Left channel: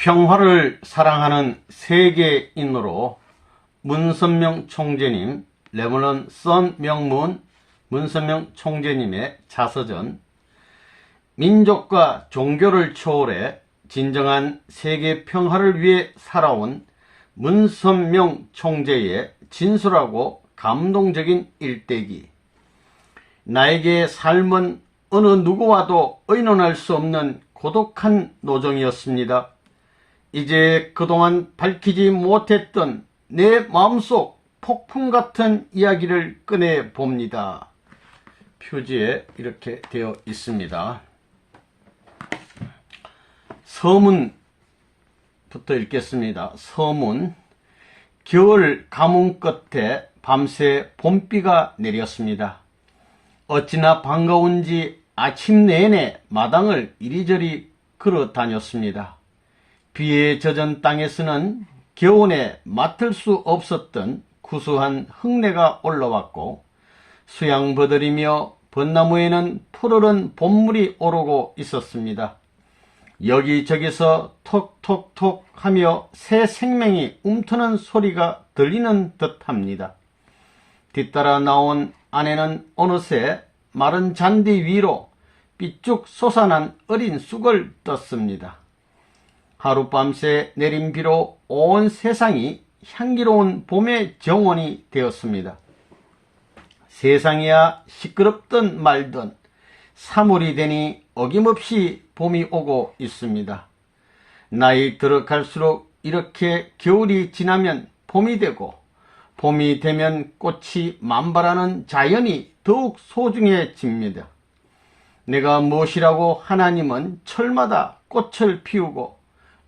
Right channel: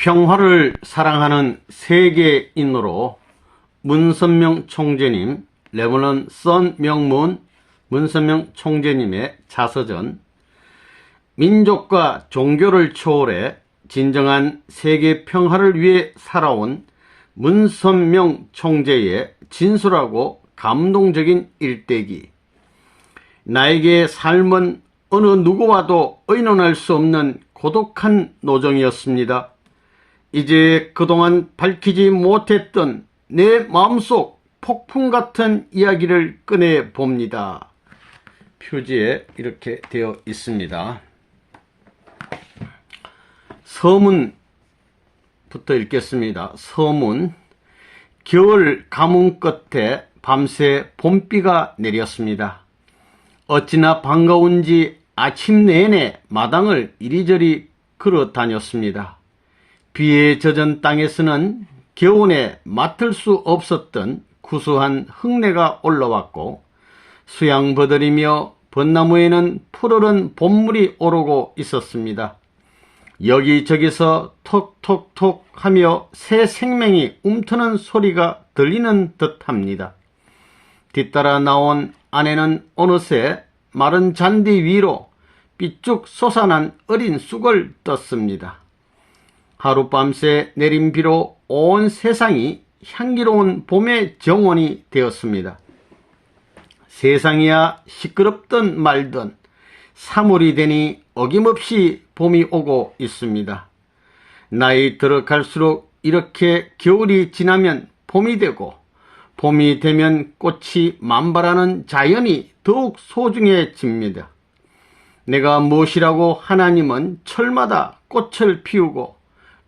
평화를 사랑하는 세계인으로 문선명 총재님, 레버넌 선 명문 문선명 총재님의 자서전, 민족과 종교를 초월해 진정한 세계 평화를 위해 살아온 문선명 총재의 진솔하고 감동적인 일대기. 나에게 삶은 어느 누구와도 의논할 수 없는 고독한 노정이었습니다. 이제 그동안 밝히지 못했던 내 마음속 폭풍 같은 이야기를 꺼내 봅니다. 표지에 이렇게 되어 있습니다. 서문부터 읽겠습니다. 서문. 겨울 가뭄 끝에 밤새 봄비가 내렸습니다. 어찌나 반가운지 아침 내내 마당을 이리저리 걸어 다녔습니다. 비에 젖은 땅에서는 겨우내 맡을 수 없었던 구수한 흙내가 올라왔고, 수양버들이며 벚나무에는 푸르른 봄물이 오르고 있었습니다. 여기저기서 톡톡톡 하며 새 생명이 움트는 소리가 들리는 듯합니다. 뒤따라 나온 아내는 어느새 마른 잔디 위로 삐쭉 솟아난 어린 쑥을 떴습니다. 하룻밤새 내린 비로 온 세상이 향기로운 봄의 정원이 되었습니다. 세상이야 시끄럽든 말든 3월이 되니 어김없이 봄이 오고 있습니다. 나이 들어갈수록 이렇게 겨울이 지나면 봄이 되고, 봄이 되면 꽃이 만발하는 자연이 더욱 소중해집니다. 내가 무엇이라고 하나님은 철마다 꽃을 피우고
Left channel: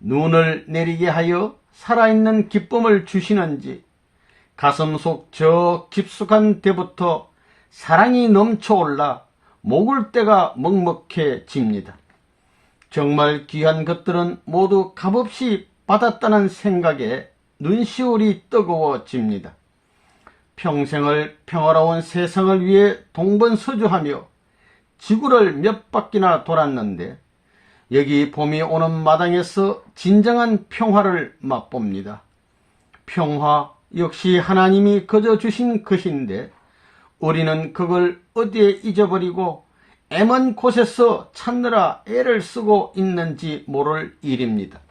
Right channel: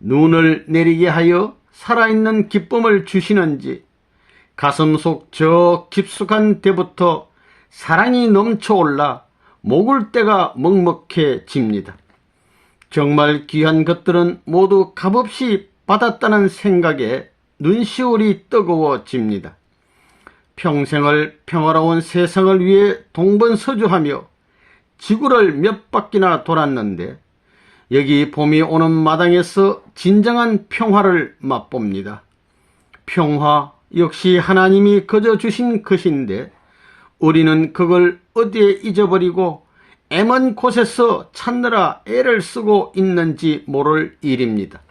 눈을 내리게 하여 살아있는 기쁨을 주시는지, 가슴속 저 깊숙한 데부터 사랑이 넘쳐올라 목을 때가 먹먹해집니다. 정말 귀한 것들은 모두 값없이 받았다는 생각에 눈시울이 뜨거워집니다. 평생을 평화로운 세상을 위해 동번서주하며 지구를 몇 바퀴나 돌았는데, 여기 봄이 오는 마당에서 진정한 평화를 맛봅니다. 평화 역시 하나님이 거저 주신 것인데, 우리는 그걸 어디에 잊어버리고 애먼 곳에서 찾느라 애를 쓰고 있는지 모를 일입니다.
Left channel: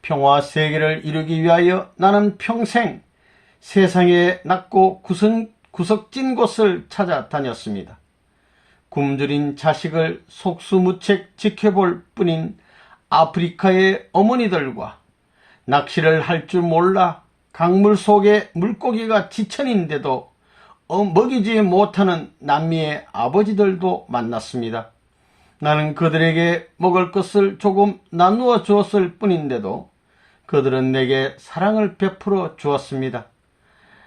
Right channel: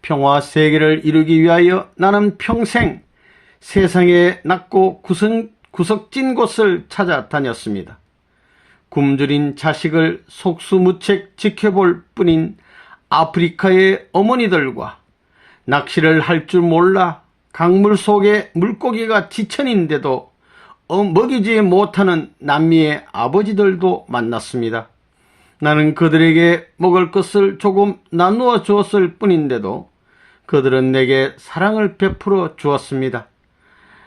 평화 세계를 이루기 위하여 나는 평생 세상에 낮고 구석진 곳을 찾아다녔습니다. 굶주린 자식을 속수무책 지켜볼 뿐인 아프리카의 어머니들과 낚시를 할 줄 몰라 강물 속에 물고기가 지천인데도 먹이지 못하는 남미의 아버지들도 만났습니다. 나는 그들에게 먹을 것을 조금 나누어 주었을 뿐인데도 그들은 내게 사랑을 베풀어 주었습니다.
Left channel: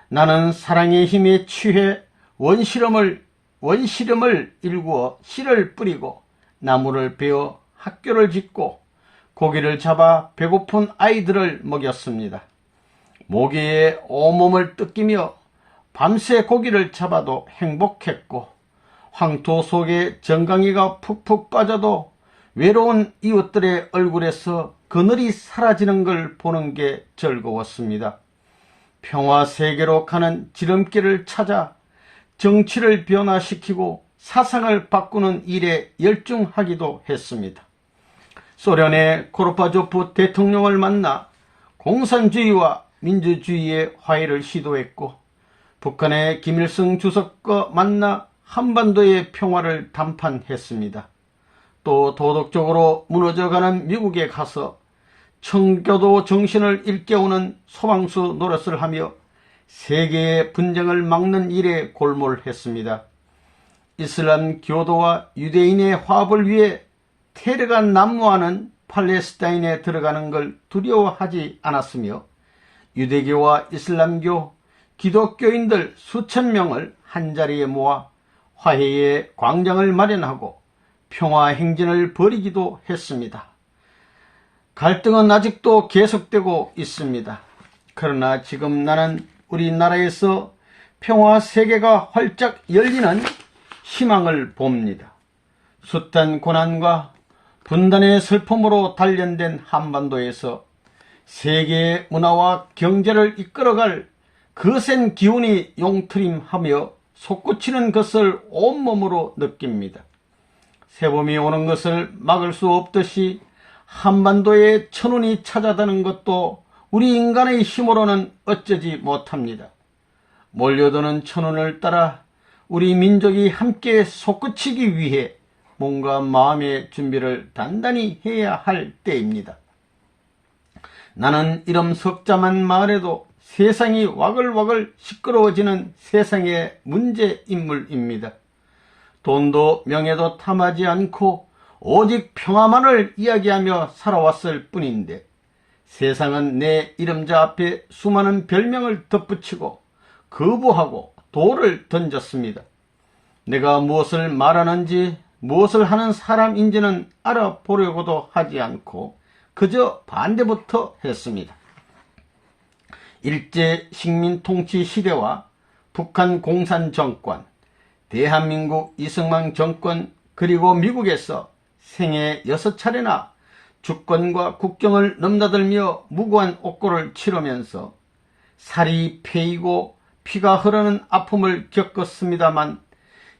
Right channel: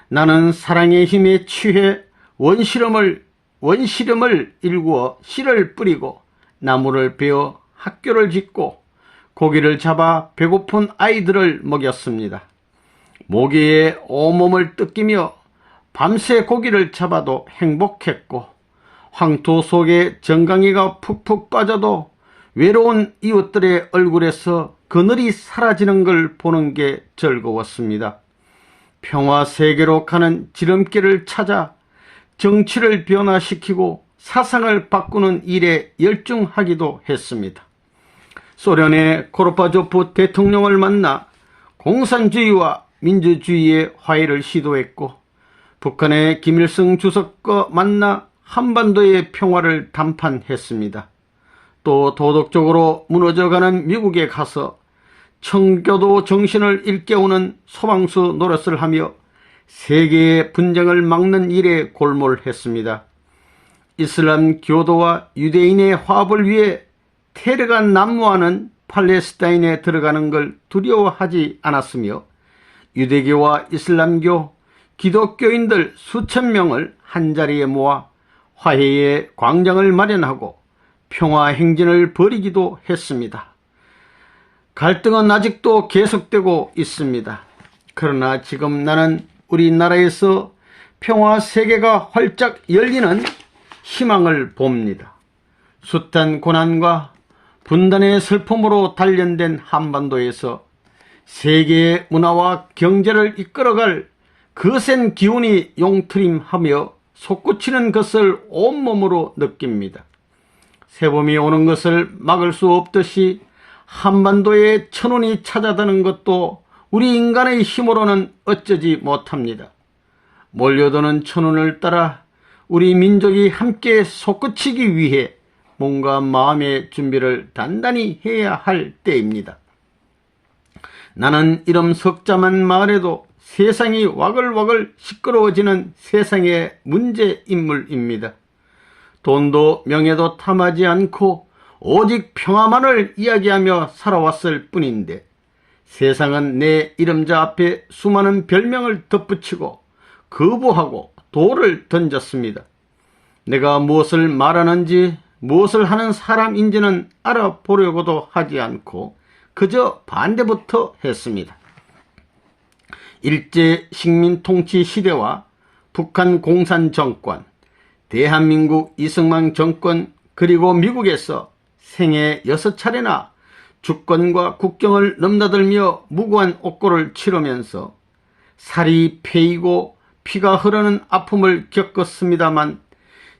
나는 사랑의 힘에 취해 원시름을 일구어 씨를 뿌리고 나무를 베어 학교를 짓고 고기를 잡아 배고픈 아이들을 먹였습니다. 모기에 온몸을 뜯기며 밤새 고기를 잡아도 행복했고, 황토 속에 정강이가 푹푹 빠져도 외로운 이웃들의 얼굴에서 그늘이 사라지는 걸 보는 게 즐거웠습니다. 평화 세계로 가는 지름길을 찾아 정치를 변화시키고 사상을 바꾸는 일에 열중하기도 했습니다. 소련의 고르바초프 대통령을 만나 공산주의와 민주주의의 화해를 시도했고, 북한의 김일성 주석과 만나 한반도의 평화를 담판했습니다. 또 도덕적으로 무너져가는 미국에 가서 청교도 정신을 일깨우는 소방수 노릇을 하며 세계의 분쟁을 막는 일에 골몰했습니다. 이슬람 교도와 유대인의 화합을 위해 테러가 난무하는 팔레스타인에 들어가는 걸 두려워하지 않았으며, 유대교와 이슬람교, 기독교인들 수천 명을 한자리에 모아 화해의 광장을 마련하고 평화 행진을 벌이기도 했습니다. 갈등은 아직도 계속되고 있습니다. 그러나 지금 나는 우리나라에서 평화 세계가 활짝 열리는 희망을 봅니다. 숱한 고난과 분단의 슬픔으로 단련된 한반도에서 세계의 문화와 경제를 이끌어갈 거센 기운이 용트림하며 솟구치는 것을 온몸으로 느낍니다. 새봄이 오는 것을 막을 수 없듯이 한반도에 천운이 찾아드는 것도 우리 인간의 힘으로는 어쩌지 못합니다. 몰려드는 천운을 따라 우리 민족이 함께 솟구치기 위해 몸과 마음의 준비를 단단히 해야 할 때입니다. 나는 이름 석자만 말해도 세상이 와글와글 시끄러워지는 세상의 문제인물입니다. 돈도 명예도 탐하지 않고 오직 평화만을 이야기하며 살아왔을 뿐인데 세상은 내 이름자 앞에 수많은 별명을 덧붙이고 거부하고 돌을 던졌습니다. 내가 무엇을 말하는지 무엇을 하는 사람인지는 알아보려고도 하지 않고 그저 반대부터 했습니다. 일제 식민 통치 시대와 북한 공산 정권, 대한민국 이승만 정권 그리고 미국에서 생애 6차례나 주권과 국경을 넘나들며 무고한 옥고를 치르면서 살이 패이고 피가 흐르는 아픔을 겪었습니다만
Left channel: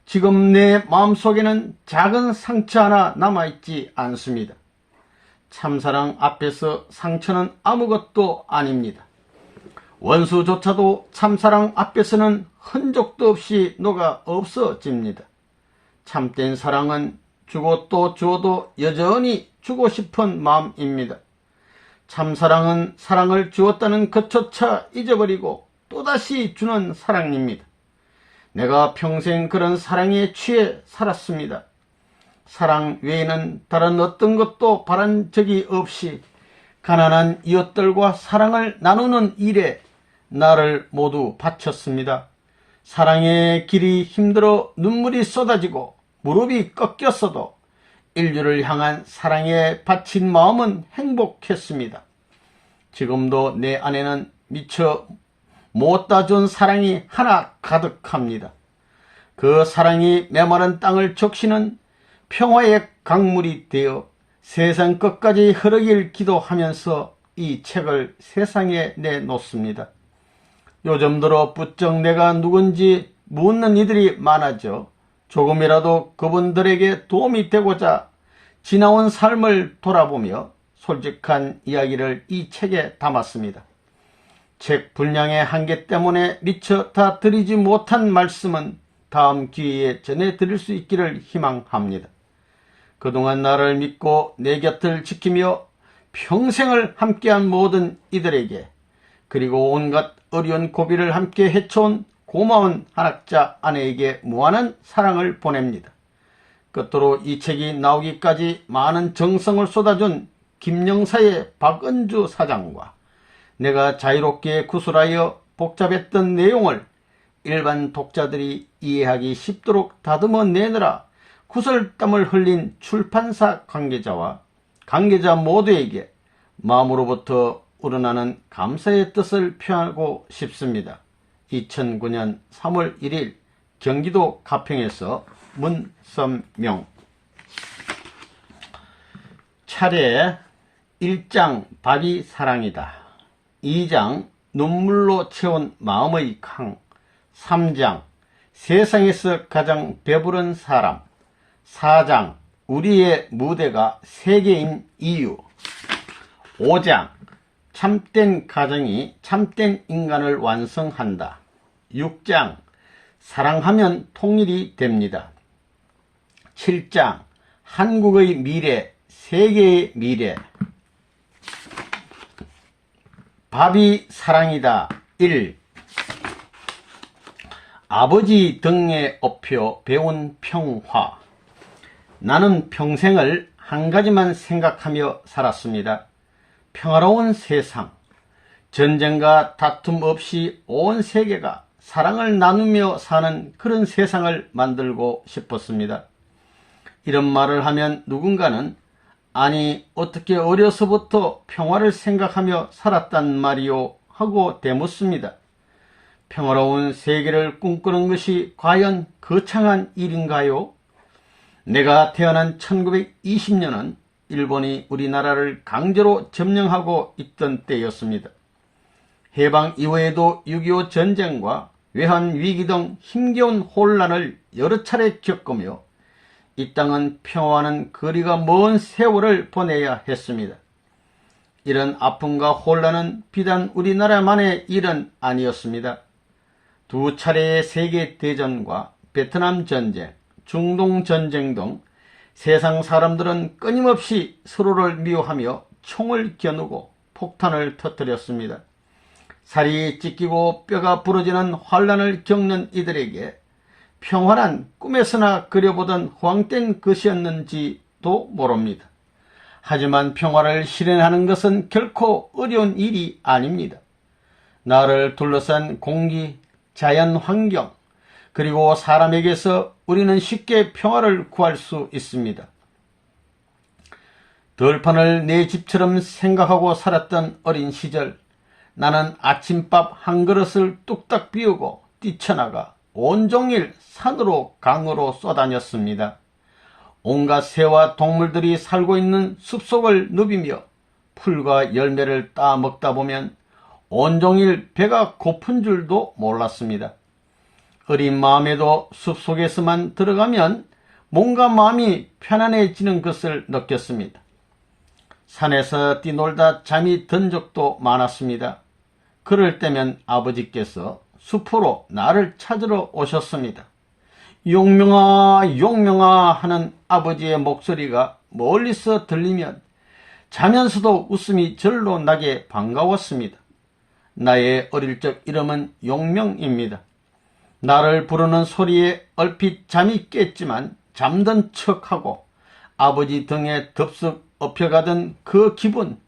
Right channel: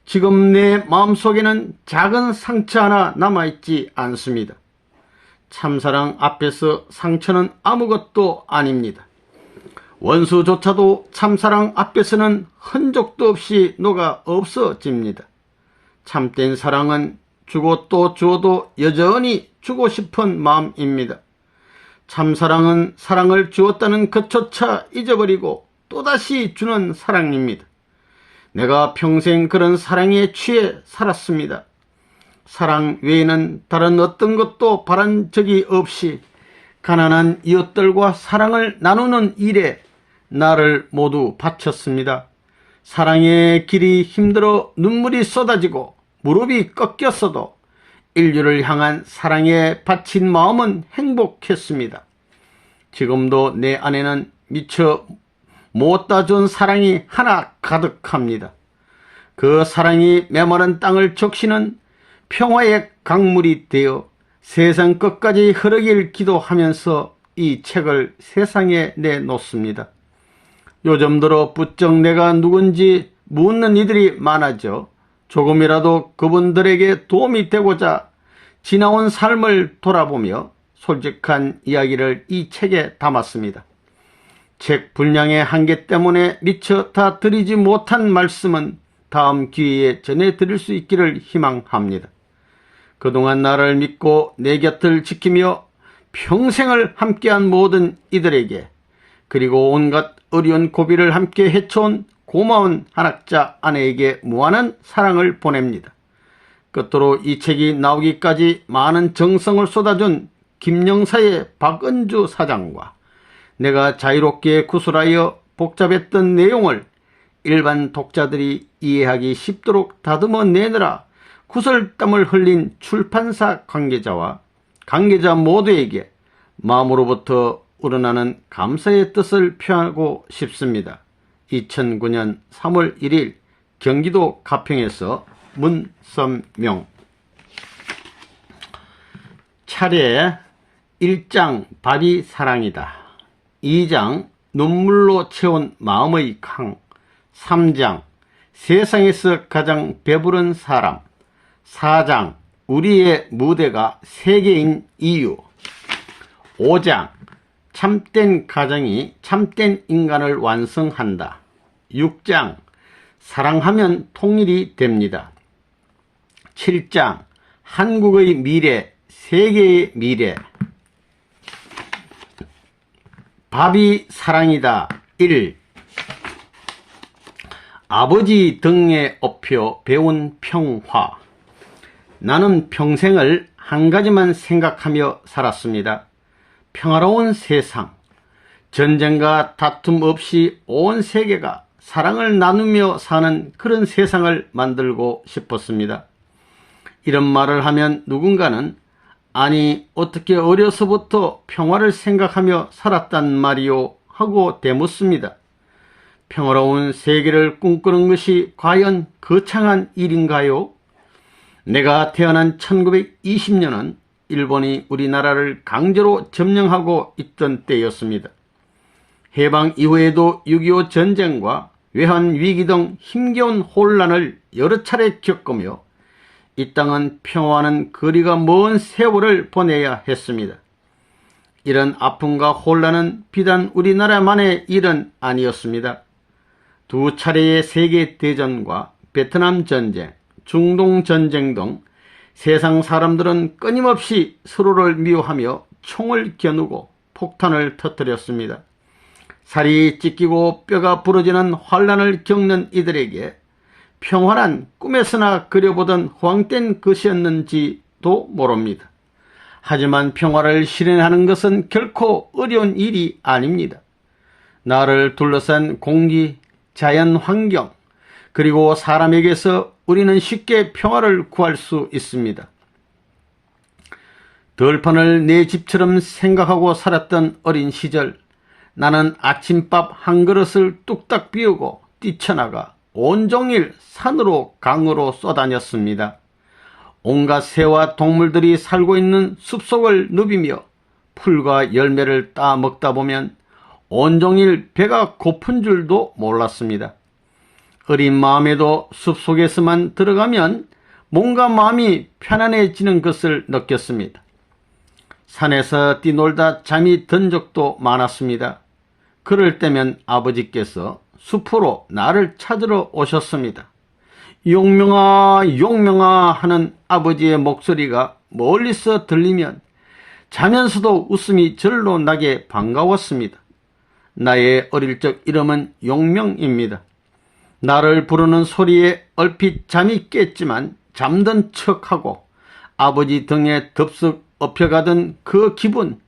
지금 내 마음속에는 작은 상처 하나 남아있지 않습니다. 참사랑 앞에서 상처는 아무것도 아닙니다. 원수조차도 참사랑 앞에서는 흔적도 없이 녹아 없어집니다. 참된 사랑은 주고 또 주어도 여전히 주고 싶은 마음입니다. 참사랑은 사랑을 주었다는 것조차 잊어버리고 또다시 주는 사랑입니다. 내가 평생 그런 사랑에 취해 살았습니다. 사랑 외에는 다른 어떤 것도 바란 적이 없이 가난한 이웃들과 사랑을 나누는 일에 나를 모두 바쳤습니다. 사랑의 길이 힘들어 눈물이 쏟아지고 무릎이 꺾였어도 인류를 향한 사랑에 바친 마음은 행복했습니다. 지금도 내 안에는 미처 못다 준 사랑이 하나 가득합니다. 그 사랑이 메마른 땅을 적시는 평화의 강물이 되어 세상 끝까지 흐르길 기도하면서 이 책을 세상에 내놓습니다. 요즘 들어 부쩍 내가 누군지 묻는 이들이 많아져 조금이라도 그분들에게 도움이 되고자 지나온 삶을 돌아보며 솔직한 이야기를 이 책에 담았습니다. 책 분량의 한계 때문에 미처 다 드리지 못한 말씀은 다음 기회에 전해드릴 수 있기를 희망합니다. 그동안 나를 믿고 내 곁을 지키며 평생을 함께한 모든 이들에게 그리고 온갖 어려운 고비를 함께 헤쳐온 고마운 한학자 아내에게 무한한 사랑을 보냅니다. 끝으로 이 책이 나오기까지 많은 정성을 쏟아준 김영사의 박은주 사장과 내가 자유롭게 구술하여 복잡했던 내용을 일반 독자들이 이해하기 쉽도록 다듬어 내느라 구슬땀을 흘린 출판사 관계자와 관계자 모두에게 마음으로부터 우러나는 감사의 뜻을 표하고 싶습니다. 2009년 3월 1일 경기도 가평에서 문선명. 차례 1장 발이 사랑이다. 2장 눈물로 채운 마음의 강. 3장 세상에서 가장 배부른 사람. 4장 우리의 무대가 세계인 이유. 5장 참된 가정이 참된 인간을 완성한다. 6장 사랑하면 통일이 됩니다. 7장 한국의 미래, 세계의 미래. 밥이 사랑이다. 1. 아버지 등에 업혀 배운 평화. 나는 평생을 한 가지만 생각하며 살았습니다. 평화로운 세상, 전쟁과 다툼 없이 온 세계가 사랑을 나누며 사는 그런 세상을 만들고 싶었습니다. 이런 말을 하면 누군가는 아니 어떻게 어려서부터 평화를 생각하며 살았단 말이요 하고 대묻습니다. 평화로운 세계를 꿈꾸는 것이 과연 거창한 일인가요? 내가 태어난 1920년은 일본이 우리나라를 강제로 점령하고 있던 때였습니다. 해방 이후에도 6.25 전쟁과 외환위기 등 힘겨운 혼란을 여러 차례 겪으며 이 땅은 평화와는 거리가 먼 세월을 보내야 했습니다. 이런 아픔과 혼란은 비단 우리나라만의 일은 아니었습니다. 두 차례의 세계대전과 베트남 전쟁, 중동 전쟁 등 세상 사람들은 끊임없이 서로를 미워하며 총을 겨누고 폭탄을 터뜨렸습니다. 살이 찢기고 뼈가 부러지는 환란을 겪는 이들에게 평화란 꿈에서나 그려보던 헛된 것이었는지도 모릅니다. 하지만 평화를 실현하는 것은 결코 어려운 일이 아닙니다. 나를 둘러싼 공기, 자연 환경, 그리고 사람에게서 우리는 쉽게 평화를 구할 수 있습니다. 들판을 내 집처럼 생각하고 살았던 어린 시절, 나는 아침밥 한 그릇을 뚝딱 비우고 뛰쳐나가 온종일 산으로 강으로 쏘다녔습니다. 온갖 새와 동물들이 살고 있는 숲속을 누비며 풀과 열매를 따먹다 보면 온종일 배가 고픈 줄도 몰랐습니다. 어린 마음에도 숲속에서만 들어가면 뭔가 마음이 편안해지는 것을 느꼈습니다. 산에서 뛰놀다 잠이 든 적도 많았습니다. 그럴 때면 아버지께서 숲으로 나를 찾으러 오셨습니다. 용명아, 용명아 하는 아버지의 목소리가 멀리서 들리면 자면서도 웃음이 절로 나게 반가웠습니다. 나의 어릴 적 이름은 용명입니다. 나를 부르는 소리에 얼핏 잠이 깼지만 잠든 척하고 아버지 등에 덥석 엎혀가던 그 기분,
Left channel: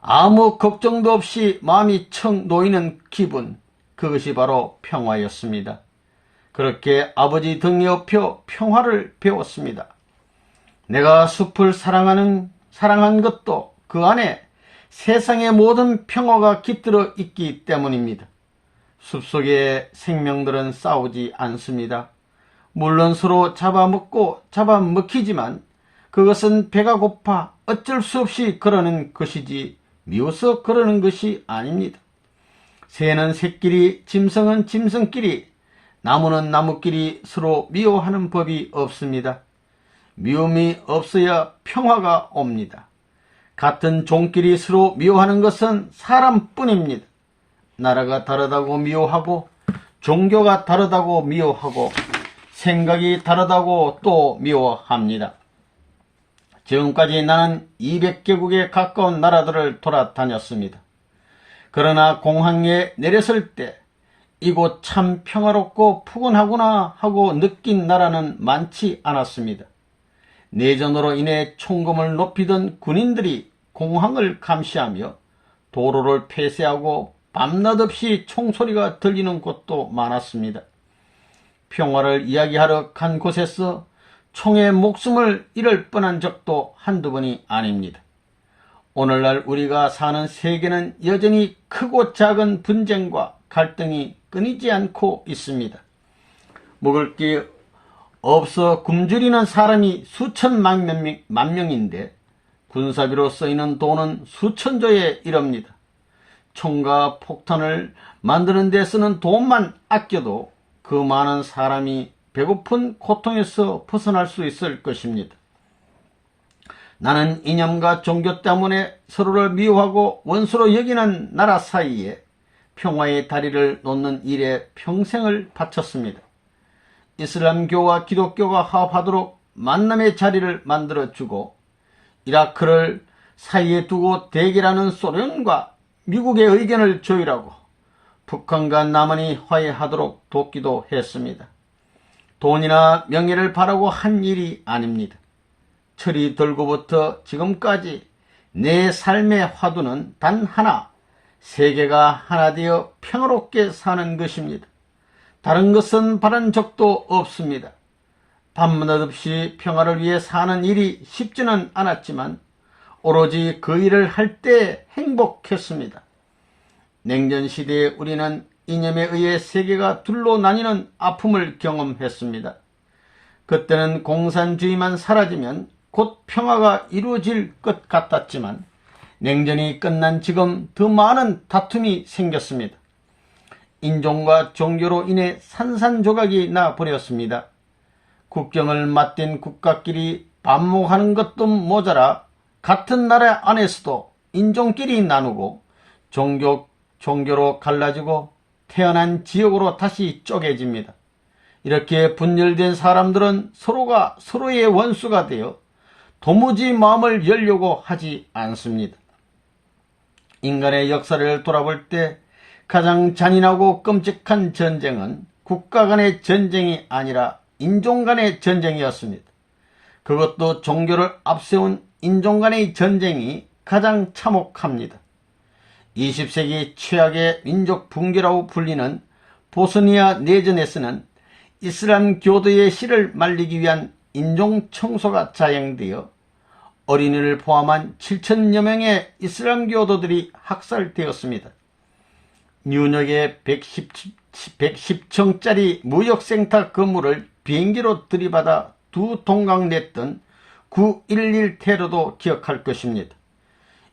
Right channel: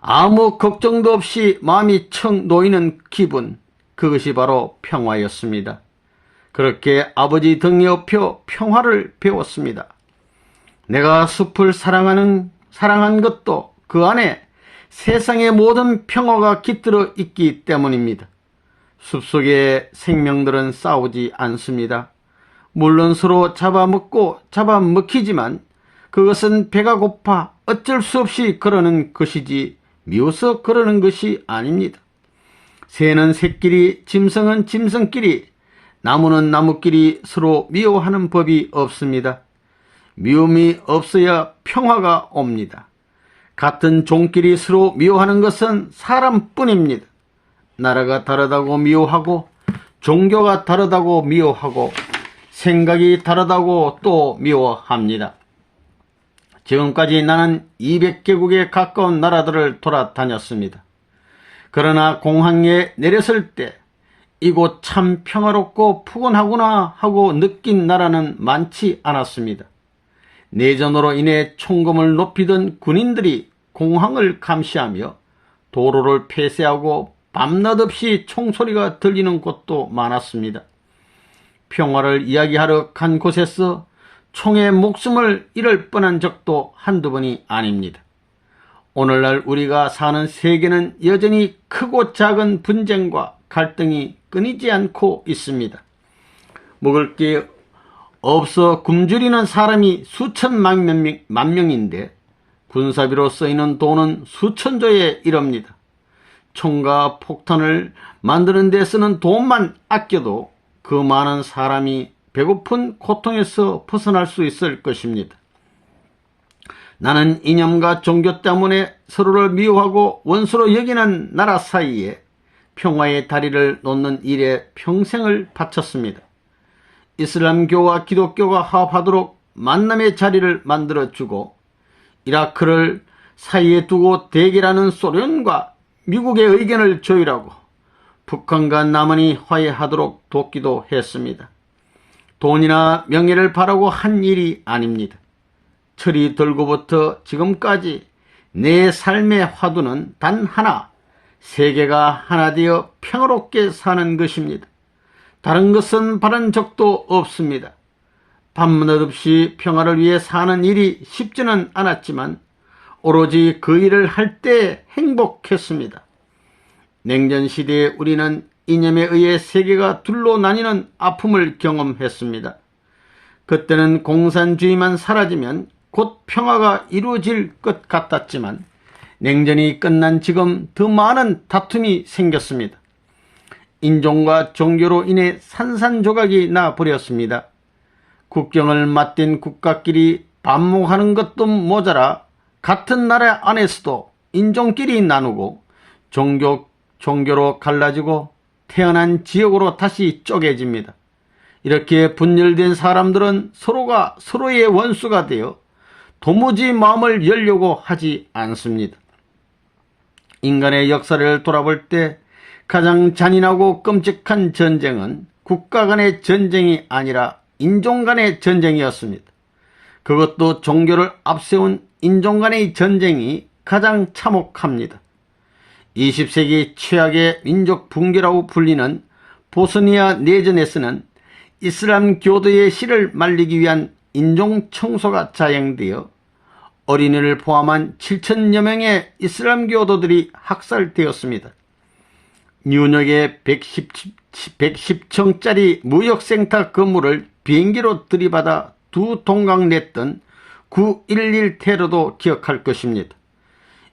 아무 걱정도 없이 마음이 척 놓이는 기분, 그것이 바로 평화였습니다. 그렇게 아버지 등에 엎여 평화를 배웠습니다. 내가 숲을 사랑한 것도 그 안에 세상의 모든 평화가 깃들어 있기 때문입니다. 숲속의 생명들은 싸우지 않습니다. 물론 서로 잡아먹고 잡아먹히지만 그것은 배가 고파 어쩔 수 없이 그러는 것이지 미워서 그러는 것이 아닙니다. 새는 새끼리, 짐승은 짐승끼리, 나무는 나무끼리 서로 미워하는 법이 없습니다. 미움이 없어야 평화가 옵니다. 같은 종끼리 서로 미워하는 것은 사람뿐입니다. 나라가 다르다고 미워하고, 종교가 다르다고 미워하고, 생각이 다르다고 또 미워합니다. 지금까지 나는 200개국에 가까운 나라들을 돌아다녔습니다. 그러나 공항에 내렸을 때 이곳 참 평화롭고 푸근하구나 하고 느낀 나라는 많지 않았습니다. 내전으로 인해 총검을 높이던 군인들이 공항을 감시하며 도로를 폐쇄하고 밤낮없이 총소리가 들리는 곳도 많았습니다. 평화를 이야기하러 간 곳에서 총에 목숨을 잃을 뻔한 적도 한두 번이 아닙니다. 오늘날 우리가 사는 세계는 여전히 크고 작은 분쟁과 갈등이 끊이지 않고 있습니다. 먹을 게 없어 굶주리는 사람이 수천만 명인데 군사비로 쓰이는 돈은 수천조에 이릅니다. 총과 폭탄을 만드는 데 쓰는 돈만 아껴도 그 많은 사람이 배고픈 고통에서 벗어날 수 있을 것입니다. 나는 이념과 종교 때문에 서로를 미워하고 원수로 여기는 나라 사이에 평화의 다리를 놓는 일에 평생을 바쳤습니다. 이슬람교와 기독교가 화합하도록 만남의 자리를 만들어주고 이라크를 사이에 두고 대결하는 소련과 미국의 의견을 조율하고 북한과 남한이 화해하도록 돕기도 했습니다. 돈이나 명예를 바라고 한 일이 아닙니다. 철이 들고부터 지금까지 내 삶의 화두는 단 하나, 세계가 하나 되어 평화롭게 사는 것입니다. 다른 것은 바란 적도 없습니다. 밤낮 없이 평화를 위해 사는 일이 쉽지는 않았지만 오로지 그 일을 할 때 행복했습니다. 냉전시대에 우리는 이념에 의해 세계가 둘로 나뉘는 아픔을 경험했습니다. 그때는 공산주의만 사라지면 곧 평화가 이루어질 것 같았지만 냉전이 끝난 지금 더 많은 다툼이 생겼습니다. 인종과 종교로 인해 산산조각이 나버렸습니다. 국경을 맞댄 국가끼리 반목하는 것도 모자라 같은 나라 안에서도 인종끼리 나누고 종교로 갈라지고 태어난 지역으로 다시 쪼개집니다. 이렇게 분열된 사람들은 서로가 서로의 원수가 되어 도무지 마음을 열려고 하지 않습니다. 인간의 역사를 돌아볼 때 가장 잔인하고 끔찍한 전쟁은 국가 간의 전쟁이 아니라 인종 간의 전쟁이었습니다. 그것도 종교를 앞세운 인종 간의 전쟁이 가장 참혹합니다. 20세기 최악의 민족 붕괴라고 불리는 보스니아 내전에서는 이슬람 교도의 씨를 말리기 위한 인종 청소가 자행되어 어린이를 포함한 7천여 명의 이슬람 교도들이 학살되었습니다. 뉴욕의 110층짜리 무역센터 건물을 비행기로 들이받아 두 동강 냈던 9.11 테러도 기억할 것입니다.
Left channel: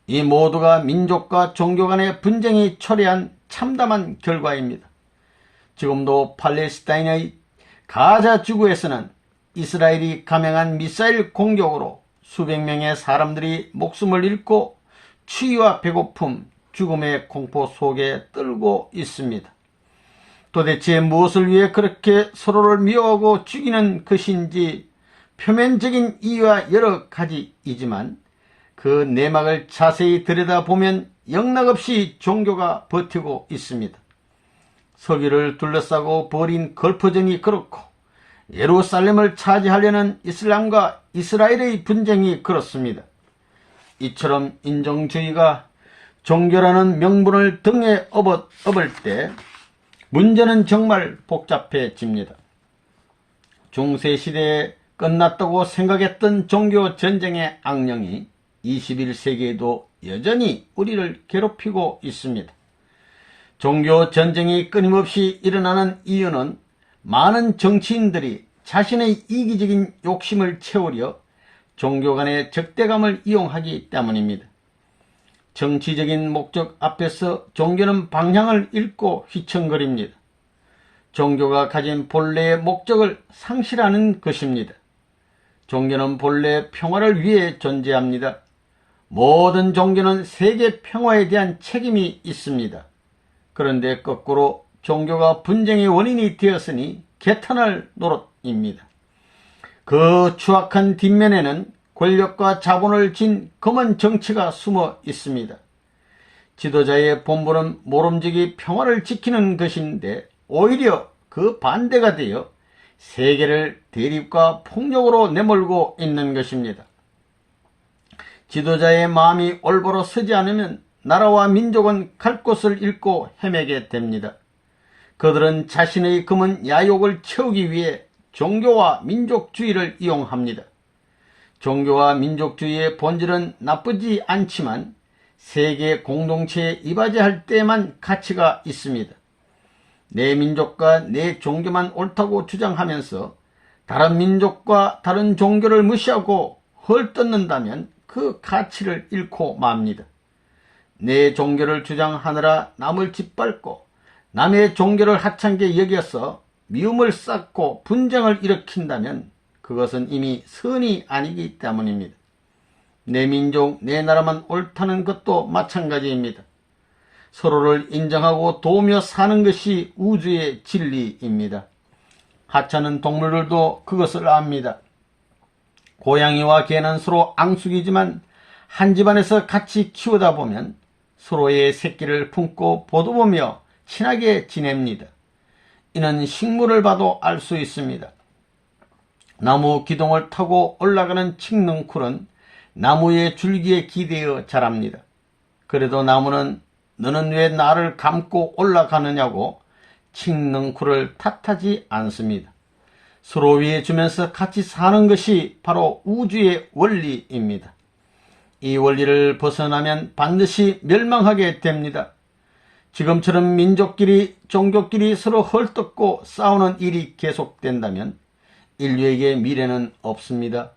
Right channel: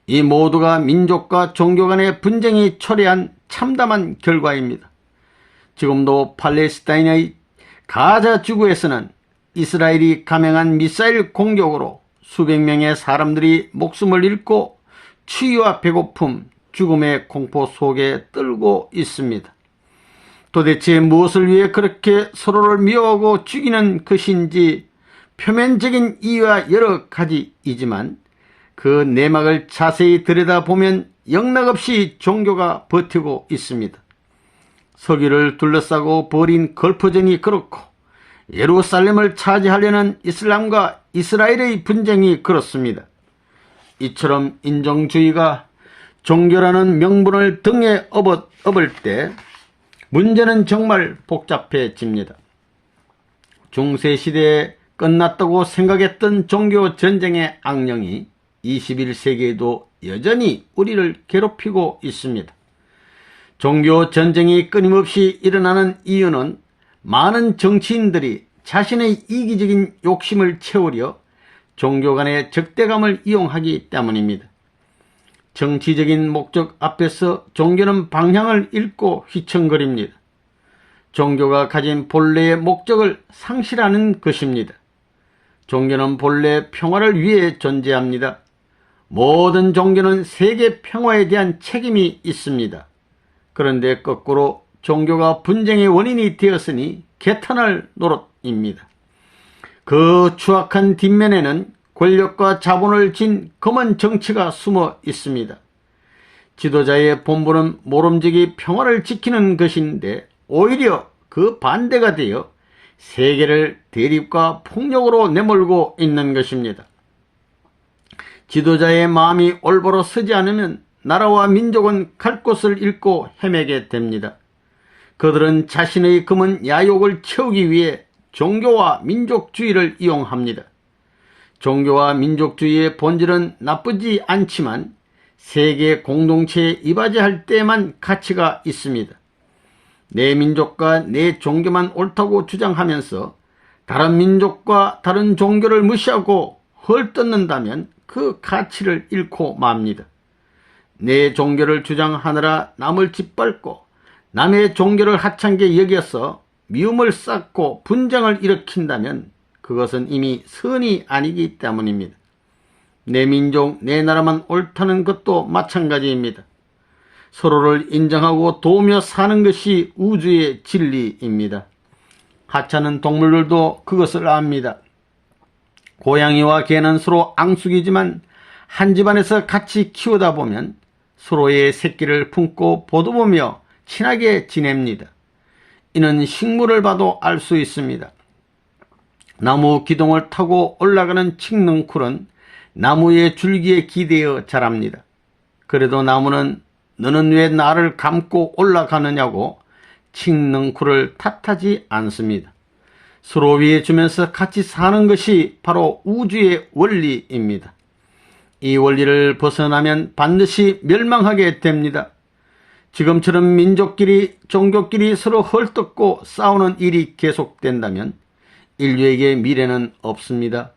이 모두가 민족과 종교 간의 분쟁이 초래한 참담한 결과입니다. 지금도 팔레스타인의 가자 지구에서는 이스라엘이 감행한 미사일 공격으로 수백 명의 사람들이 목숨을 잃고 추위와 배고픔, 죽음의 공포 속에 떨고 있습니다. 도대체 무엇을 위해 그렇게 서로를 미워하고 죽이는 것인지 표면적인 이유와 여러 가지이지만 그 내막을 자세히 들여다보면 영락없이 종교가 버티고 있습니다. 서기를 둘러싸고 벌인 걸프전이 그렇고 예루살렘을 차지하려는 이슬람과 이스라엘의 분쟁이 그렇습니다. 이처럼 인종주의가 종교라는 명분을 등에 업을 때 문제는 정말 복잡해집니다. 중세시대에 끝났다고 생각했던 종교 전쟁의 악령이 21세기에도 여전히 우리를 괴롭히고 있습니다. 종교 전쟁이 끊임없이 일어나는 이유는 많은 정치인들이 자신의 이기적인 욕심을 채우려 종교 간의 적대감을 이용하기 때문입니다. 정치적인 목적 앞에서 종교는 방향을 잃고 휘청거립니다. 종교가 가진 본래의 목적을 상실하는 것입니다. 종교는 본래 평화를 위해 존재합니다. 모든 종교는 세계 평화에 대한 책임이 있습니다. 그런데 거꾸로 종교가 분쟁의 원인이 되었으니 개탄할 노릇입니다. 그 추악한 뒷면에는 권력과 자본을 진 검은 정치가 숨어 있습니다. 지도자의 본분은 모름지기 평화를 지키는 것인데 오히려 그 반대가 되어 세계를 대립과 폭력으로 내몰고 있는 것입니다. 지도자의 마음이 올바로 서지 않으면 나라와 민족은 갈 곳을 잃고 헤매게 됩니다. 그들은 자신의 검은 야욕을 채우기 위해 종교와 민족주의를 이용합니다. 종교와 민족주의의 본질은 나쁘지 않지만 세계 공동체에 이바지할 때만 가치가 있습니다. 내 민족과 내 종교만 옳다고 주장하면서 다른 민족과 다른 종교를 무시하고 헐뜯는다면 그 가치를 잃고 맙니다. 내 종교를 주장하느라 남을 짓밟고 남의 종교를 하찮게 여겨서 미움을 쌓고 분쟁을 일으킨다면 그것은 이미 선이 아니기 때문입니다. 내 민족, 내 나라만 옳다는 것도 마찬가지입니다. 서로를 인정하고 도우며 사는 것이 우주의 진리입니다. 하찮은 동물들도 그것을 압니다. 고양이와 개는 서로 앙숙이지만 한 집안에서 같이 키우다 보면 서로의 새끼를 품고 보도보며 친하게 지냅니다. 이는 식물을 봐도 알 수 있습니다. 나무 기둥을 타고 올라가는 칡능쿨은 나무의 줄기에 기대어 자랍니다. 그래도 나무는 너는 왜 나를 감고 올라가느냐고 칡능쿨을 탓하지 않습니다. 서로 위해주면서 같이 사는 것이 바로 우주의 원리입니다. 이 원리를 벗어나면 반드시 멸망하게 됩니다. 지금처럼 민족끼리, 종교끼리 서로 헐뜯고 싸우는 일이 계속된다면 인류에게 미래는 없습니다.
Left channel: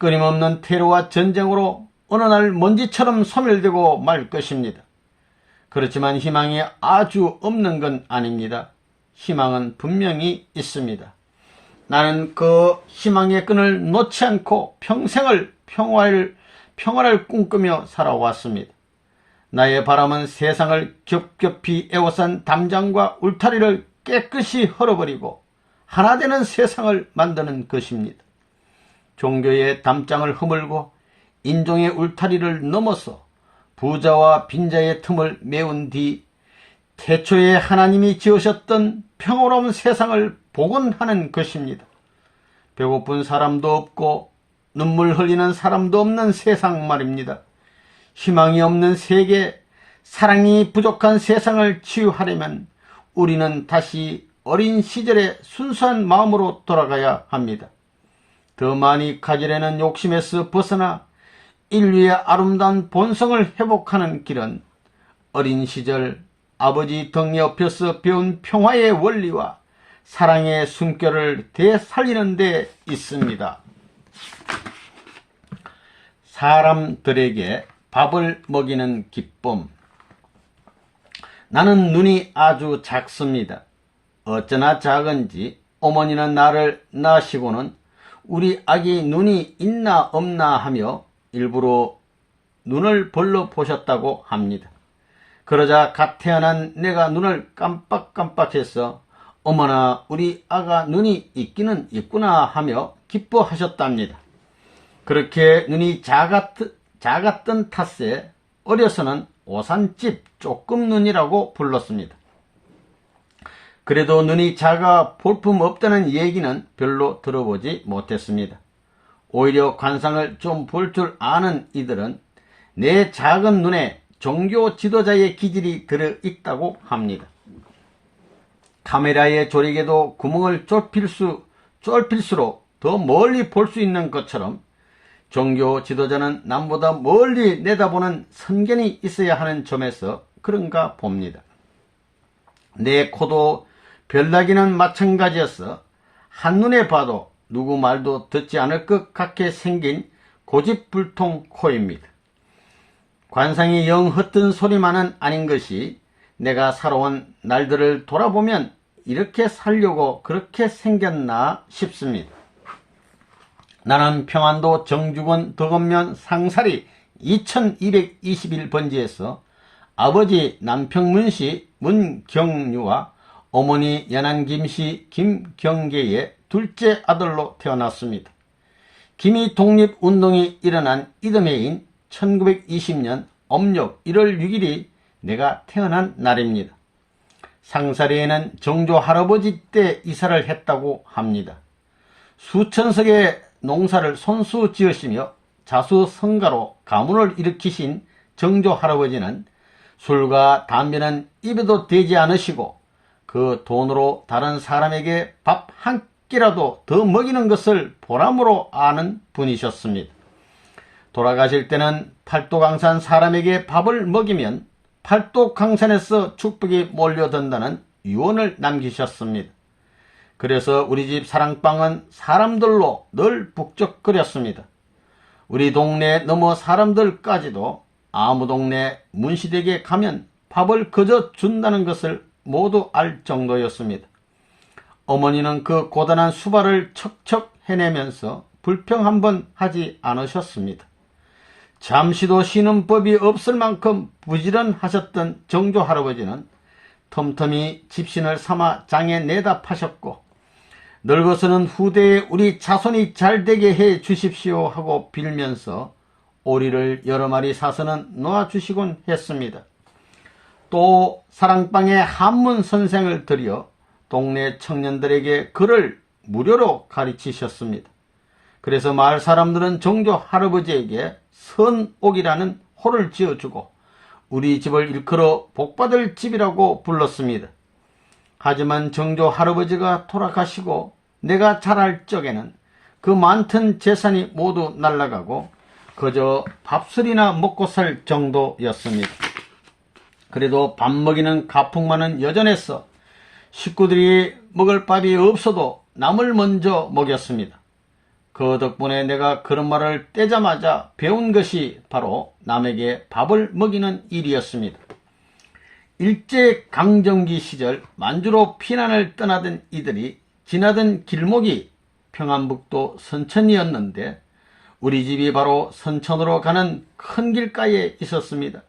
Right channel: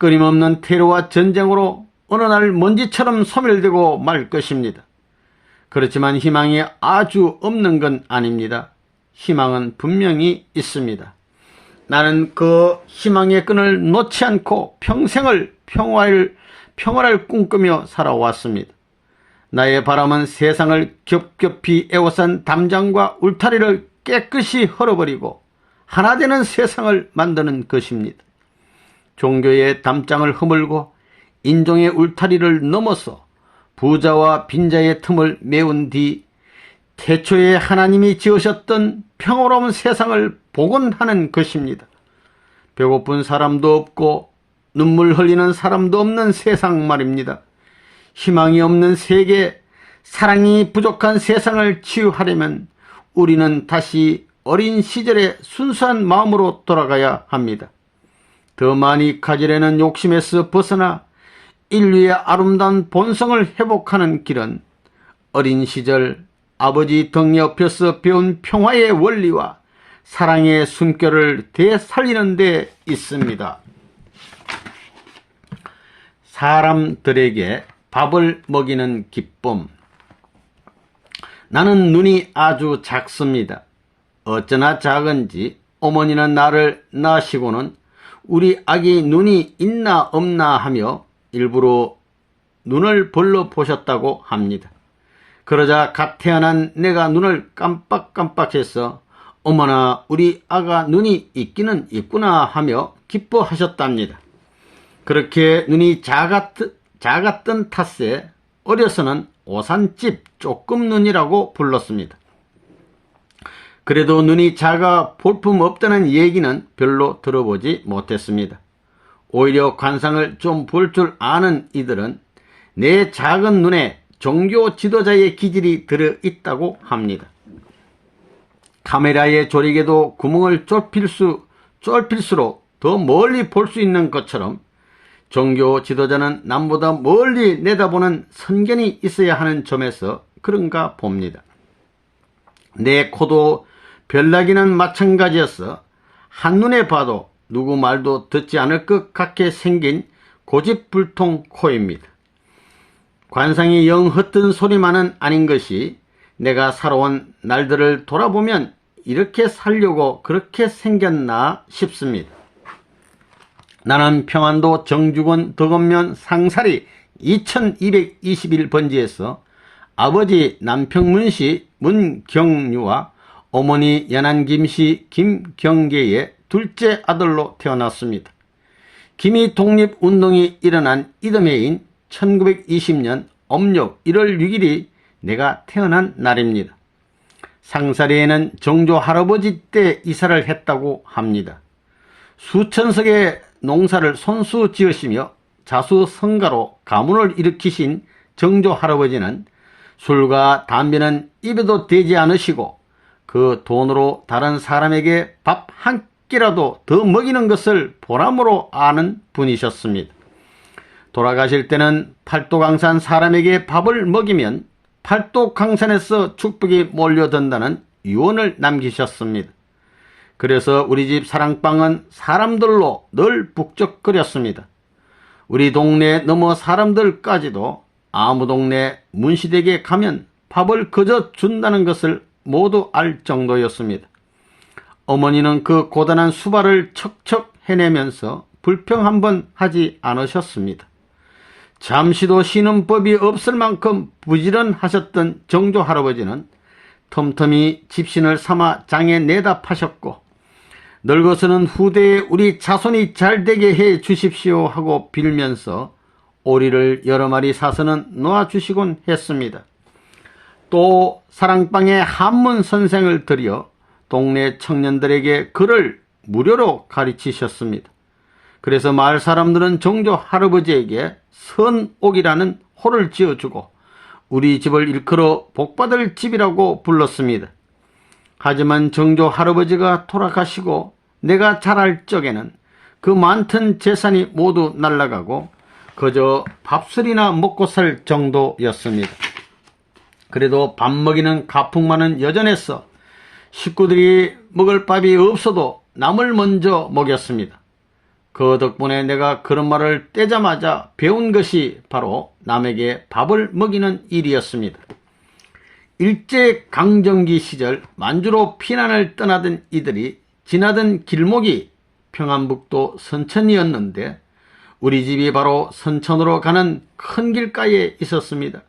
끊임없는 테러와 전쟁으로 어느 날 먼지처럼 소멸되고 말 것입니다. 그렇지만 희망이 아주 없는 건 아닙니다. 희망은 분명히 있습니다. 나는 그 희망의 끈을 놓지 않고 평생을 평화를 꿈꾸며 살아왔습니다. 나의 바람은 세상을 겹겹이 에워싼 담장과 울타리를 깨끗이 헐어버리고 하나 되는 세상을 만드는 것입니다. 종교의 담장을 허물고 인종의 울타리를 넘어서 부자와 빈자의 틈을 메운 뒤 태초에 하나님이 지으셨던 평화로운 세상을 복원하는 것입니다. 배고픈 사람도 없고 눈물 흘리는 사람도 없는 세상 말입니다. 희망이 없는 세계, 사랑이 부족한 세상을 치유하려면 우리는 다시 어린 시절의 순수한 마음으로 돌아가야 합니다. 더 많이 가지려는 욕심에서 벗어나 인류의 아름다운 본성을 회복하는 길은 어린 시절 아버지 등 옆에서 배운 평화의 원리와 사랑의 숨결을 되살리는 데 있습니다. 사람들에게 밥을 먹이는 기쁨. 나는 눈이 아주 작습니다. 어쩌나 작은지 어머니는 나를 낳으시고는 우리 아기 눈이 있나 없나 하며 일부러 눈을 벌러 보셨다고 합니다. 그러자 갓 태어난 내가 눈을 깜빡깜빡해서 어머나 우리 아가 눈이 있기는 있구나 하며 기뻐하셨답니다. 그렇게 눈이 작았던 탓에 어려서는 오산집 조금눈이라고 불렀습니다. 그래도 눈이 작아 볼품없다는 얘기는 별로 들어보지 못했습니다. 오히려 관상을 좀 볼 줄 아는 이들은 내 작은 눈에 종교 지도자의 기질이 들어있다고 합니다. 카메라의 조리개도 구멍을 좁힐수록 더 멀리 볼 수 있는 것처럼 종교 지도자는 남보다 멀리 내다보는 선견이 있어야 하는 점에서 그런가 봅니다. 내 코도 별나기는 마찬가지여서 한눈에 봐도 누구 말도 듣지 않을 것 같게 생긴 고집불통 코입니다. 관상이 영 헛된 소리만은 아닌 것이 내가 살아온 날들을 돌아보면 이렇게 살려고 그렇게 생겼나 싶습니다. 나는 평안도 정주군 덕원면 상사리 2221번지에서 아버지 남평문씨 문경유와 어머니 연안김씨 김경계의 둘째 아들로 태어났습니다. 김이 독립운동이 일어난 이듬해인 1920년 음력 1월 6일이 내가 태어난 날입니다. 상사리에는 정조 할아버지 때 이사를 했다고 합니다. 수천 석의 농사를 손수 지으시며 자수성가로 가문을 일으키신 정조 할아버지는 술과 담배는 입에도 대지 않으시고 그 돈으로 다른 사람에게 밥 한 끼라도 더 먹이는 것을 보람으로 아는 분이셨습니다. 돌아가실 때는 팔도강산 사람에게 밥을 먹이면 팔도강산에서 축복이 몰려든다는 유언을 남기셨습니다. 그래서 우리 집 사랑방은 사람들로 늘 북적거렸습니다. 우리 동네 넘어 사람들까지도 아무 동네 문시댁에 가면 밥을 거저 준다는 것을 모두 알 정도였습니다. 어머니는 그 고단한 수발을 척척 해내면서 불평 한번 하지 않으셨습니다. 잠시도 쉬는 법이 없을 만큼 부지런하셨던 정조 할아버지는 틈틈이 집신을 삼아 장에 내다 파셨고 늙어서는 후대에 우리 자손이 잘되게 해 주십시오 하고 빌면서 오리를 여러 마리 사서는 놓아주시곤 했습니다. 또 사랑방에 한문 선생을 들여 동네 청년들에게 글을 무료로 가르치셨습니다. 그래서 마을 사람들은 정조 할아버지에게 선옥이라는 호를 지어주고 우리 집을 일컬어 복받을 집이라고 불렀습니다. 하지만 정조 할아버지가 돌아가시고 내가 자랄 적에는 그 많던 재산이 모두 날아가고 그저 밥술이나 먹고 살 정도였습니다. 그래도 밥 먹이는 가풍만은 여전해서 식구들이 먹을 밥이 없어도 남을 먼저 먹였습니다. 그 덕분에 내가 그런 말을 떼자마자 배운 것이 바로 남에게 밥을 먹이는 일이었습니다. 일제강점기 시절 만주로 피난을 떠나던 이들이 지나던 길목이 평안북도 선천이었는데 우리 집이 바로 선천으로 가는 큰 길가에 있었습니다.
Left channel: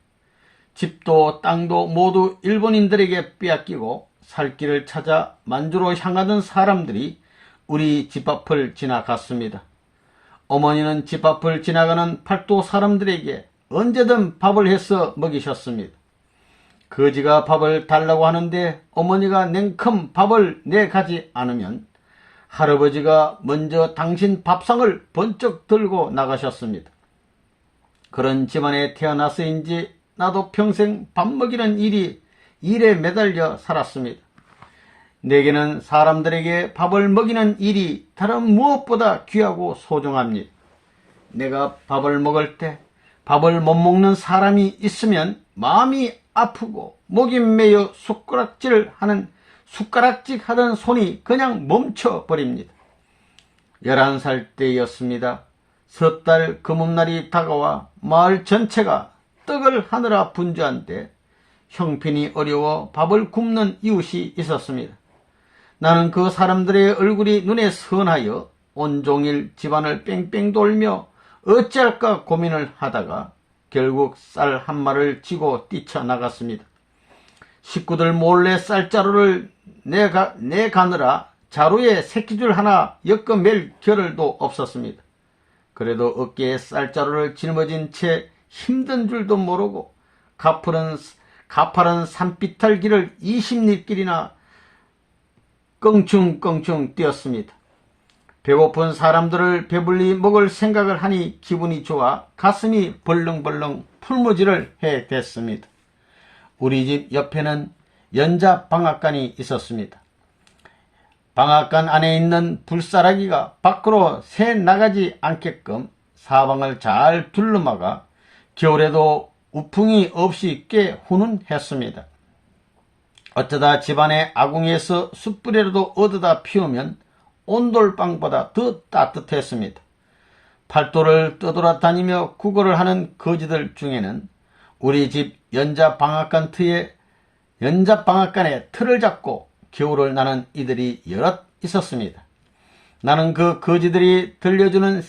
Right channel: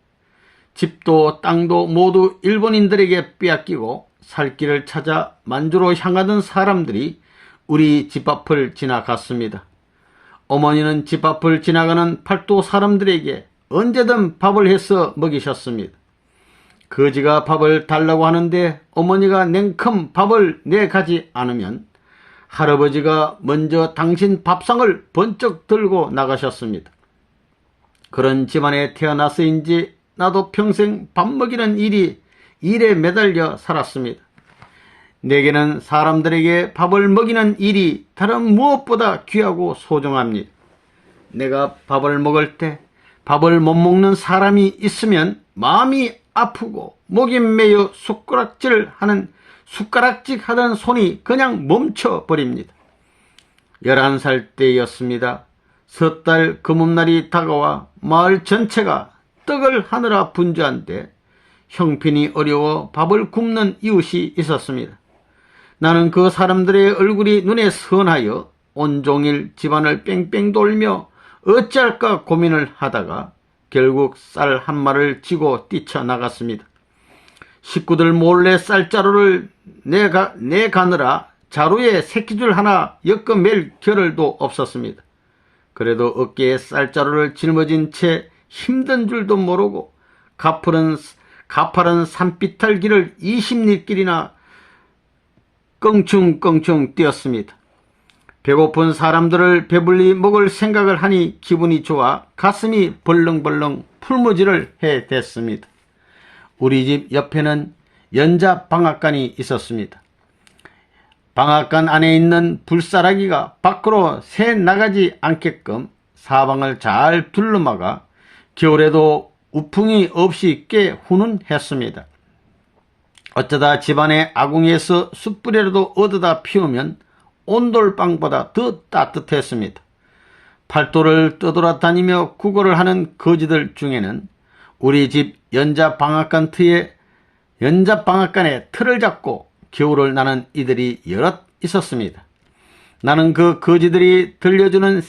집도 땅도 모두 일본인들에게 빼앗기고 살 길을 찾아 만주로 향하던 사람들이 우리 집 앞을 지나갔습니다. 어머니는 집 앞을 지나가는 팔도 사람들에게 언제든 밥을 해서 먹이셨습니다. 거지가 밥을 달라고 하는데 어머니가 냉큼 밥을 내가지 않으면 할아버지가 먼저 당신 밥상을 번쩍 들고 나가셨습니다. 그런 집안에 태어나서인지 나도 평생 밥 먹이는 일에 매달려 살았습니다. 내게는 사람들에게 밥을 먹이는 일이 다른 무엇보다 귀하고 소중합니다. 내가 밥을 먹을 때 밥을 못 먹는 사람이 있으면 마음이 아프고 목이 메여 숟가락질 하던 손이 그냥 멈춰버립니다. 11살 때였습니다. 섣달 금음날이 다가와 마을 전체가 떡을 하느라 분주한데 형편이 어려워 밥을 굶는 이웃이 있었습니다. 나는 그 사람들의 얼굴이 눈에 선하여 온종일 집안을 뺑뺑 돌며 어찌할까 고민을 하다가 결국 쌀 한 마를 쥐고 뛰쳐나갔습니다. 식구들 몰래 쌀자루를 내가느라 자루에 새끼줄 하나 엮어맬 겨를도 없었습니다. 그래도 어깨에 쌀자루를 짊어진 채 힘든 줄도 모르고 가파른 산비탈길을 20리길이나 껑충껑충 뛰었습니다. 배고픈 사람들을 배불리 먹을 생각을 하니 기분이 좋아 가슴이 벌렁벌렁 풀무지를 해댔습니다. 우리 집 옆에는 연자방앗간이 있었습니다. 방앗간 안에 있는 불사라기가 밖으로 새 나가지 않게끔 사방을 잘 둘러막아 겨울에도 우풍이 없이 꽤 훈훈했습니다. 어쩌다 집안의 아궁이에서 숯불이라도 얻어다 피우면 온돌방보다 더 따뜻했습니다. 팔도를 떠돌아다니며 구걸을 하는 거지들 중에는 우리 집 연자방앗간에 틀을 잡고 겨울을 나는 이들이 여럿 있었습니다. 나는 그 거지들이 들려주는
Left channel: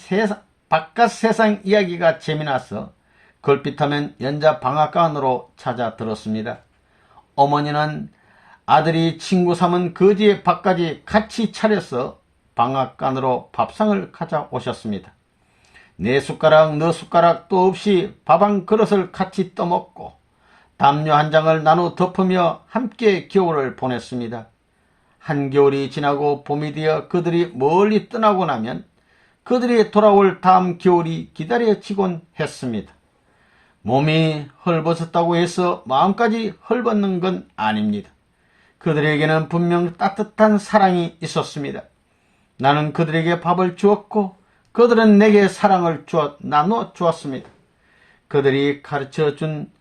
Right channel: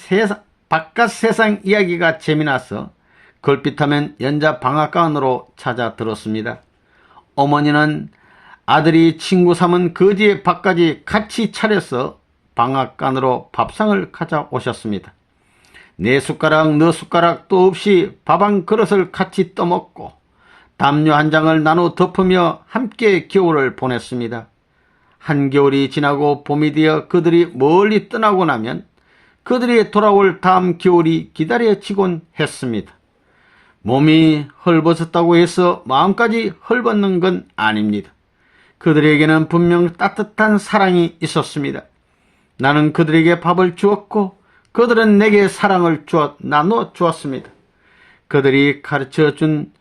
바깥 세상 이야기가 재미나서 걸핏하면 연자방앗간으로 찾아 들었습니다. 어머니는 아들이 친구 삼은 거지의 밥까지 같이 차려서 방앗간으로 밥상을 가져오셨습니다. 내 숟가락 너 숟가락도 없이 밥 한 그릇을 같이 떠먹고 담요 한 장을 나눠 덮으며 함께 겨울을 보냈습니다. 한겨울이 지나고 봄이 되어 그들이 멀리 떠나고 나면 그들이 돌아올 다음 겨울이 기다려지곤 했습니다. 몸이 헐벗었다고 해서 마음까지 헐벗는 건 아닙니다. 그들에게는 분명 따뜻한 사랑이 있었습니다. 나는 그들에게 밥을 주었고 그들은 내게 사랑을 나눠 주었습니다. 그들이 가르쳐준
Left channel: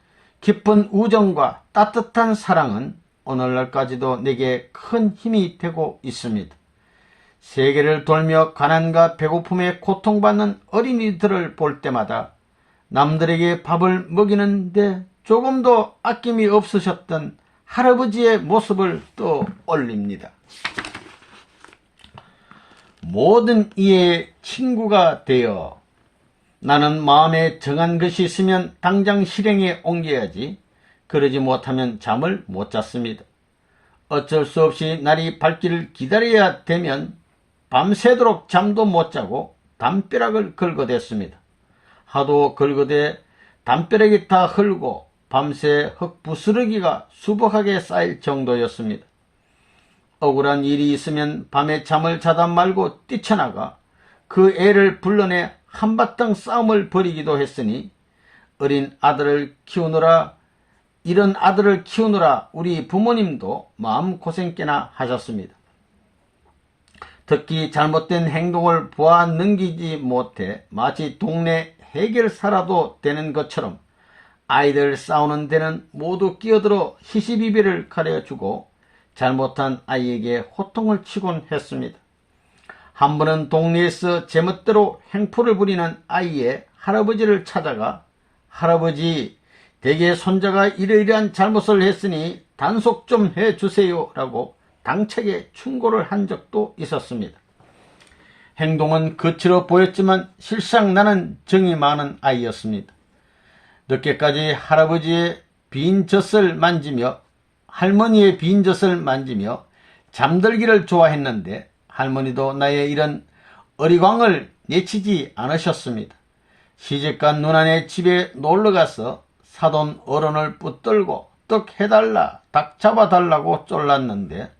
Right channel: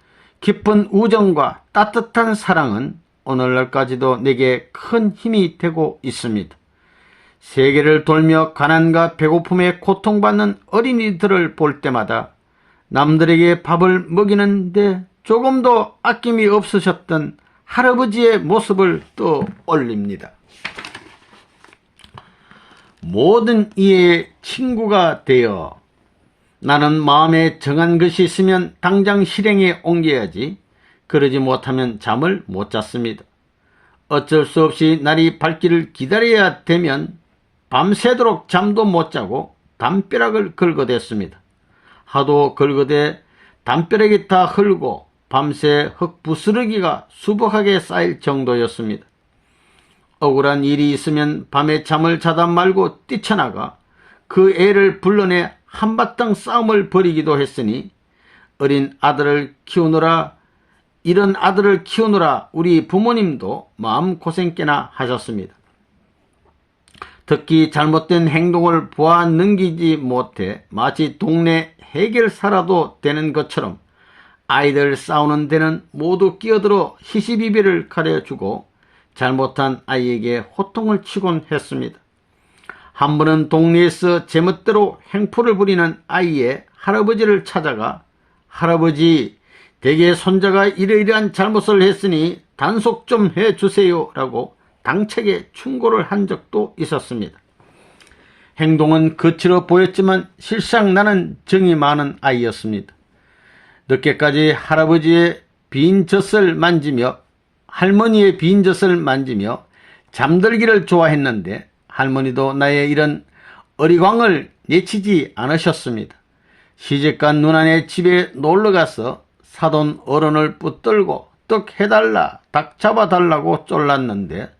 깊은 우정과 따뜻한 사랑은 오늘날까지도 내게 큰 힘이 되고 있습니다. 세계를 돌며 가난과 배고픔에 고통받는 어린이들을 볼 때마다 남들에게 밥을 먹이는데 조금도 아낌이 없으셨던 할아버지의 모습을 떠올립니다. 모든 이의 친구가 되어 나는 마음에 정한 것이 있으면 당장 실행에 옮겨야지 그러지 못하면 잠을 못 잤습니다. 어쩔 수 없이 날이 밝기를 기다려야 되면 밤새도록 잠도 못 자고 담벼락을 긁어댔습니다. 하도 긁어대 담벼락이 다 흘고 밤새 흙부스러기가 수북하게 쌓일 정도였습니다. 억울한 일이 있으면 밤에 잠을 자다 말고 뛰쳐나가 그 애를 불러내 한바탕 싸움을 벌이기도 했으니 이런 아들을 키우느라 우리 부모님도 마음고생 꽤나 하셨습니다. 특히 잘못된 행동을 보아 넘기지 못해 마치 동네 해결사라도 되는 것처럼 아이들 싸우는 데는 모두 끼어들어 시시비비를 가려주고 잘못한 아이에게 호통을 치곤 했습니다. 한 번은 동네에서 제멋대로 행포를 부리는 아이의 할아버지를 찾아가 할아버지, 댁의 손자가 이러이러한 잘못을 했으니 단속 좀 해주세요 라고 당차게 충고를 한 적도 있었습니다. 행동은 거칠어 보였지만 실상 나는 정이 많은 아이였습니다. 늦게까지 할아버지의 빈 젖을 만지며 할머니의 빈 젖을 만지며 잠들기를 좋아했는데 할머니도 나의 이런 어리광을 내치지 않으셨습니다. 시집간 누나네 집에 놀러가서 사돈 어른을 붙들고 떡 해달라, 닭 잡아달라고 쫄랐는데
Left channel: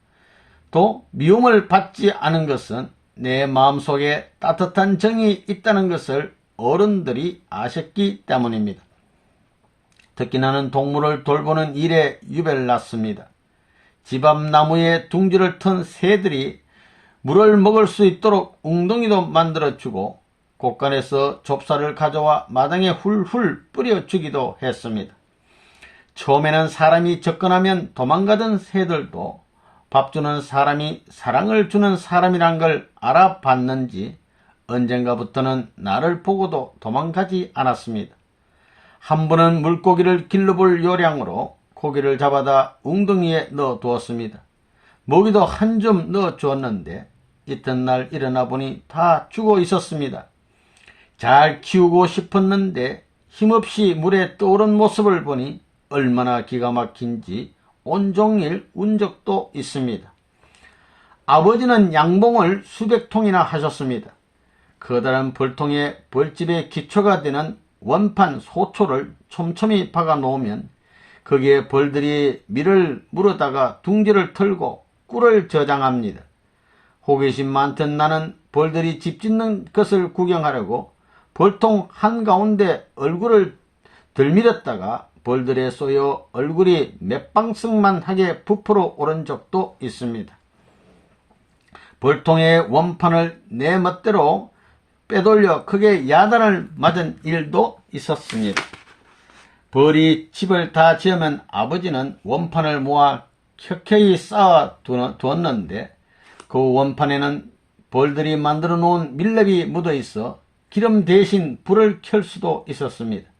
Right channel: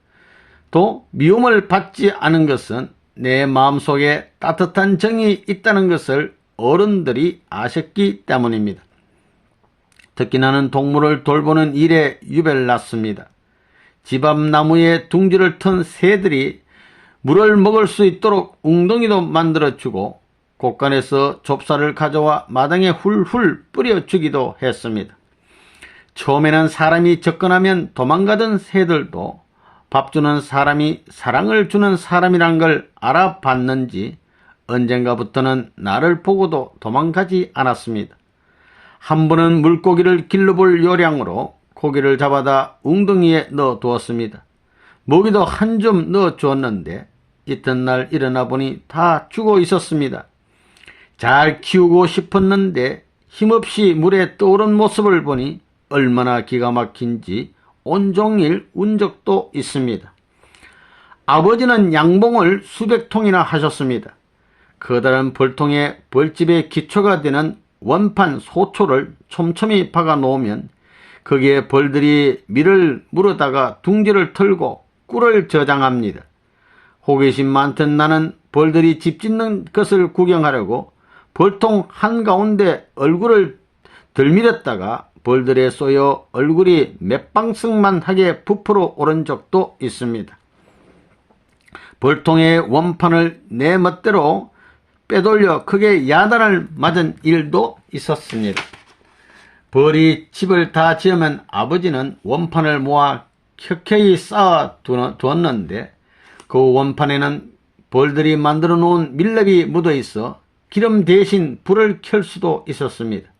또 미움을 받지 않은 것은 내 마음속에 따뜻한 정이 있다는 것을 어른들이 아셨기 때문입니다. 특히 나는 동물을 돌보는 일에 유별났습니다. 집 앞 나무에 둥지를 튼 새들이 물을 먹을 수 있도록 웅덩이도 만들어주고 곳간에서 좁쌀을 가져와 마당에 훌훌 뿌려주기도 했습니다. 처음에는 사람이 접근하면 도망가던 새들도 밥 주는 사람이 사랑을 주는 사람이란 걸 알아봤는지 언젠가부터는 나를 보고도 도망가지 않았습니다. 한 번은 물고기를 길러볼 요량으로 고기를 잡아다 웅덩이에 넣어두었습니다. 먹이도 한 줌 넣어주었는데 이튿날 일어나 보니 다 죽어 있었습니다. 잘 키우고 싶었는데 힘없이 물에 떠오른 모습을 보니 얼마나 기가 막힌지 온종일 운 적도 있습니다. 아버지는 양봉을 수백 통이나 하셨습니다. 커다란 벌통에 벌집의 기초가 되는 원판 소초를 촘촘히 박아 놓으면 거기에 벌들이 밀을 물어다가 둥지를 털고 꿀을 저장합니다. 호기심 많던 나는 벌들이 집 짓는 것을 구경하려고 벌통 한가운데 얼굴을 들밀었다가 벌들에 쏘여 얼굴이 맷방석만하게 부풀어 오른 적도 있습니다. 벌통의 원판을 내 멋대로 빼돌려 크게 야단을 맞은 일도 있었습니다. 벌이 집을 다 지으면 아버지는 원판을 모아 켜켜이 쌓아 두었는데 그 원판에는 벌들이 만들어 놓은 밀랍이 묻어 있어 기름 대신 불을 켤 수도 있었습니다.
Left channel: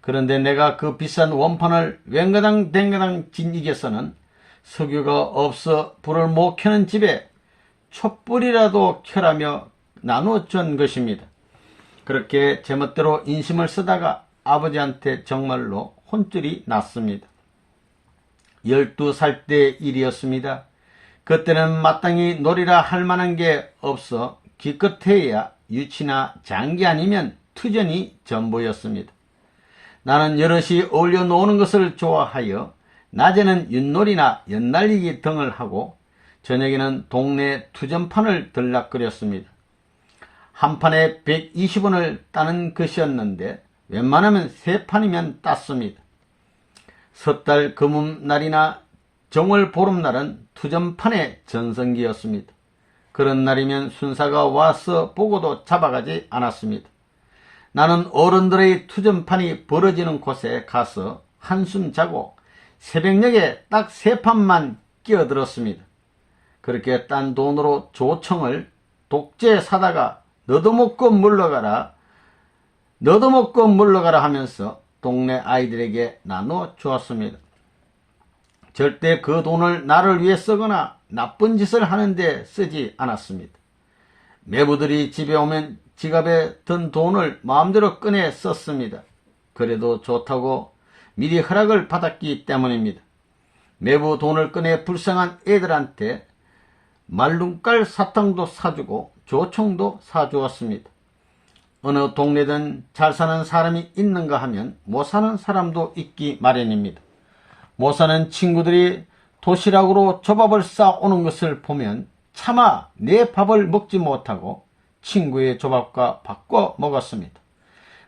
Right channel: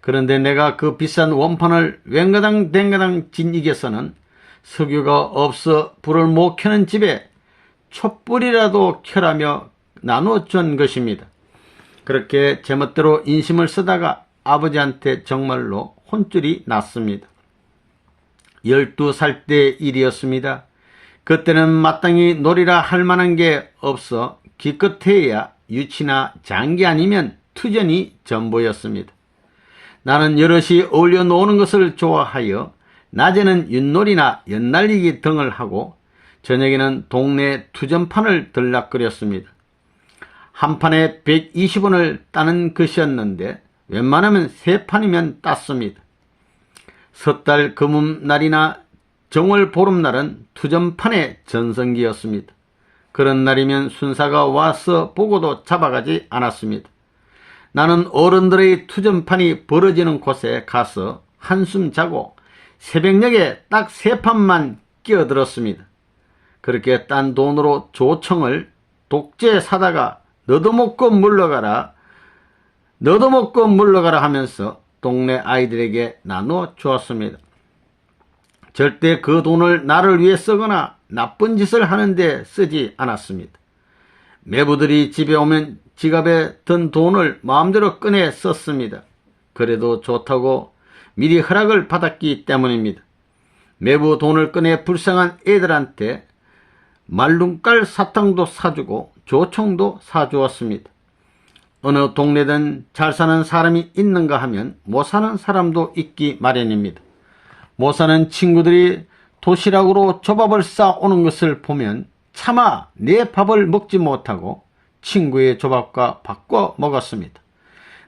그런데 내가 그 비싼 원판을 웬가당 댕가당 진이겨서는 석유가 없어 불을 못 켜는 집에 촛불이라도 켜라며 나눠준 것입니다. 그렇게 제멋대로 인심을 쓰다가 아버지한테 정말로 혼쭐이 났습니다. 12살 때 일이었습니다. 그때는 마땅히 놀이라 할 만한 게 없어 기껏해야 유치나 장기 아니면 투전이 전부였습니다. 나는 여럿이 어울려 노는 것을 좋아하여 낮에는 윷놀이나 연날리기 등을 하고 저녁에는 동네 투전판을 들락거렸습니다. 한 판에 120원을 따는 것이었는데 웬만하면 3판이면 땄습니다. 섣달 금음날이나 정월 보름날은 투전판의 전성기였습니다. 그런 날이면 순사가 와서 보고도 잡아가지 않았습니다. 나는 어른들의 투전판이 벌어지는 곳에 가서 한숨 자고 새벽녘에 딱 3판만 끼어들었습니다. 그렇게 딴 돈으로 조청을 독재 사다가 너도 먹고 물러가라 하면서 동네 아이들에게 나누어 주었습니다. 절대 그 돈을 나를 위해 쓰거나 나쁜 짓을 하는데 쓰지 않았습니다. 매부들이 집에 오면 지갑에 든 돈을 마음대로 꺼내 썼습니다. 그래도 좋다고 미리 허락을 받았기 때문입니다. 매부 돈을 꺼내 불쌍한 애들한테 말눈깔 사탕도 사주고 조청도 사주었습니다. 어느 동네든 잘 사는 사람이 있는가 하면 못 사는 사람도 있기 마련입니다. 못 사는 친구들이 도시락으로 조밥을 싸오는 것을 보면 차마 내 밥을 먹지 못하고 친구의 조밥과 바꿔 먹었습니다.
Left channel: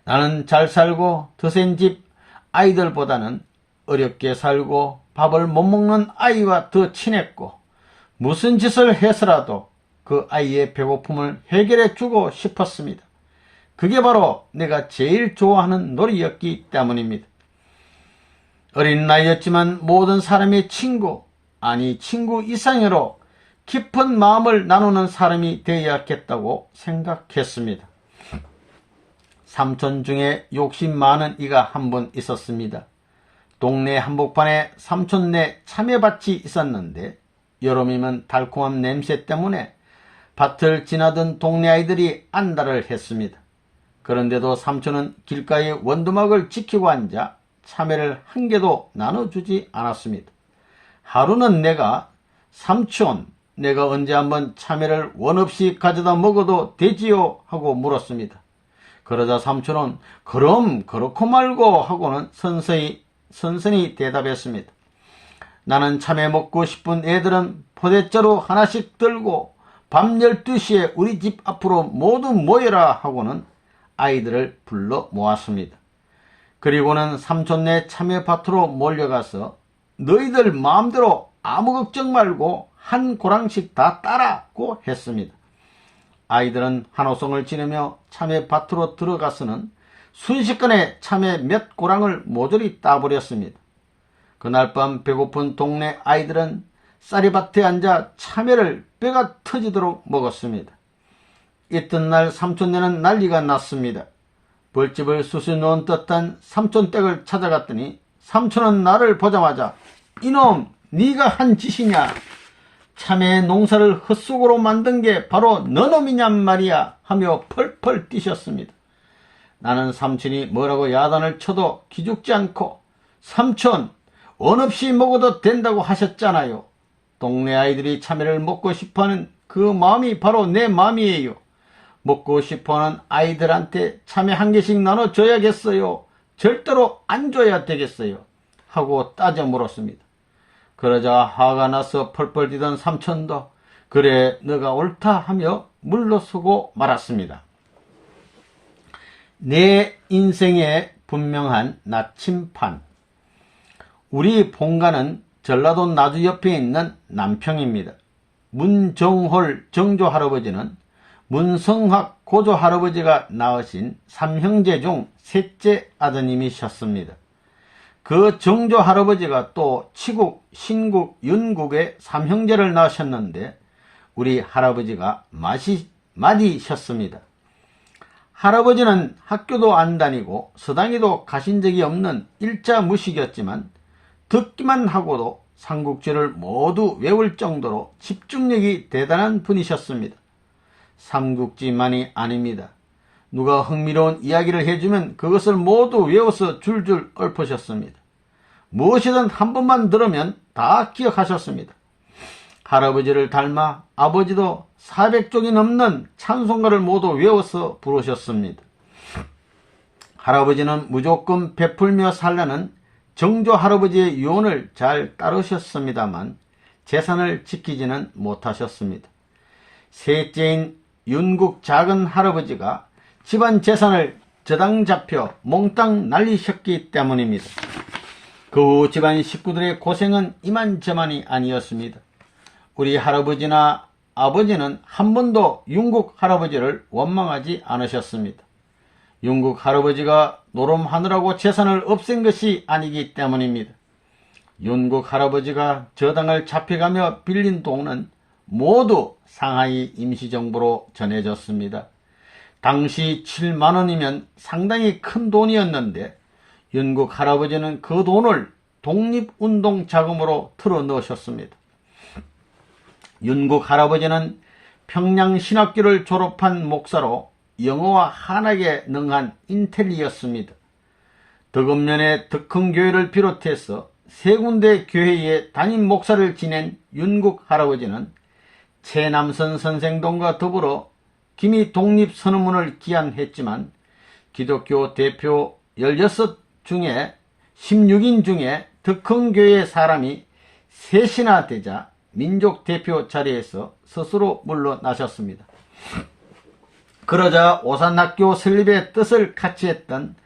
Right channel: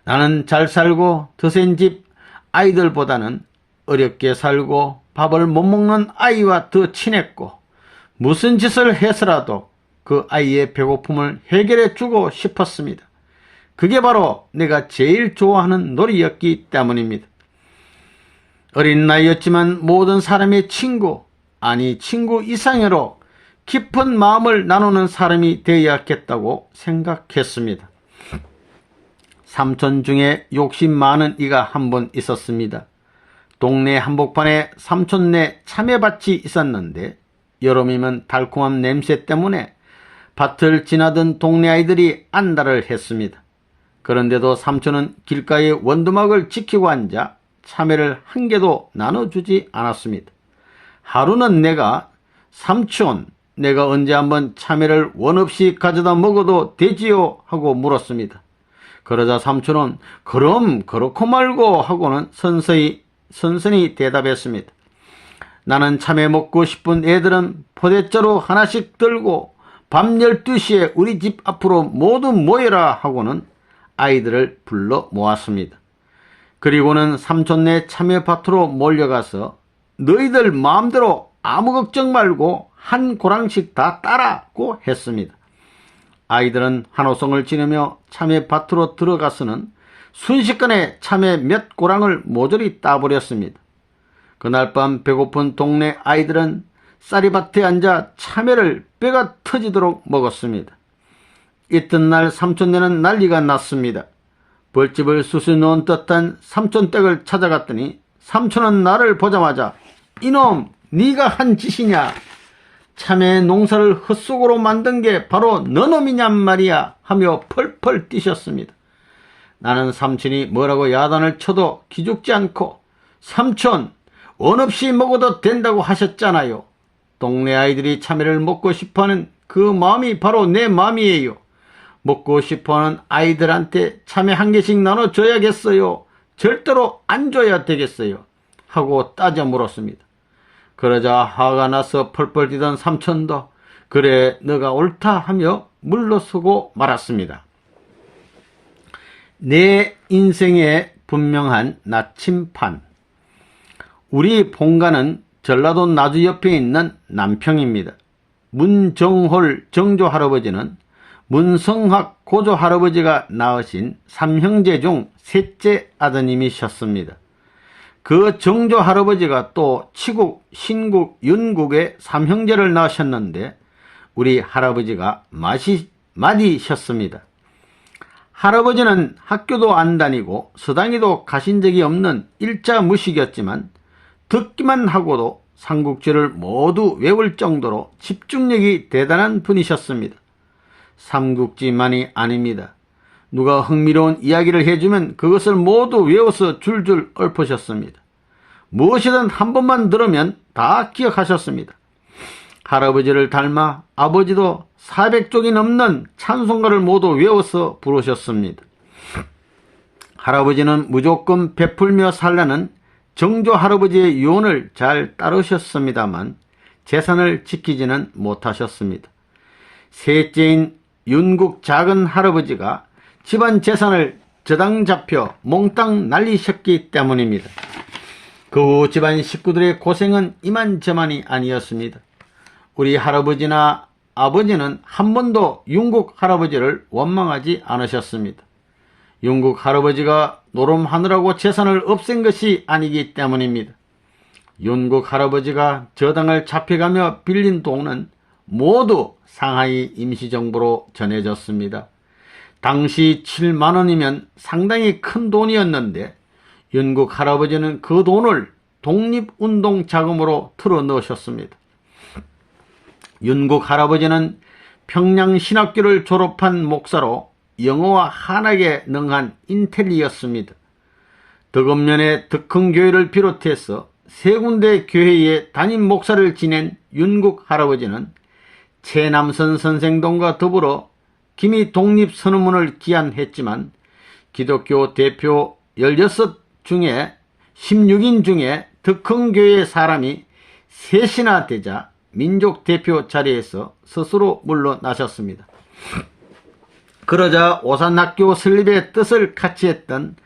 나는 잘 살고 드센 집 아이들보다는 어렵게 살고 밥을 못 먹는 아이와 더 친했고 무슨 짓을 해서라도 그 아이의 배고픔을 해결해 주고 싶었습니다. 그게 바로 내가 제일 좋아하는 놀이였기 때문입니다. 어린 나이였지만 모든 사람의 친구, 아니 친구 이상으로 깊은 마음을 나누는 사람이 되어야겠다고 생각했습니다. 삼촌 중에 욕심 많은 이가 한 분 있었습니다. 동네 한복판에 삼촌네 참외밭이 있었는데 여름이면 달콤한 냄새 때문에 밭을 지나던 동네 아이들이 안달을 했습니다. 그런데도 삼촌은 길가에 원두막을 지키고 앉아 참외를 한 개도 나눠주지 않았습니다. 하루는 내가 삼촌, 내가 언제 한번 참외를 원 없이 가져다 먹어도 되지요? 하고 물었습니다. 그러자 삼촌은 그럼 그렇고 말고 하고는 선선히 대답했습니다. 나는 참외 먹고 싶은 애들은 포대자루 하나씩 들고 밤 12시에 우리 집 앞으로 모두 모여라 하고는 아이들을 불러 모았습니다. 그리고는 삼촌네 참외밭으로 몰려가서 너희들 마음대로 아무 걱정 말고 한 고랑씩 다 따라고 했습니다. 아이들은 한호성을 지르며 참외밭으로 들어가서는 순식간에 참외 몇 고랑을 모조리 따버렸습니다. 그날 밤 배고픈 동네 아이들은 쌀이밭에 앉아 참외를 뼈가 터지도록 먹었습니다. 이튿날 삼촌네는 난리가 났습니다. 벌집을 수수 놓은 듯한 삼촌 댁을 찾아갔더니 삼촌은 나를 보자마자 이놈 네가 한 짓이냐, 참외 농사를 헛속으로 만든 게 바로 너놈이냔 말이야 하며 펄펄 뛰셨습니다. 나는 삼촌이 뭐라고 야단을 쳐도 기죽지 않고 삼촌 원 없이 먹어도 된다고 하셨잖아요. 동네 아이들이 참외를 먹고 싶어하는 그 마음이 바로 내 마음이에요. 먹고 싶어하는 아이들한테 참외 한 개씩 나눠줘야겠어요. 절대로 안 줘야 되겠어요. 하고 따져 물었습니다. 그러자 화가 나서 펄펄 뛰던 삼촌도 그래 너가 옳다 하며 물러서고 말았습니다. 내 인생의 분명한 나침판. 우리 본가는 전라도 나주 옆에 있는 남평입니다. 문정홀 정조할아버지는 문성학 고조할아버지가 낳으신 삼형제 중 셋째 아드님이셨습니다. 그 정조할아버지가 또 치국, 신국, 윤국의 삼형제를 낳으셨는데 우리 할아버지가 맏이셨습니다. 할아버지는 학교도 안 다니고 서당에도 가신 적이 없는 일자무식이었지만 듣기만 하고도 삼국지를 모두 외울 정도로 집중력이 대단한 분이셨습니다. 삼국지만이 아닙니다. 누가 흥미로운 이야기를 해주면 그것을 모두 외워서 줄줄 읊으셨습니다. 무엇이든 한 번만 들으면 다 기억하셨습니다. 할아버지를 닮아 아버지도 400쪽이 넘는 찬송가를 모두 외워서 부르셨습니다. 할아버지는 무조건 베풀며 살라는 정조 할아버지의 유언을 잘 따르셨습니다만 재산을 지키지는 못하셨습니다. 셋째인 윤국 작은 할아버지가 집안 재산을 저당 잡혀 몽땅 날리셨기 때문입니다. 그 후 집안 식구들의 고생은 이만저만이 아니었습니다. 우리 할아버지나 아버지는 한 번도 윤국 할아버지를 원망하지 않으셨습니다. 윤국 할아버지가 노름하느라고 재산을 없앤 것이 아니기 때문입니다. 윤국 할아버지가 저당을 잡혀가며 빌린 돈은 모두 상하이 임시정부로 전해졌습니다. 당시 7만원이면 상당히 큰 돈이었는데 윤국 할아버지는 그 돈을 독립운동 자금으로 틀어 넣으셨습니다. 윤국 할아버지는 평양신학교를 졸업한 목사로 영어와 한학에 능한 인텔리였습니다. 덕읍면의 덕흥교회를 비롯해서 세 군데 교회의 담임 목사를 지낸 윤국 할아버지는 최남선 선생동과 더불어 기미 독립선언문을 기한했지만 기독교 대표 16인 중에 덕흥교회 사람이 셋이나 되자 민족대표 자리에서 스스로 물러나셨습니다. 그러자 오산학교 설립의 뜻을 같이 했던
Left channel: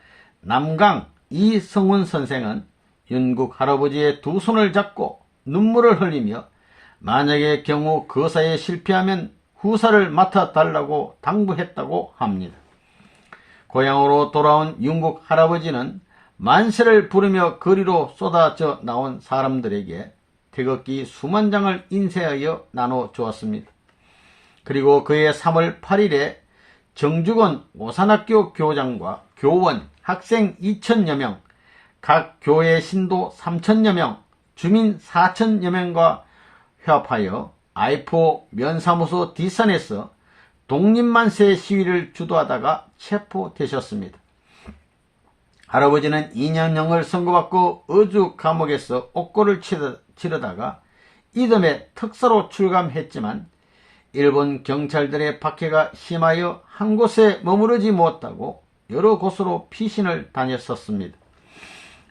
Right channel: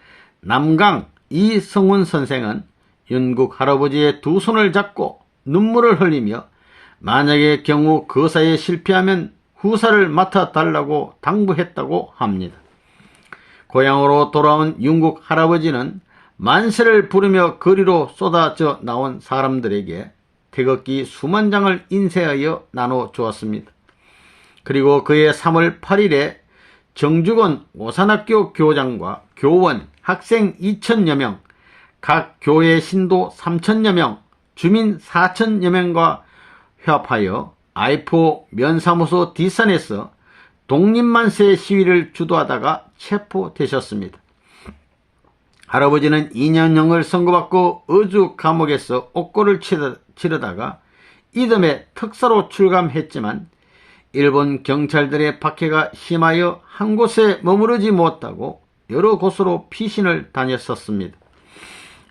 남강 이성훈 선생은 윤국 할아버지의 두 손을 잡고 눈물을 흘리며 만약의 경우 거사에 실패하면 후사를 맡아달라고 당부했다고 합니다. 고향으로 돌아온 윤국 할아버지는 만세를 부르며 거리로 쏟아져 나온 사람들에게 태극기 수만 장을 인쇄하여 나눠 주었습니다. 그리고 그해 3월 8일에 정주건 오산학교 교장과 교원, 학생 2,000여 명, 각 교회 신도 3,000여 명, 주민 4,000여 명과 협하여 I4 면사무소 뒷산에서 독립만세 시위를 주도하다가 체포되셨습니다. 할아버지는 2년형을 선고받고 어주 감옥에서 옥고를 치르다가 이듬해 특사로 출감했지만 일본 경찰들의 박해가 심하여 한 곳에 머무르지 못하고 여러 곳으로 피신을 다녔었습니다.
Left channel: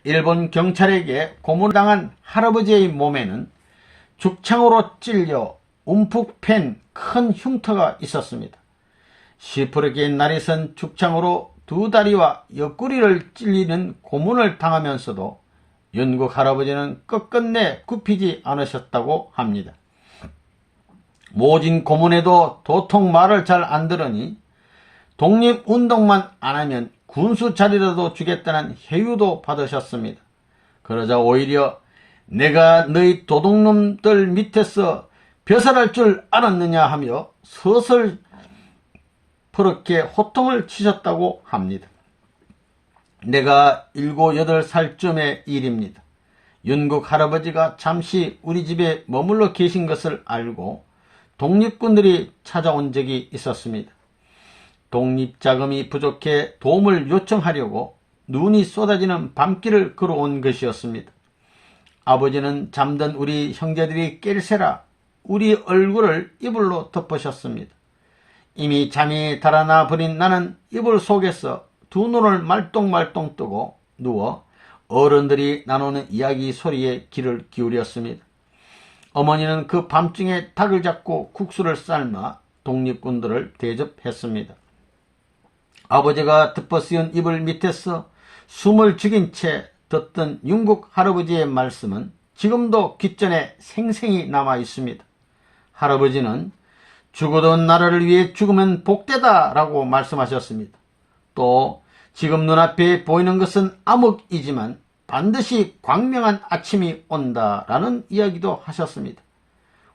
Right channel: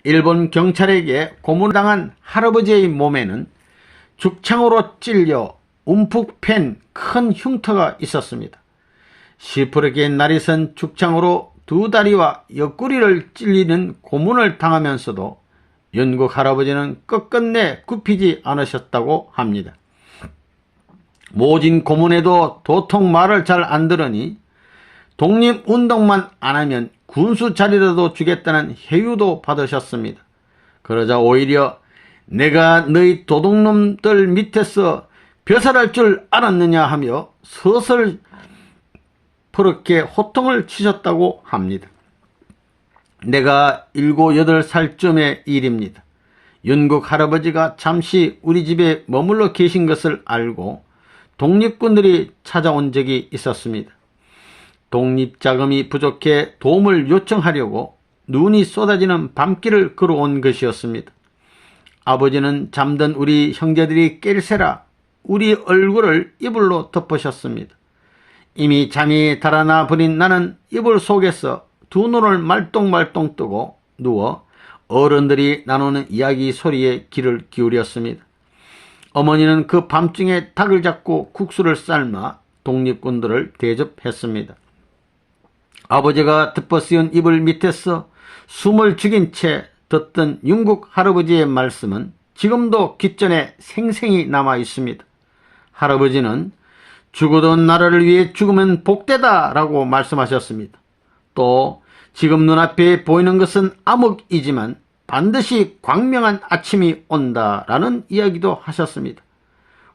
일본 경찰에게 고문당한 할아버지의 몸에는 죽창으로 찔려 움푹 팬 큰 흉터가 있었습니다. 시퍼렇게 날이 선 죽창으로 두 다리와 옆구리를 찔리는 고문을 당하면서도 윤국 할아버지는 끝끝내 굽히지 않으셨다고 합니다. 모진 고문에도 도통 말을 잘 안 들으니 독립운동만 안 하면 군수 자리라도 주겠다는 해유도 받으셨습니다. 그러자 오히려 내가 너희 도둑놈들 밑에서 벼슬할 줄 알았느냐 하며 서슬 그렇게 호통을 치셨다고 합니다. 내가 7, 8살쯤의 일입니다. 윤국 할아버지가 잠시 우리 집에 머물러 계신 것을 알고 독립군들이 찾아온 적이 있었습니다. 독립자금이 부족해 도움을 요청하려고 눈이 쏟아지는 밤길을 걸어온 것이었습니다. 아버지는 잠든 우리 형제들이 깰새라 우리 얼굴을 이불로 덮으셨습니다. 이미 잠이 달아나 버린 나는 이불 속에서 두 눈을 말똥말똥 뜨고 누워 어른들이 나누는 이야기 소리에 귀를 기울였습니다. 어머니는 그 밤중에 닭을 잡고 국수를 삶아 독립군들을 대접했습니다. 아버지가 덮어씌운 이불 밑에서 숨을 죽인 채 듣던 윤국 할아버지의 말씀은 지금도 귓전에 생생히 남아 있습니다. 할아버지는 죽어도 나라를 위해 죽으면 복되다 라고 말씀하셨습니다. 또 지금 눈앞에 보이는 것은 암흑이지만 반드시 광명한 아침이 온다 라는 이야기도 하셨습니다.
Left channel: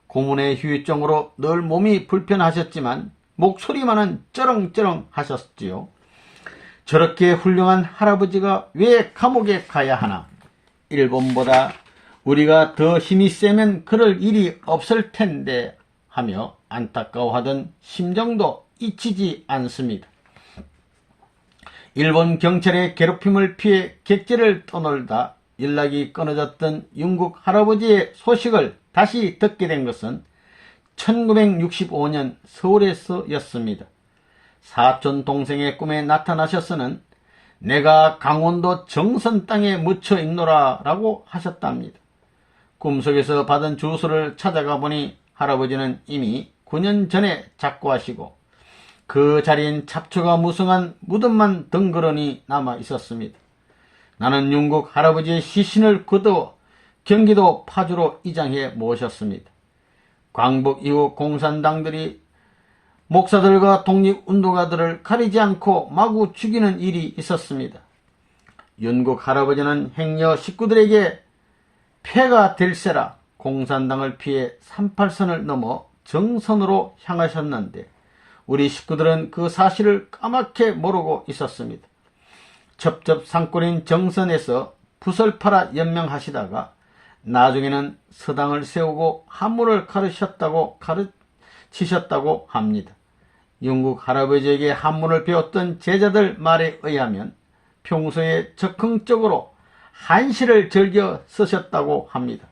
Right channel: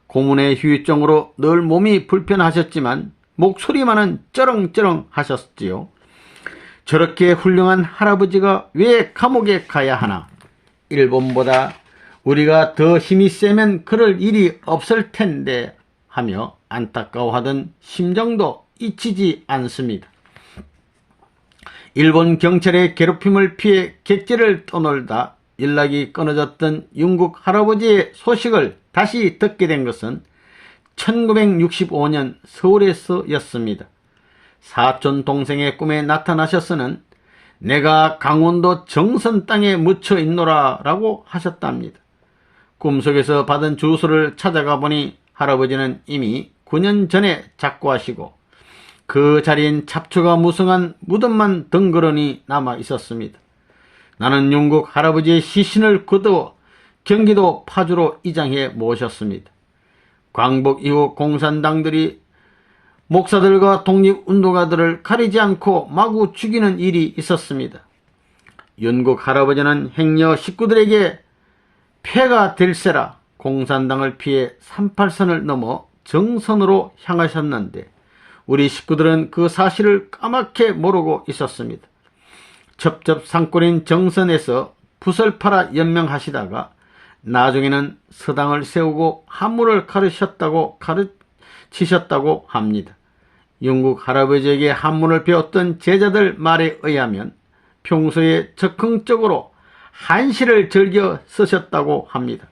고문의 후유증으로 늘 몸이 불편하셨지만 목소리만은 쩌렁쩌렁 하셨지요. 저렇게 훌륭한 할아버지가 왜 감옥에 가야 하나? 일본보다 우리가 더 힘이 세면 그럴 일이 없을 텐데 하며 안타까워하던 심정도 잊히지 않습니다. 일본 경찰의 괴롭힘을 피해 객지를 떠놀다 연락이 끊어졌던 윤국 할아버지의 소식을 다시 듣게 된 것은 1965년 서울에서였습니다. 사촌 동생의 꿈에 나타나셔서는 내가 강원도 정선 땅에 묻혀 있노라 라고 하셨답니다. 꿈속에서 받은 주소를 찾아가 보니 할아버지는 이미 9년 전에 작고하시고 그 자리엔 잡초가 무성한 무덤만 덩그러니 남아 있었습니다. 나는 윤국 할아버지의 시신을 거두어 경기도 파주로 이장해 모셨습니다. 광복 이후 공산당들이 목사들과 독립운동가들을 가리지 않고 마구 죽이는 일이 있었습니다. 윤국 할아버지는 행여 식구들에게 폐가 될세라 공산당을 피해 38선을 넘어 정선으로 향하셨는데 우리 식구들은 그 사실을 까맣게 모르고 있었습니다. 첩첩산골인 정선에서 붓을 팔아 연명하시다가 나중에는 서당을 세우고 한문을 가르치셨다고 합니다. 윤국 할아버지에게 한문을 배웠던 제자들 말에 의하면 평소에 적극적으로 한시를 즐겨 쓰셨다고 합니다.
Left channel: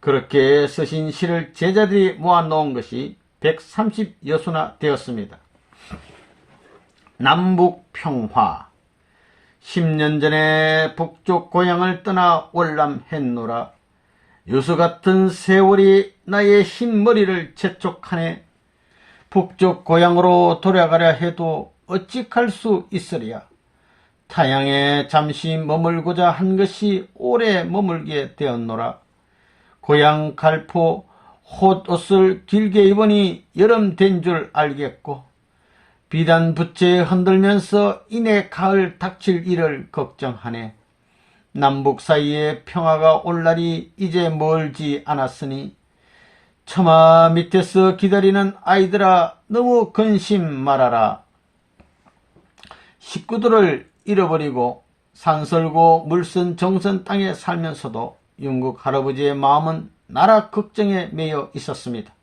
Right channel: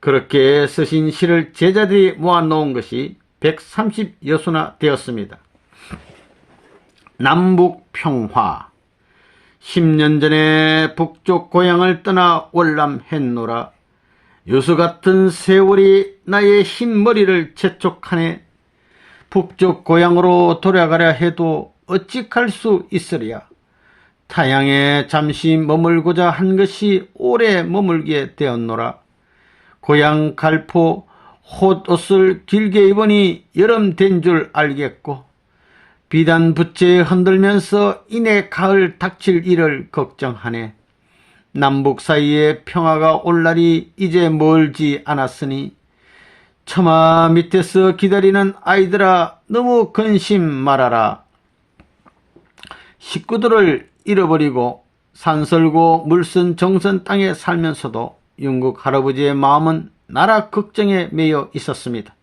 그렇게 쓰신 시를 제자들이 모아놓은 것이 130여수나 되었습니다. 남북평화 10년 전에 북쪽 고향을 떠나 월남했노라. 요수 같은 세월이 나의 흰 머리를 재촉하네. 북쪽 고향으로 돌아가려 해도 어찌 갈 수 있으랴. 타향에 잠시 머물고자 한 것이 오래 머물게 되었노라. 고향 갈포 홑옷을 길게 입으니 여름 된 줄 알겠고 비단 부채 흔들면서 이내 가을 닥칠 일을 걱정하네. 남북 사이에 평화가 올 날이 이제 멀지 않았으니 처마 밑에서 기다리는 아이들아 너무 근심 말아라. 식구들을 잃어버리고 산설고 물선 정선 땅에 살면서도 영국 할아버지의 마음은 나라 걱정에 매여 있었습니다.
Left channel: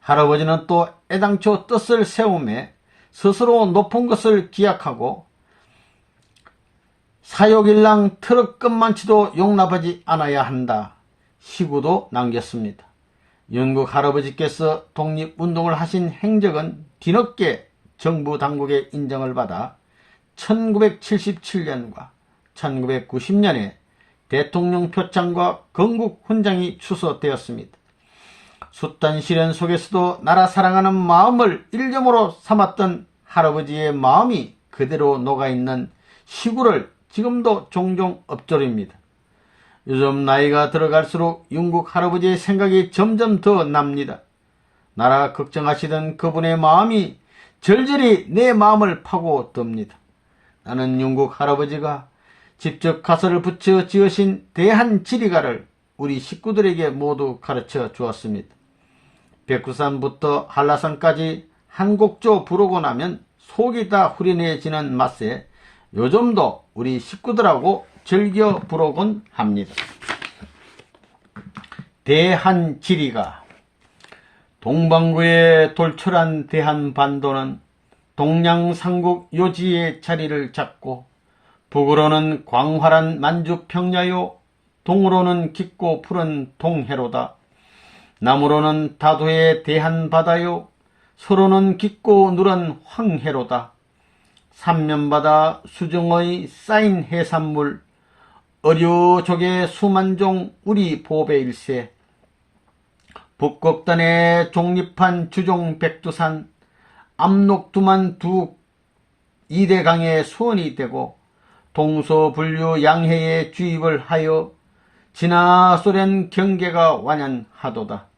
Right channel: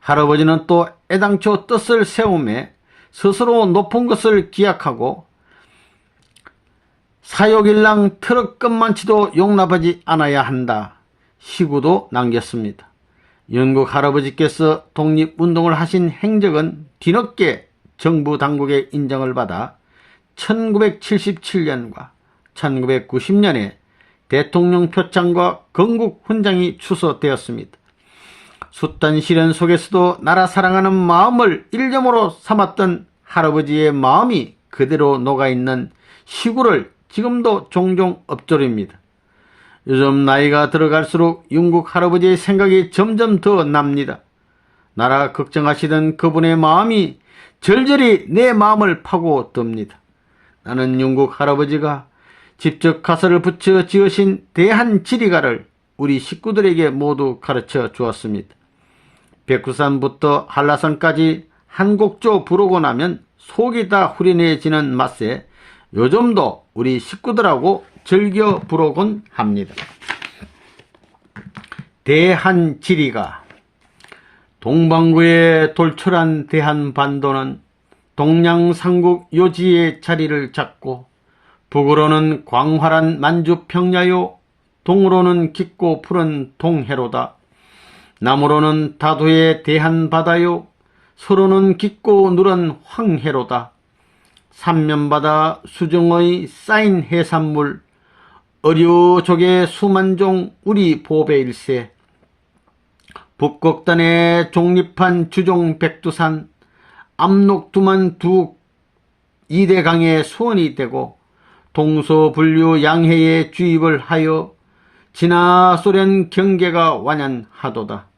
할아버지는 또 애당초 뜻을 세우며 스스로 높은 것을 기약하고 사욕일랑 트럭끝만치도 용납하지 않아야 한다. 시구도 남겼습니다. 영국 할아버지께서 독립운동을 하신 행적은 뒤늦게 정부 당국의 인정을 받아 1977년과 1990년에 대통령 표창과 건국 훈장이 추서되었습니다. 숱한 시련 속에서도 나라 사랑하는 마음을 일념으로 삼았던 할아버지의 마음이 그대로 녹아있는 시구를 지금도 종종 엎조립니다. 요즘 나이가 들어갈수록 영국 할아버지의 생각이 점점 더 납니다. 나라 걱정하시던 그분의 마음이 절절히 내 마음을 파고듭니다. 나는 영국 할아버지가 직접 가설을 붙여 지으신 대한지리가를 우리 식구들에게 모두 가르쳐 주었습니다. 백두산부터 한라산까지 한 곡조 부르고 나면 속이 다 후련해지는 맛에 요즘도 우리 식구들하고 즐겨 부르곤 합니다. 대한지리가. 동방구에 돌출한 대한반도는 동양삼국 요지의 자리를 잡고 북으로는 광활한 만주평야요, 동으로는 깊고 푸른 동해로다. 남으로는 다도의 대한바다요, 서로는 깊고 누런 황해로다. 삼면바다 수중의 쌓인 해산물, 어류족의 수만종 우리 보배일세. 북극단에 종립한 주종 백두산, 압록두만 두 이대강의 수원이 되고 동서분류 양해에 주입을 하여 진화 소련 경계가 완연하도다.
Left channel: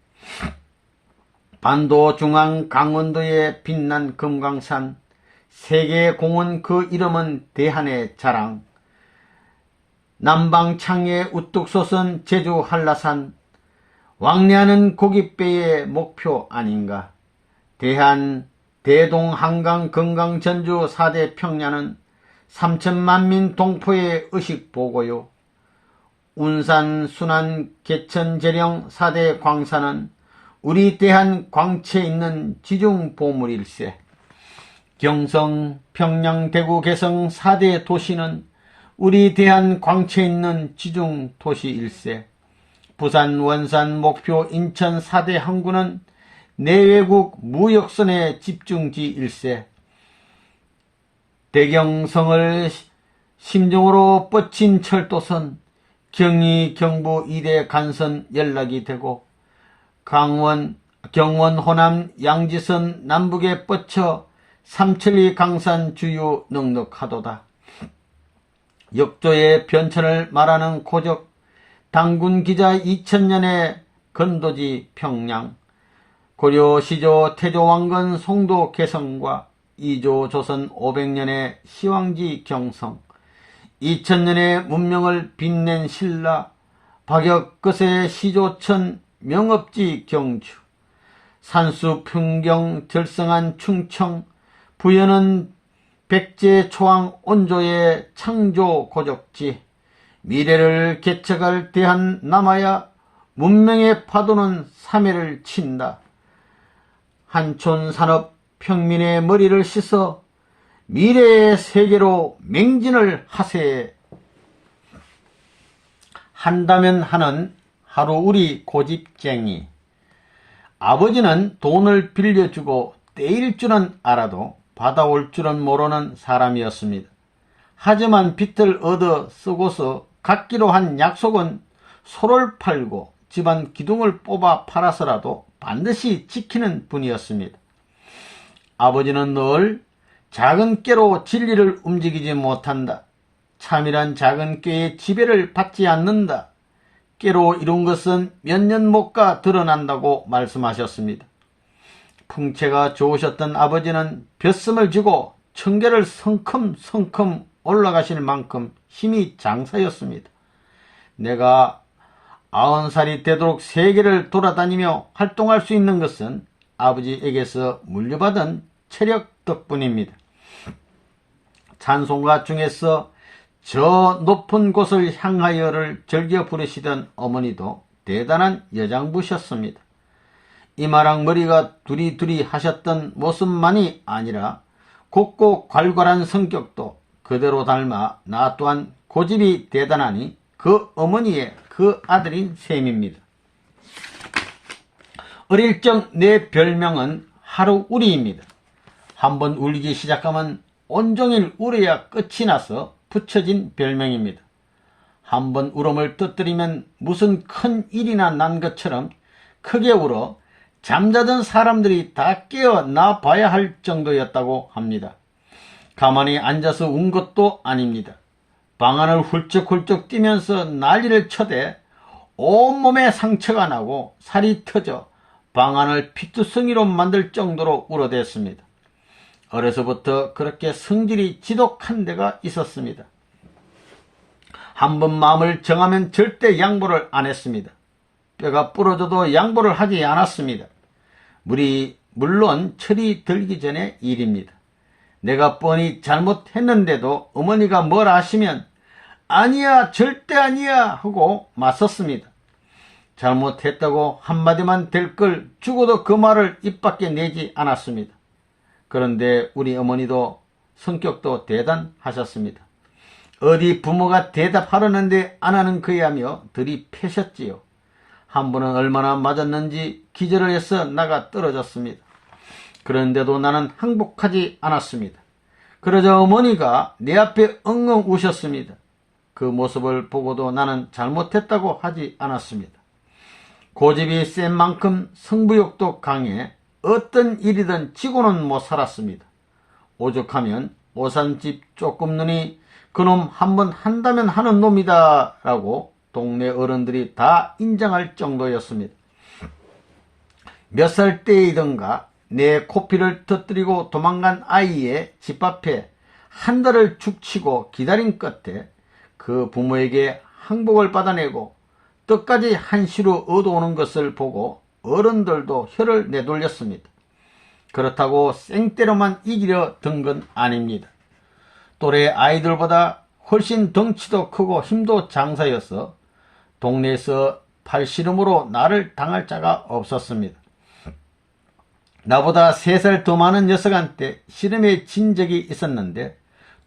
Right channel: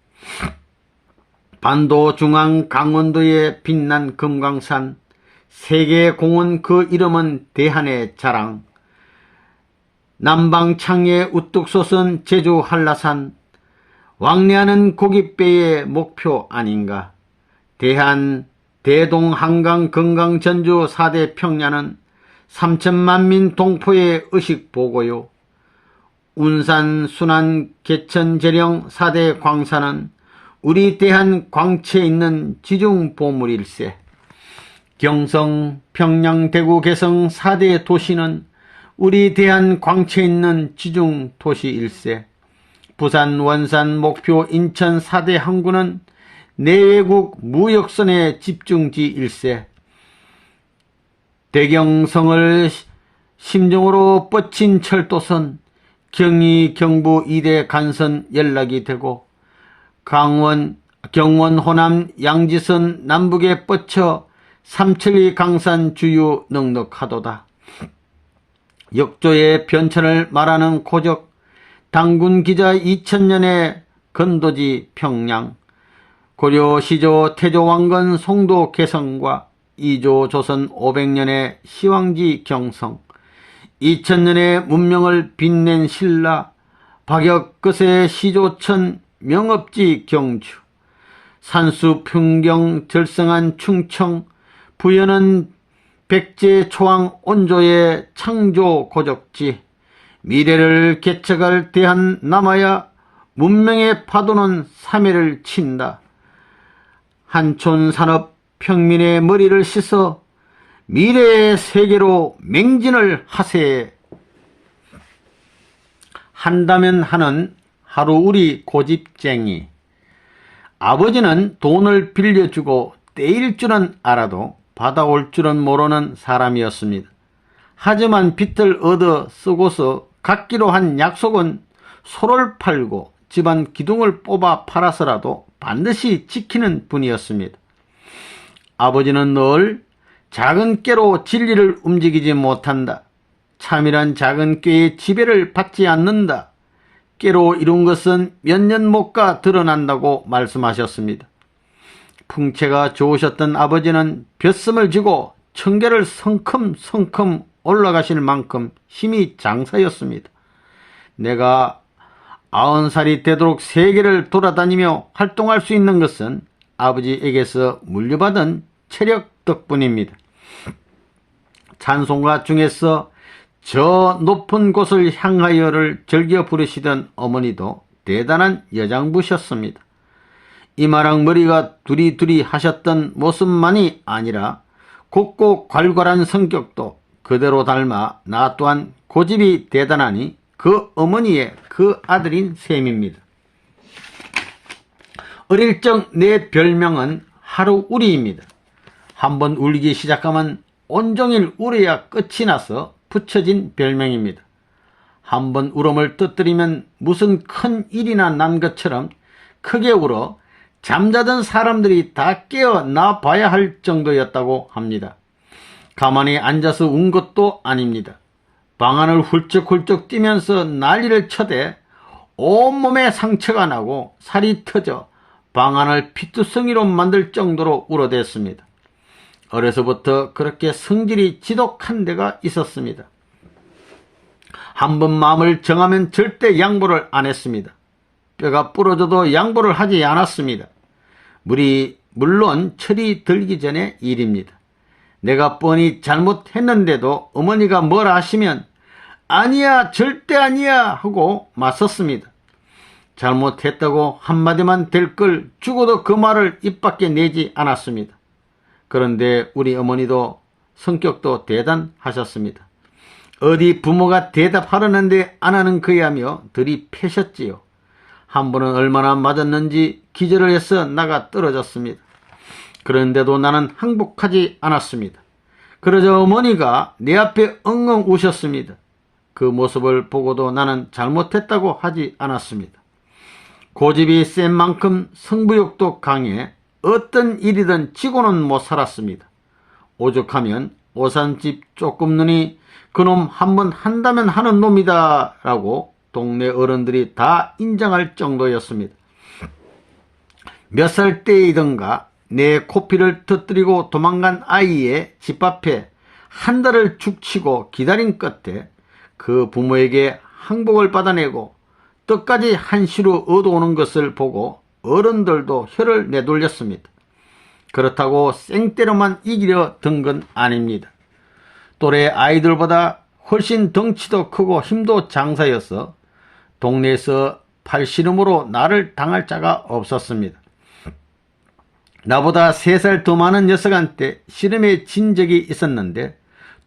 반도 중앙 강원도에 빛난 금강산, 세계공원 그 이름은 대한의 자랑. 남방창에 우뚝 솟은 제주 한라산, 왕래하는 고깃배의 목표 아닌가. 대한, 대동, 한강, 건강, 전주 4대 평야는 3천만민 동포의 의식보고요. 운산, 순안, 개천, 재령 4대 광산은 우리 대한 광채에 있는 지중보물일세. 경성, 평양, 대구, 개성 4대 도시는 우리 대한 광채에 있는 지중도시일세. 부산, 원산, 목표, 인천 4대 항구는 내외국 무역선의 집중지일세. 대경성을 심정으로 뻗친 철도선, 경의, 경부 2대 간선 연락이 되고 강원, 경원, 호남, 양지선 남북에 뻗쳐 삼천리 강산 주유 넉넉하도다. 역조의 변천을 말하는 고적, 당군기자 2000년의 건도지 평양, 고려 시조 태조 왕건 송도 개성과 이조 조선 500년의 시황지 경성, 2000년의 문명을 빛낸 신라, 박역 끝의 시조천 명업지 경주, 산수 풍경 절성한 충청, 부여는 백제 초왕 온조의 창조 고적지, 미래를 개척할 대한 남아야 문명의 파도는 3회를 친다. 한촌 산업 평민의 머리를 씻어 미래의 세계로 맹진을 하세. 한다면 하는 하루 우리 고집쟁이. 아버지는 돈을 빌려주고 떼일 줄은 알아도 받아올 줄은 모르는 사람이었습니다. 하지만 빚을 얻어 쓰고서 갖기로 한 약속은 소를 팔고 집안 기둥을 뽑아 팔아서라도 반드시 지키는 분이었습니다. 아버지는 늘 작은 꾀로 진리를 움직이지 못한다. 참이란 작은 꾀의 지배를 받지 않는다. 꾀로 이룬 것은 몇 년 못 가 드러난다고 말씀하셨습니다. 풍채가 좋으셨던 아버지는 벼슴을 쥐고 청계를 성큼성큼 올라가실 만큼 힘이 장사였습니다. 내가 90살이 되도록 세계를 돌아다니며 활동할 수 있는 것은 아버지에게서 물려받은 체력 덕분입니다. 찬송가 중에서 저 높은 곳을 향하여를 즐겨 부르시던 어머니도 대단한 여장부셨습니다. 이마랑 머리가 두리두리 하셨던 모습만이 아니라 곱고 괄괄한 성격도 그대로 닮아 나 또한 고집이 대단하니 그 어머니의 그 아들인 셈입니다. 어릴 적 내 별명은 하루우리입니다. 한번 울기 시작하면 온종일 울어야 끝이 나서 붙여진 별명입니다. 한번 울음을 터뜨리면 무슨 큰 일이나 난 것처럼 크게 울어 잠자던 사람들이 다 깨어나 봐야 할 정도였다고 합니다. 가만히 앉아서 운 것도 아닙니다. 방 안을 훌쩍훌쩍 뛰면서 난리를 쳐대 온몸에 상처가 나고 살이 터져 방 안을 피투성이로 만들 정도로 울어댔습니다. 어려서부터 그렇게 성질이 지독한 데가 있었습니다. 한번 마음을 정하면 절대 양보를 안 했습니다. 뼈가 부러져도 양보를 하지 않았습니다. 물론 철이 들기 전의 일입니다. 내가 뻔히 잘못했는데도 어머니가 뭐라 하시면 아니야 절대 아니야 하고 맞섰습니다. 잘못했다고 한마디만 될 걸 죽어도 그 말을 입 밖에 내지 않았습니다. 그런데 우리 어머니도 성격도 대단하셨습니다. 어디 부모가 대답하려는데 안 하는 거야며 들이패셨지요. 한 번은 얼마나 맞았는지 기절을 해서 나가 떨어졌습니다. 그런데도 나는 항복하지 않았습니다. 그러자 어머니가 내 앞에 엉엉 우셨습니다. 그 모습을 보고도 나는 잘못했다고 하지 않았습니다. 고집이 센 만큼 승부욕도 강해 어떤 일이든 지고는 못 살았습니다. 오죽하면 오산집 쪼끔눈이 그놈 한번 한다면 하는 놈이다 라고 동네 어른들이 다 인정할 정도였습니다. 몇 살 때이던가 내 코피를 터뜨리고 도망간 아이의 집 앞에 한 달을 죽치고 기다린 끝에 그 부모에게 항복을 받아내고 떡까지 한시로 얻어오는 것을 보고 어른들도 혀를 내돌렸습니다. 그렇다고 생때로만 이기려 든 건 아닙니다. 또래 아이들보다 훨씬 덩치도 크고 힘도 장사여서 동네에서 팔씨름으로 나를 당할 자가 없었습니다. 나보다 3살 더 많은 녀석한테 씨름에 진 적이 있었는데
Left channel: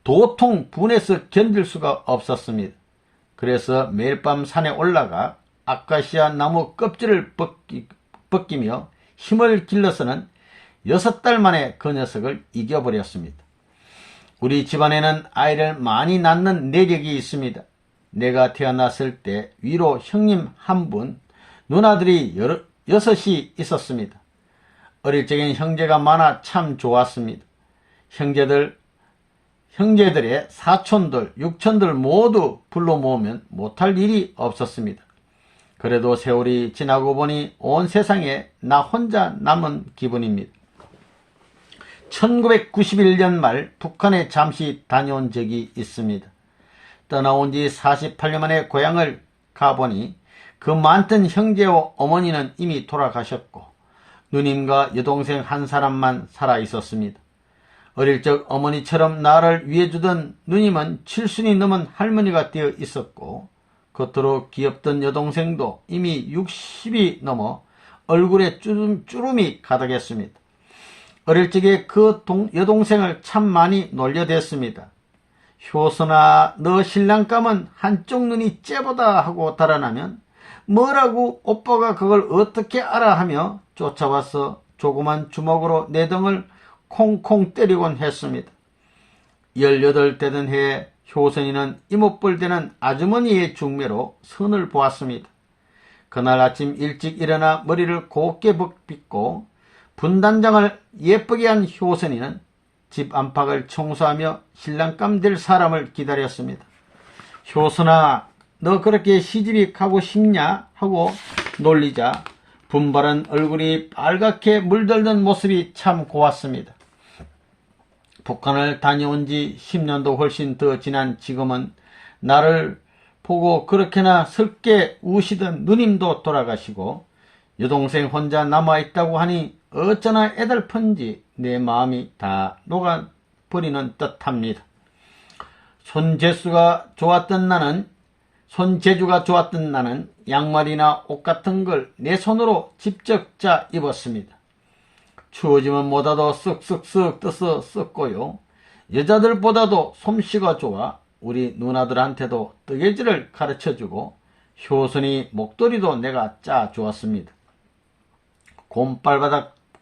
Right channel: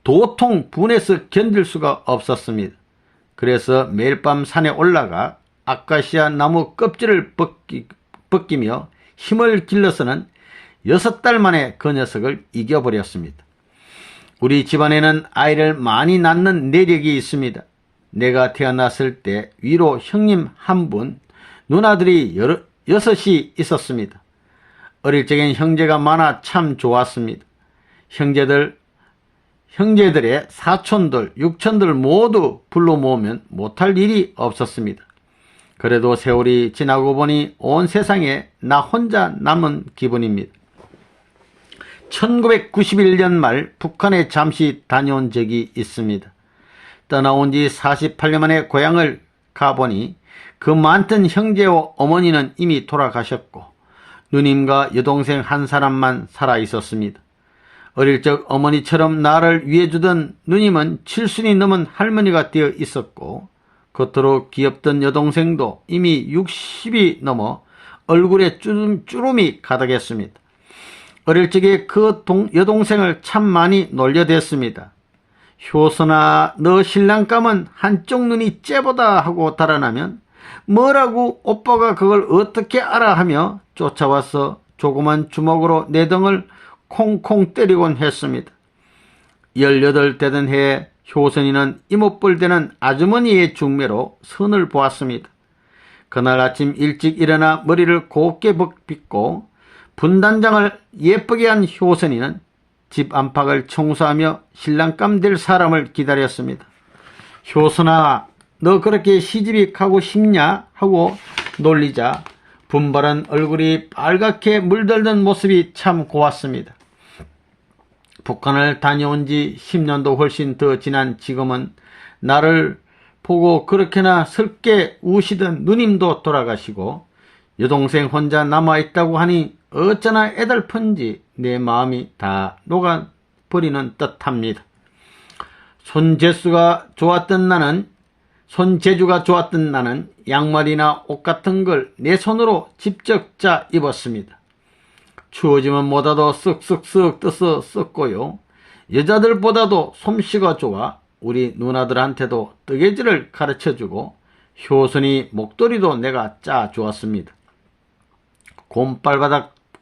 도통 분해서 견딜 수가 없었습니다. 그래서 매일 밤 산에 올라가 아카시아 나무 껍질을 벗기며 힘을 길러서는 6달 만에 그 녀석을 이겨버렸습니다. 우리 집안에는 아이를 많이 낳는 내력이 있습니다. 내가 태어났을 때 위로 형님 1분, 누나들이 6이 있었습니다. 어릴 적엔 형제가 많아 참 좋았습니다. 형제들의 사촌들, 육촌들 모두 불러 모으면 못할 일이 없었습니다. 그래도 세월이 지나고 보니 온 세상에 나 혼자 남은 기분입니다. 1991년 말 북한에 잠시 다녀온 적이 있습니다. 떠나온 지 48년 만에 고향을 가보니 그 많던 형제와 어머니는 이미 돌아가셨고 누님과 여동생 한 사람만 살아 있었습니다. 어릴 적 어머니처럼 나를 위해주던 누님은 7순이 넘은 할머니가 되어 있었고 겉으로 귀엽던 여동생도 이미 60이 넘어 얼굴에 주름이 가득했습니다. 어릴 적에 그 여동생을 참 많이 놀려댔습니다. 효선아, 너 신랑감은 한쪽 눈이 째보다 하고 달아나면 뭐라고 오빠가 그걸 어떻게 알아 하며 쫓아와서 조그만 주먹으로 내 등을 콩콩 때리곤 했습니다. 18 되던 해에 효선이는 이모뻘 되는 아주머니의 중매로 선을 보았습니다. 그날 아침 일찍 일어나 머리를 곱게 빗고 분단장을 예쁘게 한 효선이는 집 안팎을 청소하며 신랑감 될 사람을 기다렸습니다. 효선아, 너 그렇게 시집이 가고 싶냐? 하고 놀리자 분발한 얼굴이 빨갛게 물들던 모습이 참 고왔습니다. 북한을 다녀온 지 10년도 훨씬 더 지난 지금은 나를 보고 그렇게나 슬게 우시던 누님도 돌아가시고 여동생 혼자 남아있다고 하니 어쩌나 애달픈지 내 마음이 다 녹아버리는 듯합니다. 손재주가 좋았던 나는 양말이나 옷 같은 걸 내 손으로 직접 짜 입었습니다. 추워지면 뭐다도 쓱쓱쓱 떠서 썼고요. 여자들보다도 솜씨가 좋아 우리 누나들한테도 뜨개질을 가르쳐주고 효선이 목도리도 내가 짜 주었습니다.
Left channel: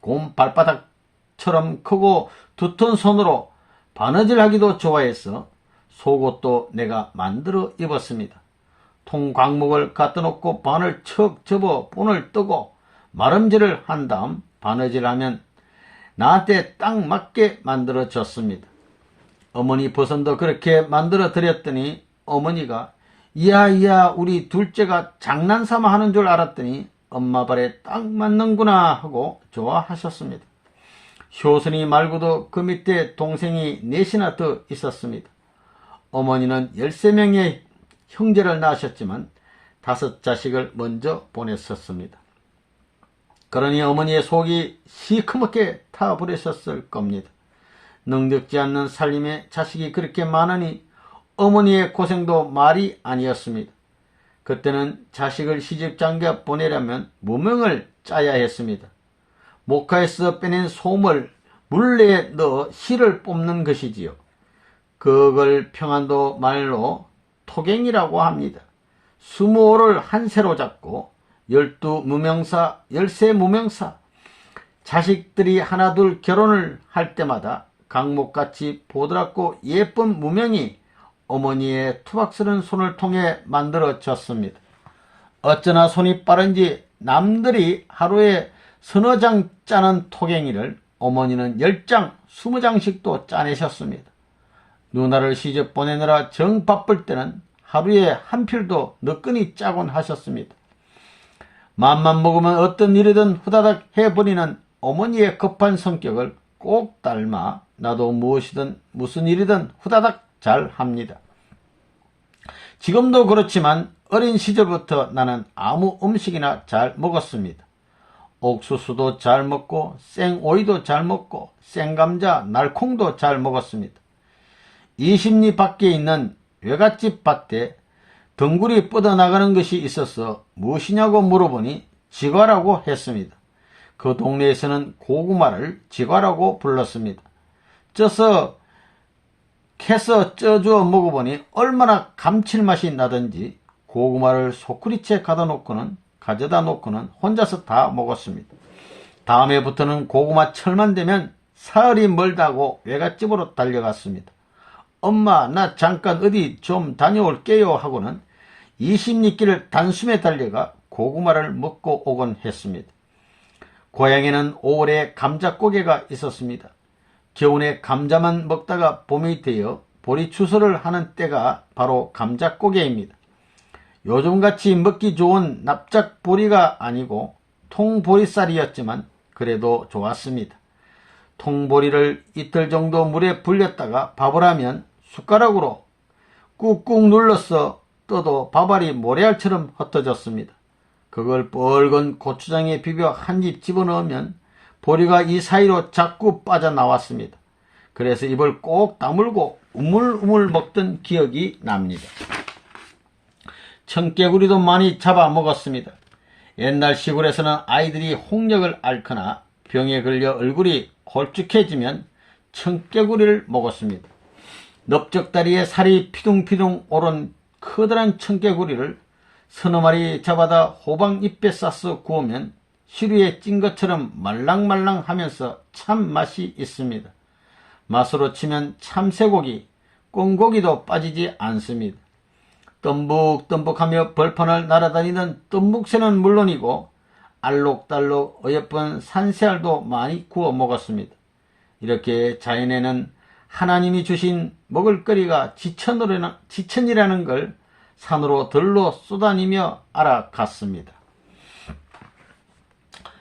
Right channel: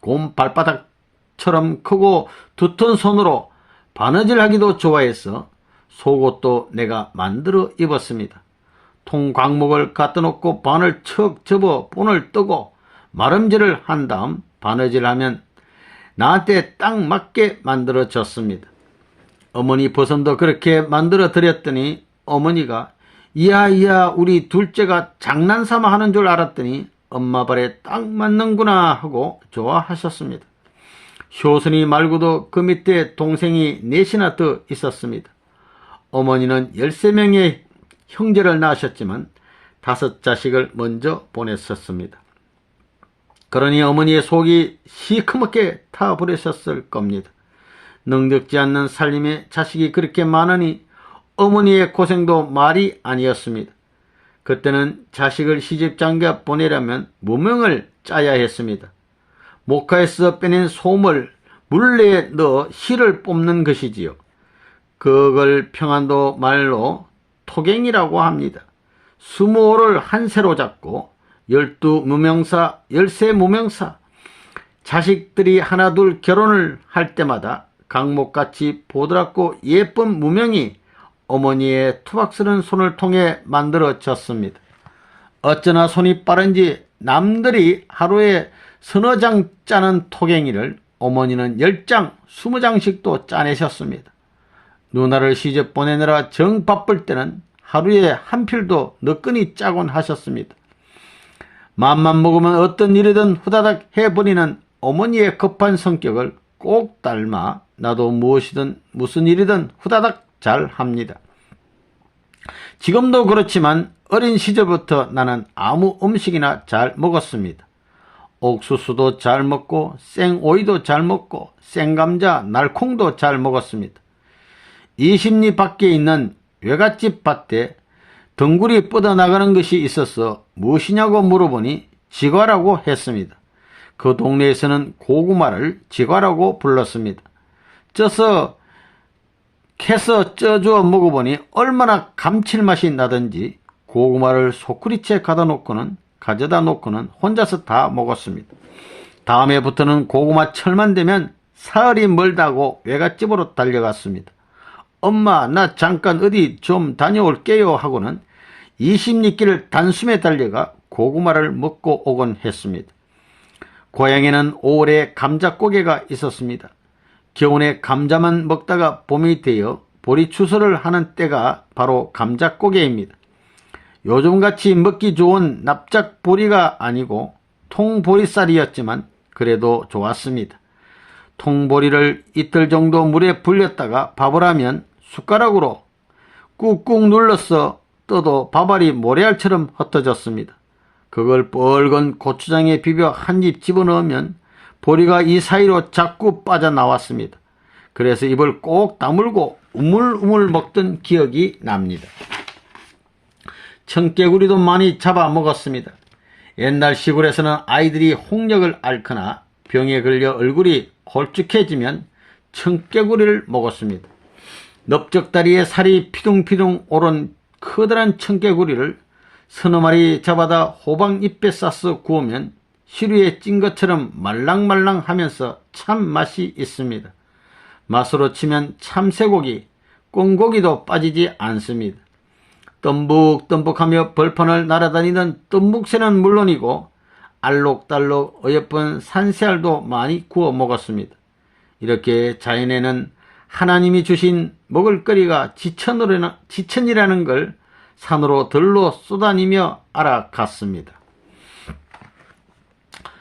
곰발바닥처럼 크고 두터운 손으로 바느질하기도 좋아해서 속옷도 내가 만들어 입었습니다. 통광목을 갖다 놓고 반을 척 접어 본을 뜨고 마름질을 한 다음 바느질하면 나한테 딱 맞게 만들어 줬습니다. 어머니 버선도 그렇게 만들어 드렸더니 어머니가 이야 우리 둘째가 장난삼아 하는 줄 알았더니 엄마 발에 딱 맞는구나 하고 좋아하셨습니다. 효선이 말고도 그 밑에 동생이 넷이나 더 있었습니다. 어머니는 13명의 형제를 낳으셨지만 5자식을 먼저 보냈었습니다. 그러니 어머니의 속이 시커멓게 타버리셨을 겁니다. 능력지 않는 살림에 자식이 그렇게 많으니 어머니의 고생도 말이 아니었습니다. 그때는 자식을 시집장가 보내려면 무명을 짜야 했습니다. 목화에서 빼낸 솜을 물레에 넣어 실을 뽑는 것이지요. 그걸 평안도 말로 토갱이라고 합니다. 20올을 한 세로 잡고 12무명사, 13무명사, 자식들이 하나둘 결혼을 할 때마다 강목같이 보드랍고 예쁜 무명이 어머니의 투박스런 손을 통해 만들어졌습니다. 어쩌나 손이 빠른지 남들이 하루에 서너 장 짜는 토갱이를 어머니는 10장, 20장씩도 짜내셨습니다. 누나를 시집 보내느라 정 바쁠 때는 하루에 한 필도 너끈히 짜곤 하셨습니다. 맘만 먹으면 어떤 일이든 후다닥 해버리는 어머니의 급한 성격을 꼭 닮아 나도 무엇이든 무슨 일이든 후다닥 잘 합니다. 지금도 그렇지만 어린 시절부터 나는 아무 음식이나 잘 먹었습니다. 옥수수도 잘 먹고 생오이도 잘 먹고 생감자, 날콩도 잘 먹었습니다. 20리 밖에 있는 외갓집 밭에 덩굴이 뻗어나가는 것이 있어서 무엇이냐고 물어보니 지과라고 했습니다. 그 동네에서는 고구마를 지과라고 불렀습니다. 캐서 쪄주어 먹어보니 얼마나 감칠맛이 나든지 고구마를 소쿠리째 가져다 놓고는 혼자서 다 먹었습니다. 다음해부터는 고구마 철만 되면 사흘이 멀다고 외갓집으로 달려갔습니다. 엄마 나 잠깐 어디 좀 다녀올게요 하고는 20리길을 단숨에 달려가 고구마를 먹고 오곤 했습니다. 고향에는 5월에 감자고개가 있었습니다. 겨울에 감자만 먹다가 봄이 되어 보리추수를 하는 때가 바로 감자고개입니다. 요즘같이 먹기 좋은 납작보리가 아니고 통보리쌀이었지만 그래도 좋았습니다. 통보리를 이틀 정도 물에 불렸다가 밥을 하면 숟가락으로 꾹꾹 눌러서 떠도 밥알이 모래알처럼 흩어졌습니다. 그걸 뻘건 고추장에 비벼 한 입 집어넣으면 보리가 이 사이로 자꾸 빠져나왔습니다. 그래서 입을 꼭 다물고 우물우물 먹던 기억이 납니다. 청개구리도 많이 잡아 먹었습니다. 옛날 시골에서는 아이들이 홍역을 앓거나 병에 걸려 얼굴이 홀쭉해지면 청개구리를 먹었습니다. 넓적다리에 살이 피둥피둥 오른 커다란 청개구리를 서너 마리 잡아다 호박잎에 싸서 구우면 시루에 찐 것처럼 말랑말랑하면서 참 맛이 있습니다. 맛으로 치면 참새고기, 꽁고기도 빠지지 않습니다. 덤북덤북하며 벌판을 날아다니던 뜸묵새는 물론이고 알록달록 어여쁜 산새알도 많이 구워 먹었습니다. 이렇게 자연에는 하나님이 주신 먹을거리가 지천이라는 걸 산으로 들로 쏘다니며 알아갔습니다.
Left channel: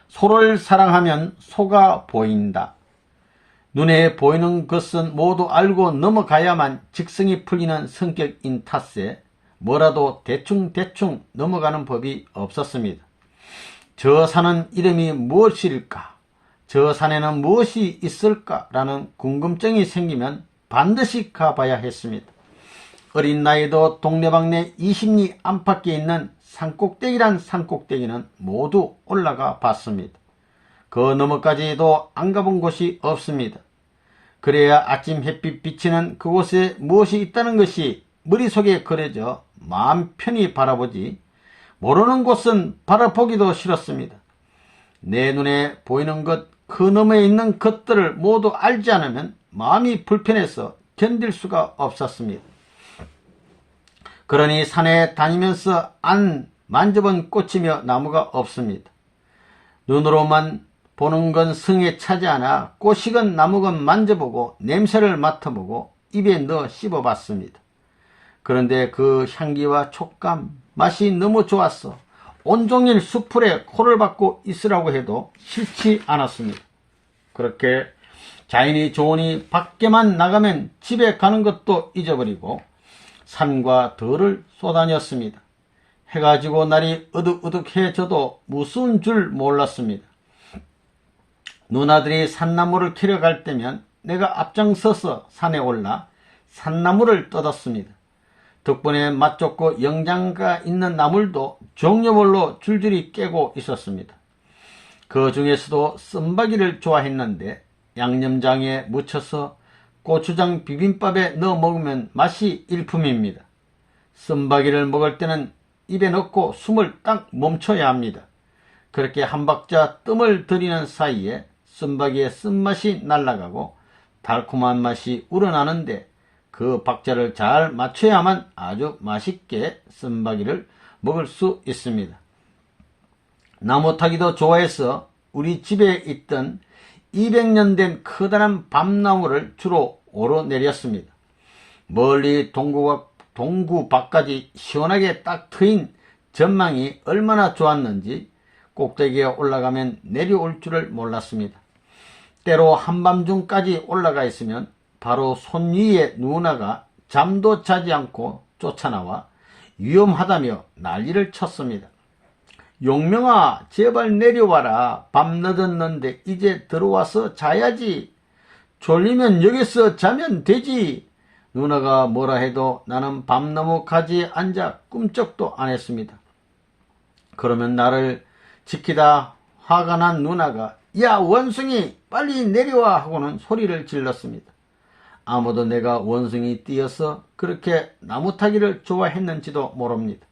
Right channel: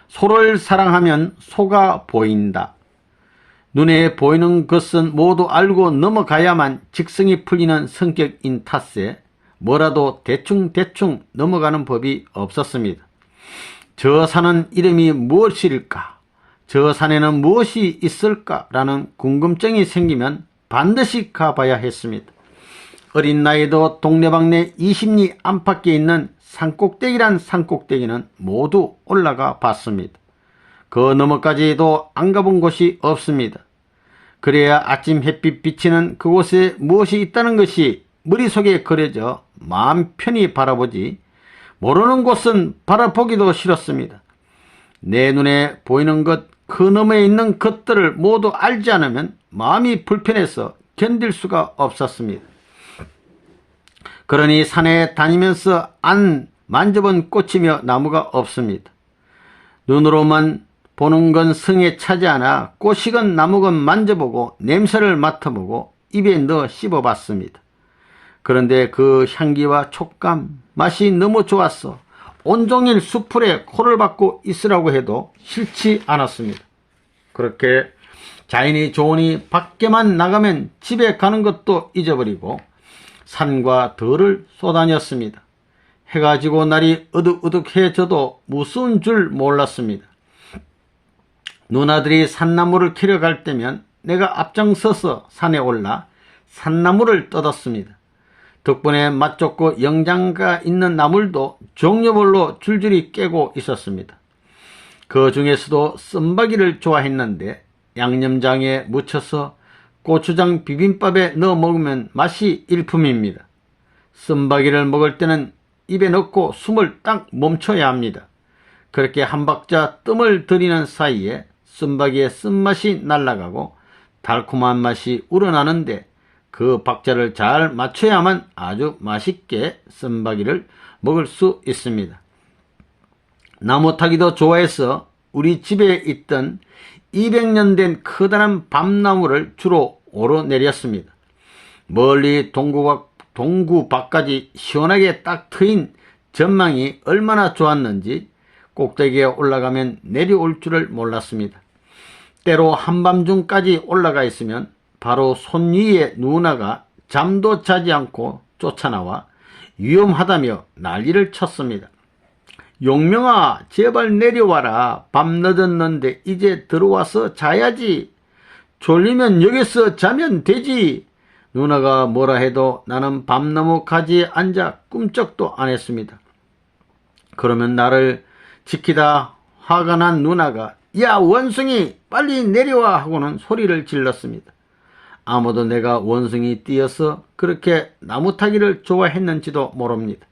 소를 사랑하면 소가 보인다. 눈에 보이는 것은 모두 알고 넘어가야만 직성이 풀리는 성격인 탓에 뭐라도 대충대충 넘어가는 법이 없었습니다. 저 산은 이름이 무엇일까? 저 산에는 무엇이 있을까라는 궁금증이 생기면 반드시 가봐야 했습니다. 어린 나이도 동네방네 20리 안팎에 있는 산꼭대기란 산꼭대기는 모두 올라가 봤습니다. 그 너머까지도 안 가본 곳이 없습니다. 그래야 아침 햇빛 비치는 그곳에 무엇이 있다는 것이 머릿속에 그려져 마음 편히 바라보지 모르는 곳은 바라보기도 싫었습니다. 내 눈에 보이는 것, 그 너머에 있는 것들을 모두 알지 않으면 마음이 불편해서 견딜 수가 없었습니다. 그러니 산에 다니면서 안 만져본 꽃이며 나무가 없습니다. 눈으로만 보는 건 성에 차지 않아 꽃이건 나무건 만져보고 냄새를 맡아보고 입에 넣어 씹어봤습니다. 그런데 그 향기와 촉감, 맛이 너무 좋았어 온종일 수풀에 코를 박고 있으라고 해도 싫지 않았습니다. 그렇게 자연이 좋으니 밖에만 나가면 집에 가는 것도 잊어버리고 산과 들을 쏘다녔습니다. 해가 지고 날이 어둑어둑해져도 무서운 줄 몰랐습니다. 누나들이 산나무를 캐러 갈 때면 내가 앞장서서 산에 올라 산나무를 뜯었습니다. 덕분에 맛 좋고 영양가 있는 나물도 종류별로 줄줄이 깨고 있었습니다. 그 중에서도 쌈박이를 좋아했는데 양념장에 묻혀서 고추장 비빔밥에 넣어 먹으면 맛이 일품입니다. 쌈박이를 먹을 때는 입에 넣고 숨을 딱 멈춰야 합니다. 그렇게 한 박자 뜸을 들이는 사이에 쌈박이의 쓴맛이 날아가고 달콤한 맛이 우러나는데 그 박자를 잘 맞춰야만 아주 맛있게 쌈박이를 먹을 수 있습니다. 나무 타기도 좋아해서 우리 집에 있던 200년 된 커다란 밤나무를 주로 오르내렸습니다. 멀리 동구 밖까지 시원하게 딱 트인 전망이 얼마나 좋았는지 꼭대기에 올라가면 내려올 줄을 몰랐습니다. 때로 한밤중까지 올라가 있으면 바로 손 위에 누나가 잠도 자지 않고 쫓아나와 위험하다며 난리를 쳤습니다. 용명아, 제발 내려와라. 밤 늦었는데 이제 들어와서 자야지. 졸리면 여기서 자면 되지. 누나가 뭐라 해도 나는 밤나무 가지에 앉아 꿈쩍도 안 했습니다. 그러면 나를 지키다 화가 난 누나가 야 원숭이 빨리 내려와 하고는 소리를 질렀습니다. 아무도 내가 원숭이 뛰어서 그렇게 나무 타기를 좋아했는지도 모릅니다.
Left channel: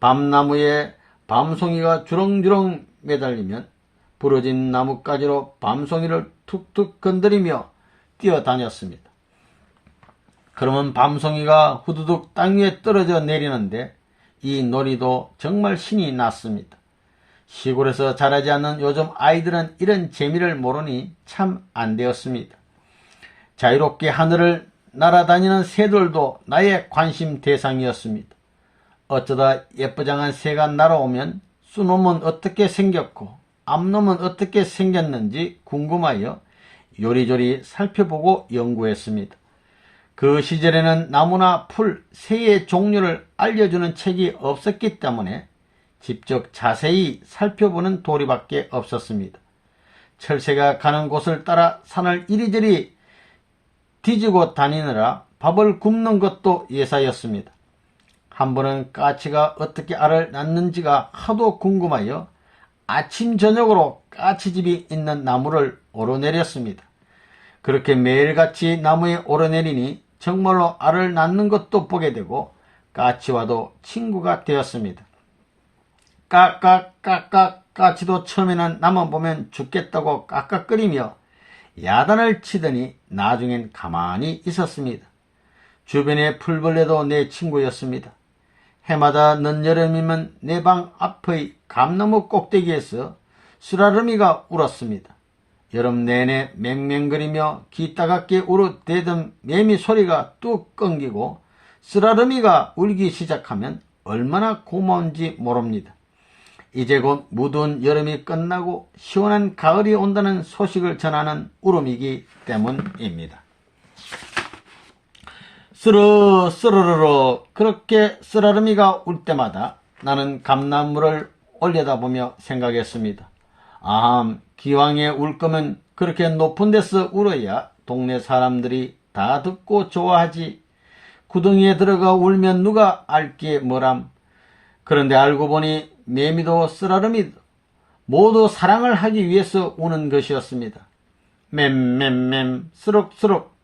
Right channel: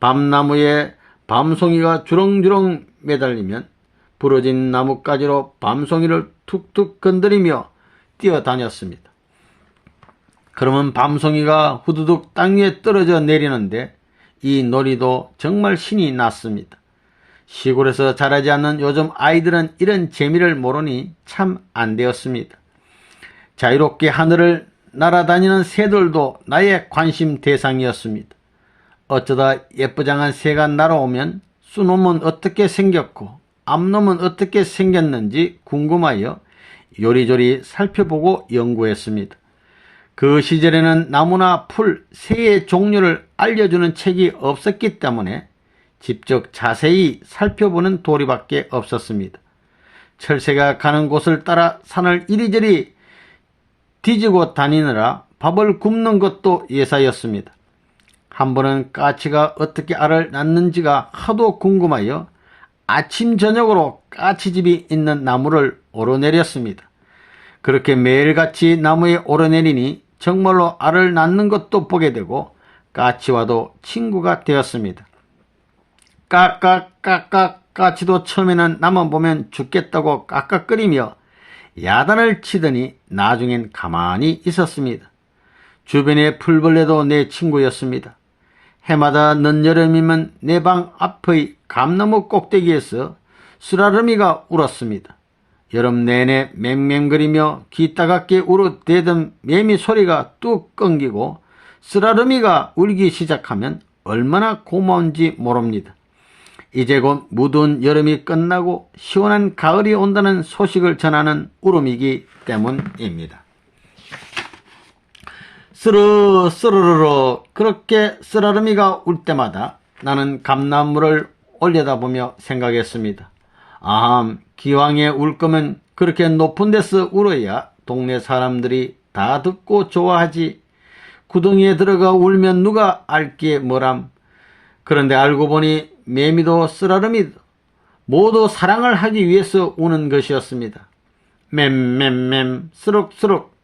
밤나무에 밤송이가 주렁주렁 매달리면 부러진 나뭇가지로 밤송이를 툭툭 건드리며 뛰어다녔습니다. 그러면 밤송이가 후두둑 땅 위에 떨어져 내리는데 이 놀이도 정말 신이 났습니다. 시골에서 자라지 않는 요즘 아이들은 이런 재미를 모르니 참 안 되었습니다. 자유롭게 하늘을 날아다니는 새들도 나의 관심 대상이었습니다. 어쩌다 예쁘장한 새가 날아오면 쑥놈은 어떻게 생겼고 암놈은 어떻게 생겼는지 궁금하여 요리조리 살펴보고 연구했습니다. 그 시절에는 나무나 풀, 새의 종류를 알려주는 책이 없었기 때문에 직접 자세히 살펴보는 도리밖에 없었습니다. 철새가 가는 곳을 따라 산을 이리저리 뒤지고 다니느라 밥을 굽는 것도 예사였습니다. 한 번은 까치가 어떻게 알을 낳는지가 하도 궁금하여 아침 저녁으로 까치집이 있는 나무를 오르내렸습니다. 그렇게 매일같이 나무에 오르내리니 정말로 알을 낳는 것도 보게 되고 까치와도 친구가 되었습니다. 까깍까깍 까치도 처음에는 나만 보면 죽겠다고 깍깍거리며 야단을 치더니 나중엔 가만히 있었습니다. 주변의 풀벌레도 내 친구였습니다. 해마다 늦여름이면 내 방 앞의 감나무 꼭대기에서 쓰라름이가 울었습니다. 여름 내내 맹맹거리며 귀 따갑게 울어대던 매미 소리가 뚝 끊기고 쓰라름이가 울기 시작하면 얼마나 고마운지 모릅니다. 이제 곧 무더운 여름이 끝나고 시원한 가을이 온다는 소식을 전하는 울음이기 때문입니다. 쓰르르르 그렇게 쓰라름이가 울 때마다 나는 감나무를 올려다보며 생각했습니다. 기왕에 울 거면 그렇게 높은 데서 울어야 동네 사람들이 다 듣고 좋아하지. 구덩이에 들어가 울면 누가 알게 뭐람. 그런데 알고 보니 매미도 쓰라름이도 모두 사랑을 하기 위해서 우는 것이었습니다. 맴맴맴 쓰룩쓰룩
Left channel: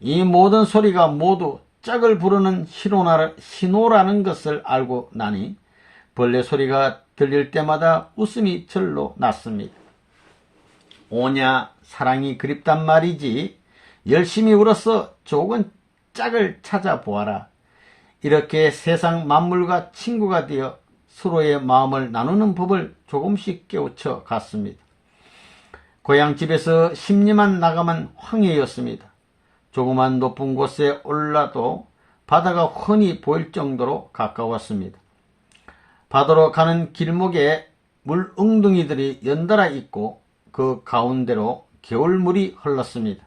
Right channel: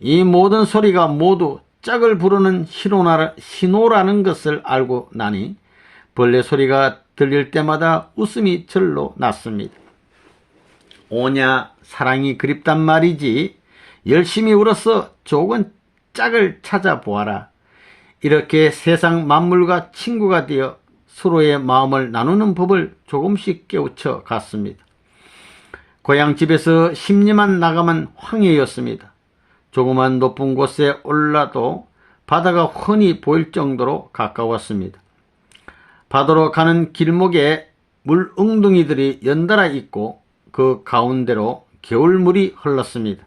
이 모든 소리가 모두 짝을 부르는 신호라는 것을 알고 나니 벌레 소리가 들릴 때마다 웃음이 절로 났습니다. 오냐 사랑이 그립단 말이지. 열심히 울어서 좋은 짝을 찾아보아라. 이렇게 세상 만물과 친구가 되어 서로의 마음을 나누는 법을 조금씩 깨우쳐 갔습니다. 고향집에서 십리만 나가면 황해였습니다. 조그만 높은 곳에 올라도 바다가 훤히 보일 정도로 가까웠습니다. 바다로 가는 길목에 물 웅덩이들이 연달아 있고 그 가운데로 겨울물이 흘렀습니다.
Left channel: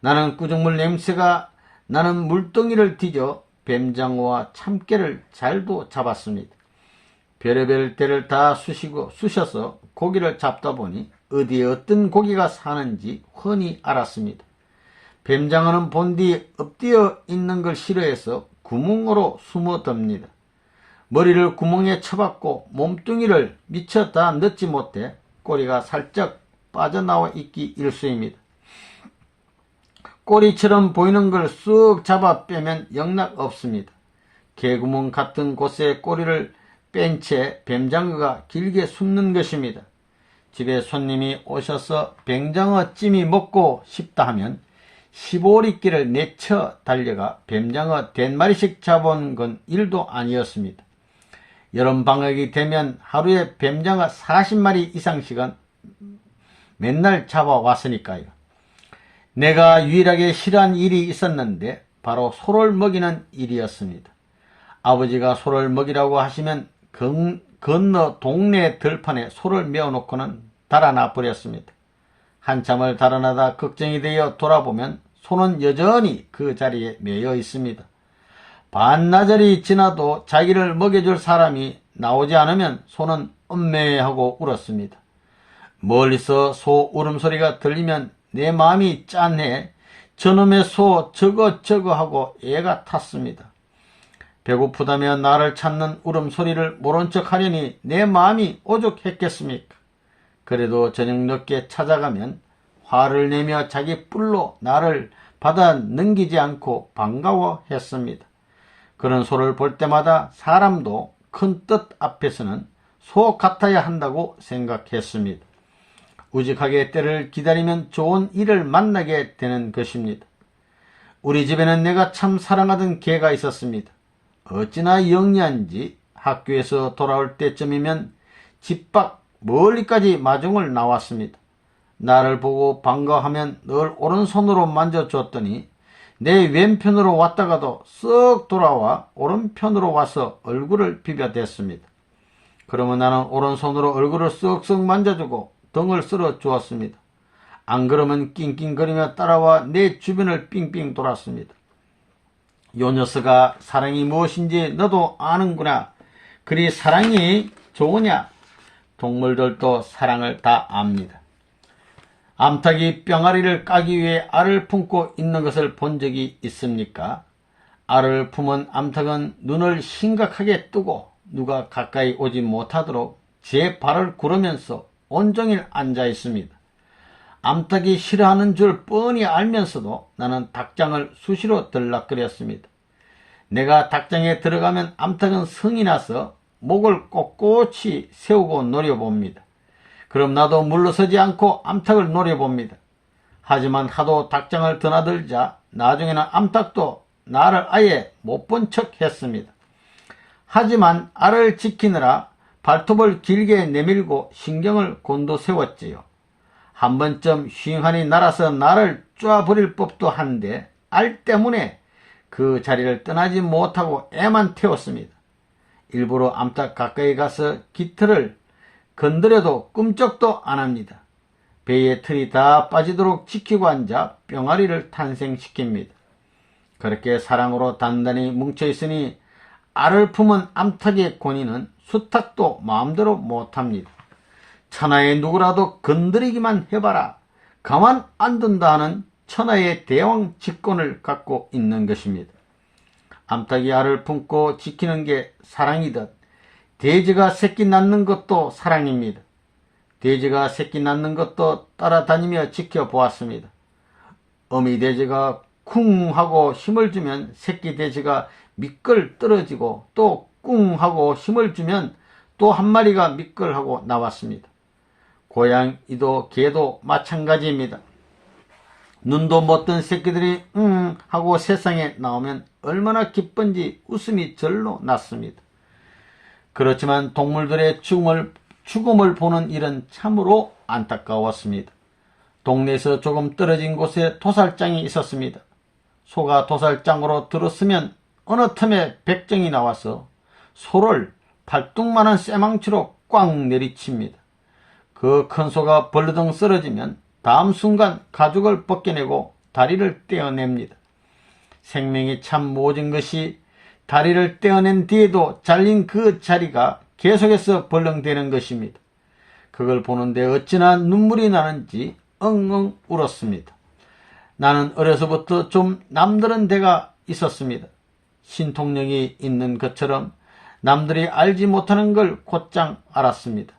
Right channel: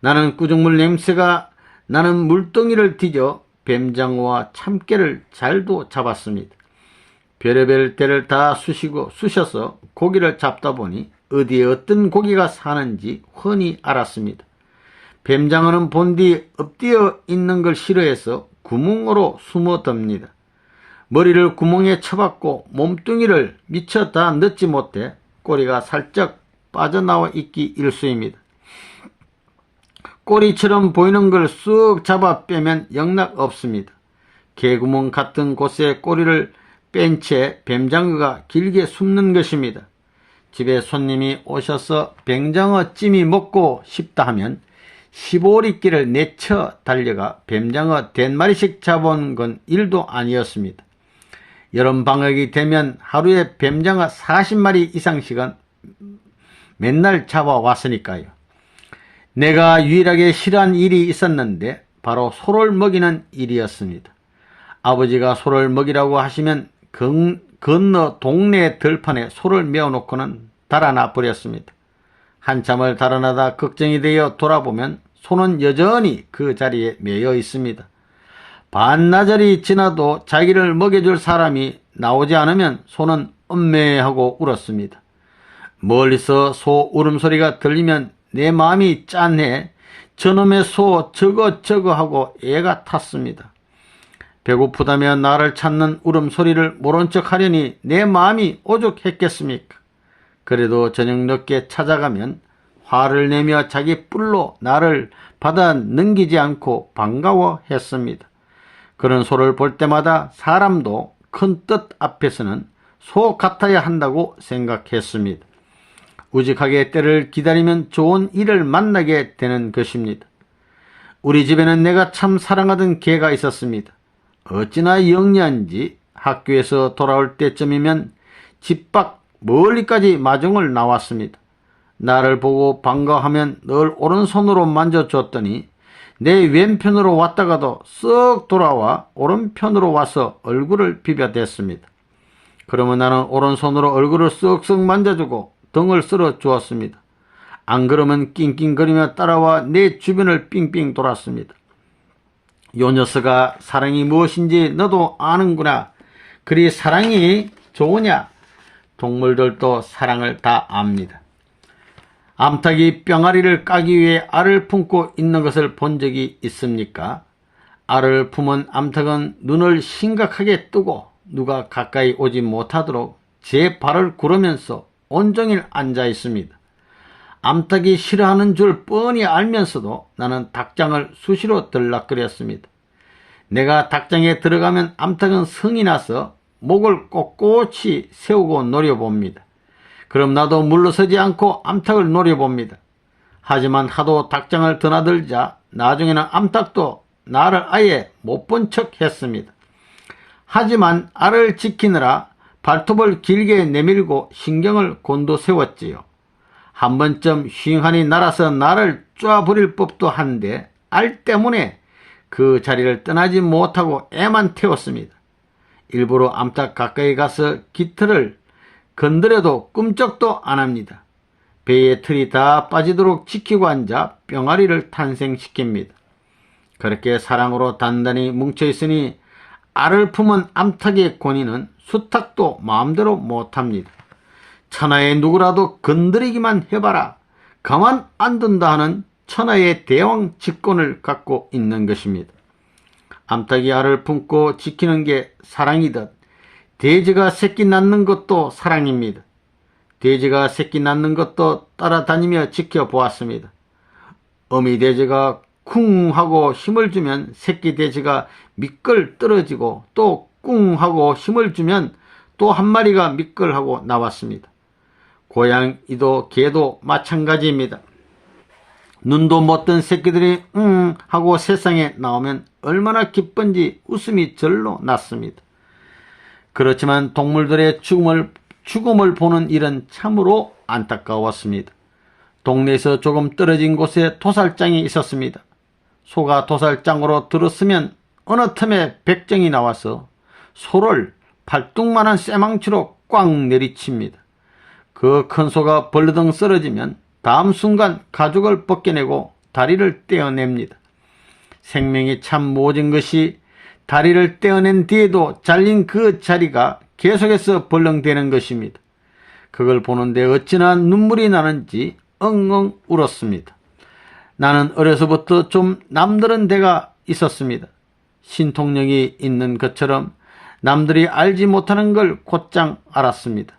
나는 꾸중물 냄새가 나는 물덩이를 뒤져 뱀장어와 참깨를 잘도 잡았습니다. 별의별 때를 다 쑤셔서 고기를 잡다 보니 어디에 어떤 고기가 사는지 훤히 알았습니다. 뱀장어는 본디 엎드려 있는 걸 싫어해서 구멍으로 숨어듭니다. 머리를 구멍에 쳐박고 몸뚱이를 미처 다 넣지 못해 꼬리가 살짝 빠져나와 있기 일쑤입니다. 꼬리처럼 보이는 걸 쑥 잡아 빼면 영락 없습니다. 개구멍 같은 곳에 꼬리를 뺀 채 뱀장어가 길게 숨는 것입니다. 집에 손님이 오셔서 뱀장어 찜이 먹고 싶다 하면 15리길을 내쳐 달려가 뱀장어 1마리씩 잡아온 건 일도 아니었습니다. 여름방학이 되면 하루에 뱀장어 40마리 이상씩은 맨날 잡아왔으니까요. 내가 유일하게 싫어한 일이 있었는데 바로 소를 먹이는 일이었습니다. 아버지가 소를 먹이라고 하시면 건너 동네 들판에 소를 메어놓고는 달아나 버렸습니다. 한참을 달아나다 걱정이 되어 돌아보면 소는 여전히 그 자리에 매여 있습니다. 반나절이 지나도 자기를 먹여줄 사람이 나오지 않으면 소는 엄매하고 울었습니다. 멀리서 소 울음소리가 들리면 내 마음이 짠해 저놈의 소 저거 하고 애가 탔습니다. 배고프다며 나를 찾는 울음소리를 모른 척 하려니 내 마음이 오죽했겠습니까? 그래도 저녁 늦게 찾아가면 화를 내며 자기 뿔로 나를 받아 넘기지 않고 반가워했습니다. 그런 소를 볼 때마다 사람도 큰 뜻 앞에서는 소 같아야 한다고 생각했습니다. 우직하게 때를 기다리면 좋은 일을 만나게 되는 것입니다. 우리 집에는 내가 참 사랑하던 개가 있었습니다. 어찌나 영리한지 학교에서 돌아올 때쯤이면 집 밖 멀리까지 마중을 나왔습니다. 나를 보고 반가워하면 늘 오른손으로 만져줬더니 내 왼편으로 왔다가도 쓱 돌아와 오른편으로 와서 얼굴을 비벼댔습니다. 그러면 나는 오른손으로 얼굴을 쓱쓱 만져주고 등을 쓸어 주었습니다. 안 그러면 낑낑거리며 따라와 내 주변을 삥삥 돌았습니다. 요 녀석아 사랑이 무엇인지 너도 아는구나. 그리 사랑이 좋으냐? 동물들도 사랑을 다 압니다. 암탉이 뿅아리를 까기 위해 알을 품고 있는 것을 본 적이 있습니까? 알을 품은 암탉은 눈을 심각하게 뜨고 누가 가까이 오지 못하도록 제 발을 구르면서 온종일 앉아 있습니다. 암탉이 싫어하는 줄 뻔히 알면서도 나는 닭장을 수시로 들락거렸습니다. 내가 닭장에 들어가면 암탉은 성이 나서 목을 꼿꼿이 세우고 노려봅니다. 그럼 나도 물러서지 않고 암탉을 노려봅니다. 하지만 하도 닭장을 드나들자 나중에는 암탉도 나를 아예 못 본 척 했습니다. 하지만 알을 지키느라 발톱을 길게 내밀고 신경을 곤두세웠지요. 한 번쯤 휑하니 날아서 나를 쪼아버릴 법도 한데 알 때문에 그 자리를 떠나지 못하고 애만 태웠습니다. 일부러 암탉 가까이 가서 깃털을 건드려도 끔찍도 안 합니다. 배의 털이 다 빠지도록 지키고 앉아 뿅아리를 탄생시킵니다. 그렇게 사랑으로 단단히 뭉쳐있으니 알을 품은 암탉의 권위는 수탉도 마음대로 못합니다. 천하의 누구라도 건드리기만 해봐라. 가만 안 둔다 하는 천하의 대왕 직권을 갖고 있는 것입니다. 암탉이 알을 품고 지키는 게 사랑이듯 돼지가 새끼 낳는 것도 사랑입니다. 돼지가 새끼 낳는 것도 따라다니며 지켜보았습니다. 어미 돼지가 쿵 하고 힘을 주면 새끼 돼지가 미끌 떨어지고 또 꿍 하고 힘을 주면 또 한 마리가 미끌하고 나왔습니다. 고양이도 개도 마찬가지입니다. 눈도 못 뜬 새끼들이 하고 세상에 나오면 얼마나 기쁜지 웃음이 절로 났습니다. 그렇지만 동물들의 죽음을 보는 일은 참으로 안타까웠습니다. 동네에서 조금 떨어진 곳에 도살장이 있었습니다. 소가 도살장으로 들었으면 어느 틈에 백정이 나와서 소를 발뚝만한 쇠망치로 꽉 내리칩니다. 그 큰 소가 벌르덩 쓰러지면 다음 순간 가죽을 벗겨내고 다리를 떼어냅니다. 생명이 참 모진 것이 다리를 떼어낸 뒤에도 잘린 그 자리가 계속해서 벌렁대는 것입니다. 그걸 보는데 어찌나 눈물이 나는지 엉엉 울었습니다. 나는 어려서부터 좀 남다른 데가 있었습니다. 신통력이 있는 것처럼 남들이 알지 못하는 걸 곧장 알았습니다.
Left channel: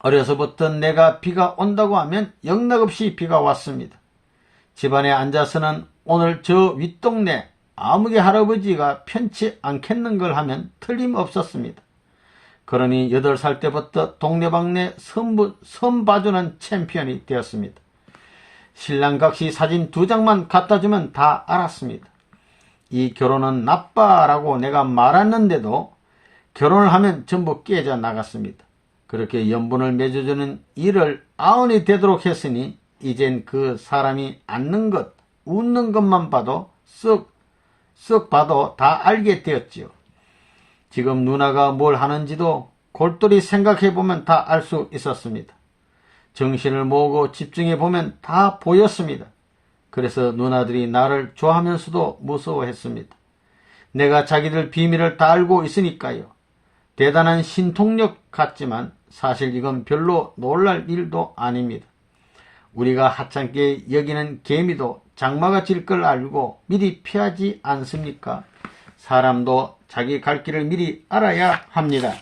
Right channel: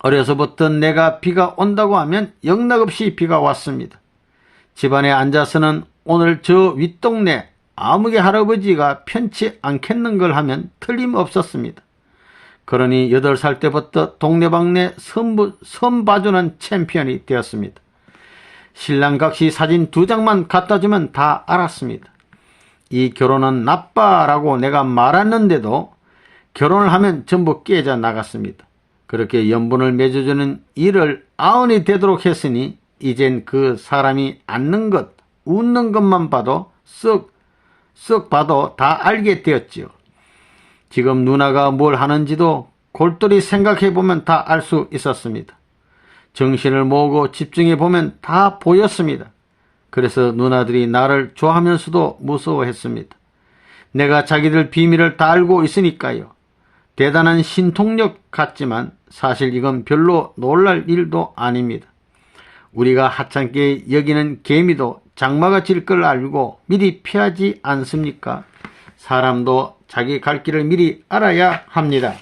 어려서부터 내가 비가 온다고 하면 영락없이 비가 왔습니다. 집안에 앉아서는 오늘 저 윗동네 아무개 할아버지가 편치 않겠는 걸 하면 틀림없었습니다. 그러니 8살 때부터 동네방네 선 봐주는 챔피언이 되었습니다. 신랑 각시 사진 2장만 갖다주면 다 알았습니다. 이 결혼은 나빠라고 내가 말했는데도 결혼을 하면 전부 깨져 나갔습니다. 그렇게 연분을 맺어주는 일을 아흔이 되도록 했으니 이젠 그 사람이 앉는 것, 웃는 것만 봐도 쓱 봐도 다 알게 되었지요. 지금 누나가 뭘 하는지도 골똘히 생각해보면 다 알 수 있었습니다. 정신을 모으고 집중해보면 다 보였습니다. 그래서 누나들이 나를 좋아하면서도 무서워했습니다. 내가 자기들 비밀을 다 알고 있으니까요. 대단한 신통력 같지만 사실 이건 별로 놀랄 일도 아닙니다. 우리가 하찮게 여기는 개미도 장마가 질 걸 알고 미리 피하지 않습니까? 사람도 자기 갈 길을 미리 알아야 합니다.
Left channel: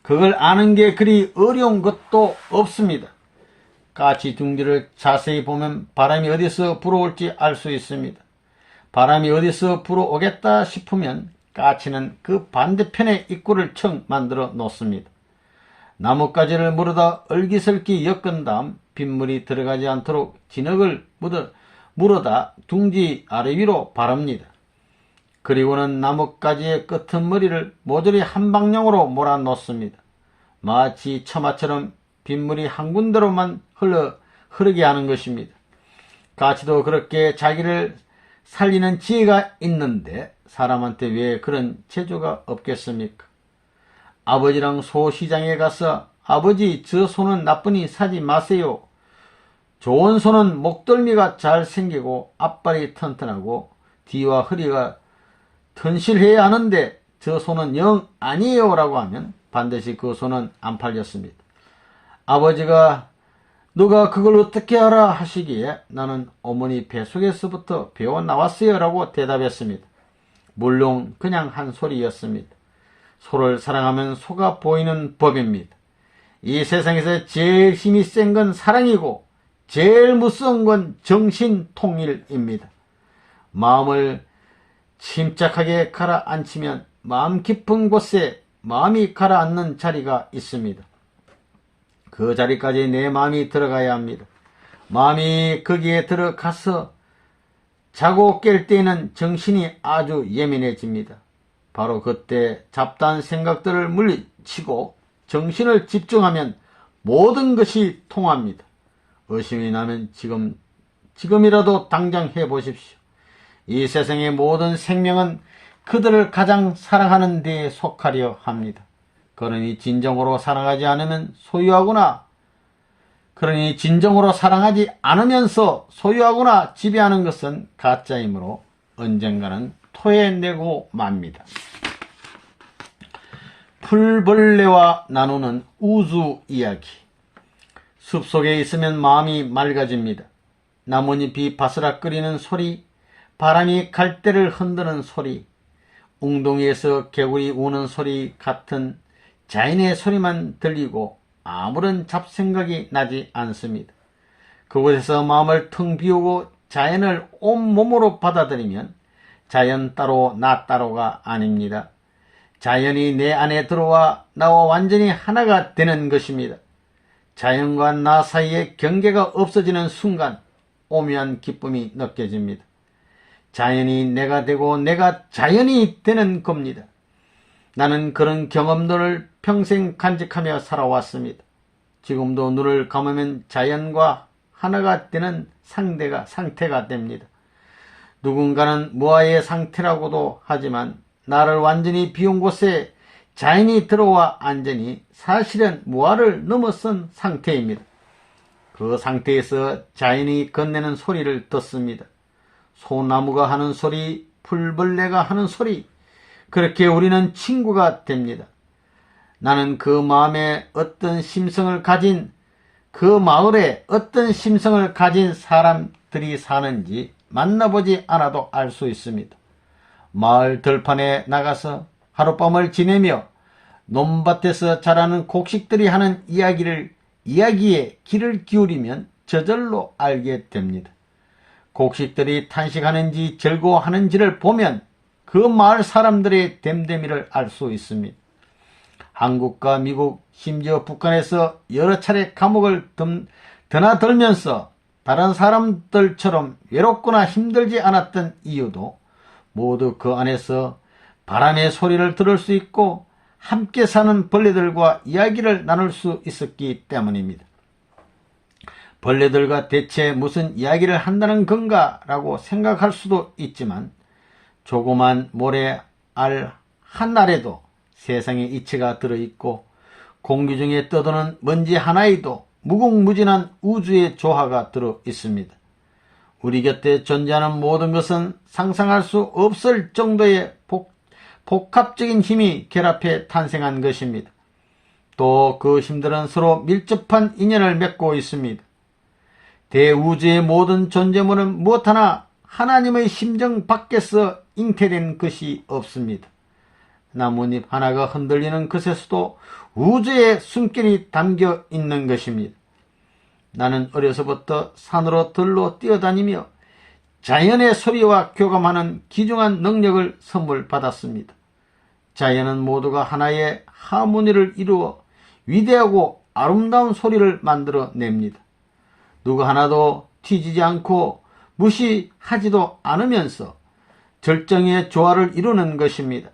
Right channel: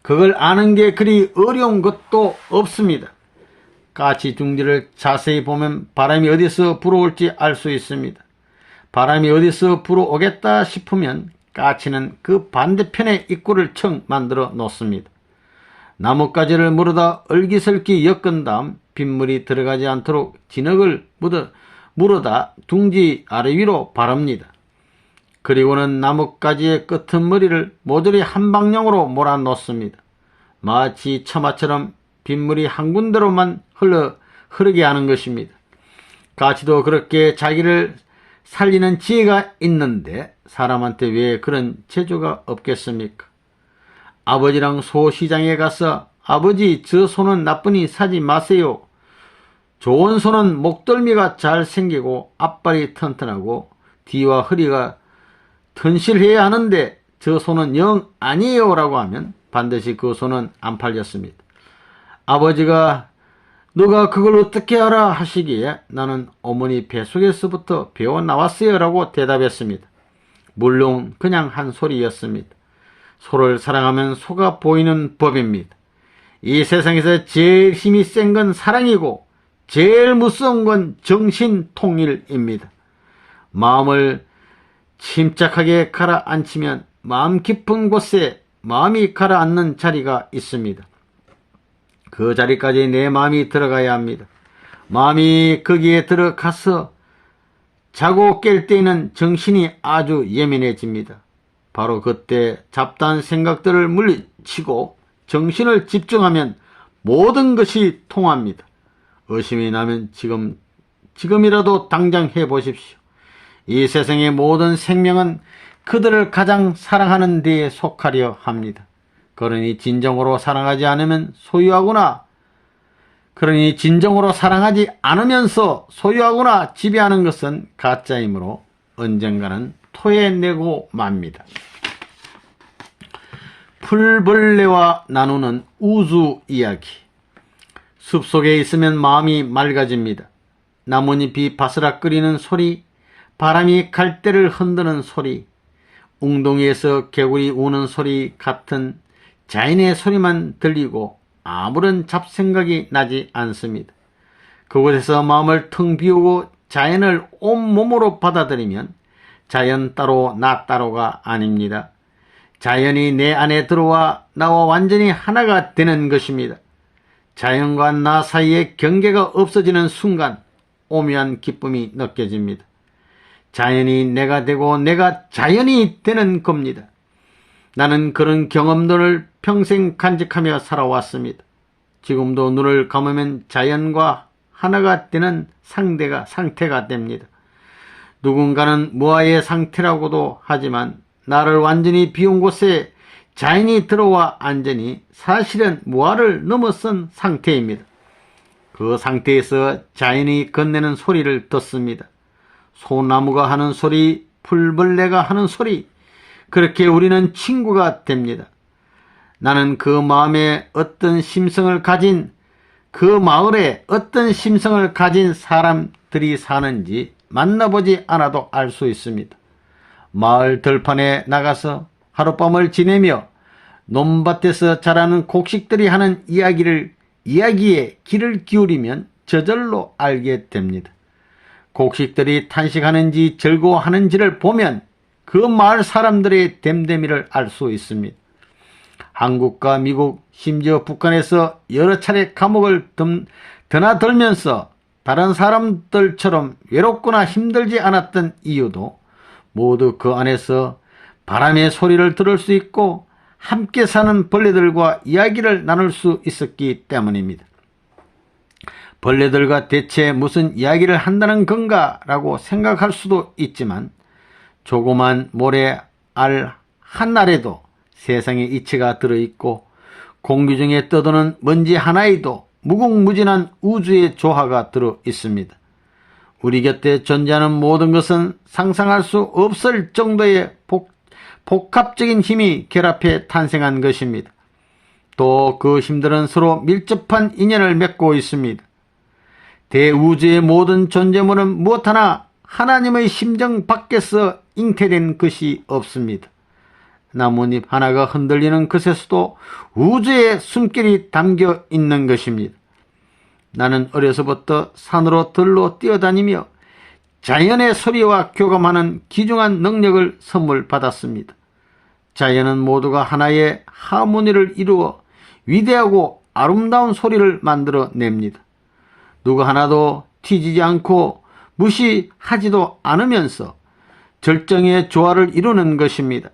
그걸 아는 게 그리 어려운 것도 없습니다. 까치 둥지를 자세히 보면 바람이 어디서 불어올지 알 수 있습니다. 바람이 어디서 불어오겠다 싶으면 까치는 그 반대편에 입구를 청 만들어 놓습니다. 나뭇가지를 물어다 얼기설기 엮은 다음 빗물이 들어가지 않도록 진흙을 물어다 둥지 아래 위로 바릅니다. 그리고는 나뭇가지의 끄트머리를 모조리 한 방향으로 몰아놓습니다. 마치 처마처럼 빗물이 한 군데로만 흐르게 하는 것입니다. 까치도 그렇게 자기를 살리는 지혜가 있는데 사람한테 왜 그런 재주가 없겠습니까? 아버지랑 소시장에 가서 아버지 저 소는 나쁘니 사지 마세요. 좋은 소는 목덜미가 잘 생기고 앞발이 튼튼하고 뒤와 허리가 튼실해야 하는데 저 소는 영 아니에요 라고 하면 반드시 그 소는 안 팔렸습니다. 아버지가 너가 그걸 어떻게 알아 하시기에 나는 어머니 뱃속에서부터 배워 나왔어요 라고 대답했습니다. 물론 그냥 한 소리였습니다. 소를 사랑하면 소가 보이는 법입니다. 이 세상에서 제일 힘이 센 건 사랑이고 제일 무서운 건 정신통일입니다. 마음을 침착하게 가라앉히면 마음 깊은 곳에 마음이 가라앉는 자리가 있습니다. 그 자리까지 내 마음이 들어가야 합니다. 마음이 거기에 들어가서 자고 깰 때에는 정신이 아주 예민해집니다. 바로 그때 잡다한 생각들을 물리치고 정신을 집중하면 모든 것이 통합니다. 의심이 나면 지금이라도 당장 해보십시오. 이 세상의 모든 생명은 그들을 가장 사랑하는 데에 속하려 합니다. 그러니 진정으로 사랑하지 않으면 소유하거나 그러니 진정으로 사랑하지 않으면서 소유하거나 지배하는 것은 가짜이므로 언젠가는 토해내고 맙니다. 풀벌레와 나누는 우주 이야기. 숲속에 있으면 마음이 맑아집니다. 나뭇잎이 바스락거리는 소리, 바람이 갈대를 흔드는 소리, 웅덩이에서 개구리 우는 소리 같은 자연의 소리만 들리고 아무런 잡생각이 나지 않습니다. 그곳에서 마음을 텅 비우고 자연을 온몸으로 받아들이면 자연 따로 나 따로가 아닙니다. 자연이 내 안에 들어와 나와 완전히 하나가 되는 것입니다. 자연과 나 사이에 경계가 없어지는 순간 오묘한 기쁨이 느껴집니다. 자연이 내가 되고 내가 자연이 되는 겁니다. 나는 그런 경험들을 평생 간직하며 살아왔습니다. 지금도 눈을 감으면 자연과 하나가 되는 상태가 됩니다. 누군가는 무아의 상태라고도 하지만 나를 완전히 비운 곳에 자연이 들어와 앉으니 사실은 무아를 넘어선 상태입니다. 그 상태에서 자연이 건네는 소리를 듣습니다. 소나무가 하는 소리, 풀벌레가 하는 소리, 그렇게 우리는 친구가 됩니다. 나는 그 마음에 어떤 심성을 가진, 그 마을에 어떤 심성을 가진 사람들이 사는지 만나보지 않아도 알 수 있습니다. 마을 들판에 나가서 하룻밤을 지내며 논밭에서 자라는 곡식들이 하는 이야기에 귀를 기울이면 저절로 알게 됩니다. 곡식들이 탄식하는지 즐거워하는지를 보면 그 마을 사람들의 됨됨이를 알 수 있습니다. 한국과 미국, 심지어 북한에서 여러 차례 감옥을 드나들면서 다른 사람들처럼 외롭거나 힘들지 않았던 이유도 모두 그 안에서 바람의 소리를 들을 수 있고 함께 사는 벌레들과 이야기를 나눌 수 있었기 때문입니다. 벌레들과 대체 무슨 이야기를 한다는 건가 라고 생각할 수도 있지만 조그만 모래 알 한 알에도 세상의 이치가 들어있고 공기 중에 떠도는 먼지 하나에도 무궁무진한 우주의 조화가 들어있습니다. 우리 곁에 존재하는 모든 것은 상상할 수 없을 정도의 복합적인 힘이 결합해 탄생한 것입니다. 또 그 힘들은 서로 밀접한 인연을 맺고 있습니다. 대우주의 모든 존재물은 무엇 하나 하나님의 심정 밖에서 잉태된 것이 없습니다. 나뭇잎 하나가 흔들리는 것에서도 우주의 숨결이 담겨 있는 것입니다. 나는 어려서부터 산으로 들로 뛰어다니며 자연의 소리와 교감하는 귀중한 능력을 선물 받았습니다. 자연은 모두가 하나의 하모니를 이루어 위대하고 아름다운 소리를 만들어냅니다. 누구 하나도 튀지지 않고 무시하지도 않으면서 절정의 조화를 이루는 것입니다.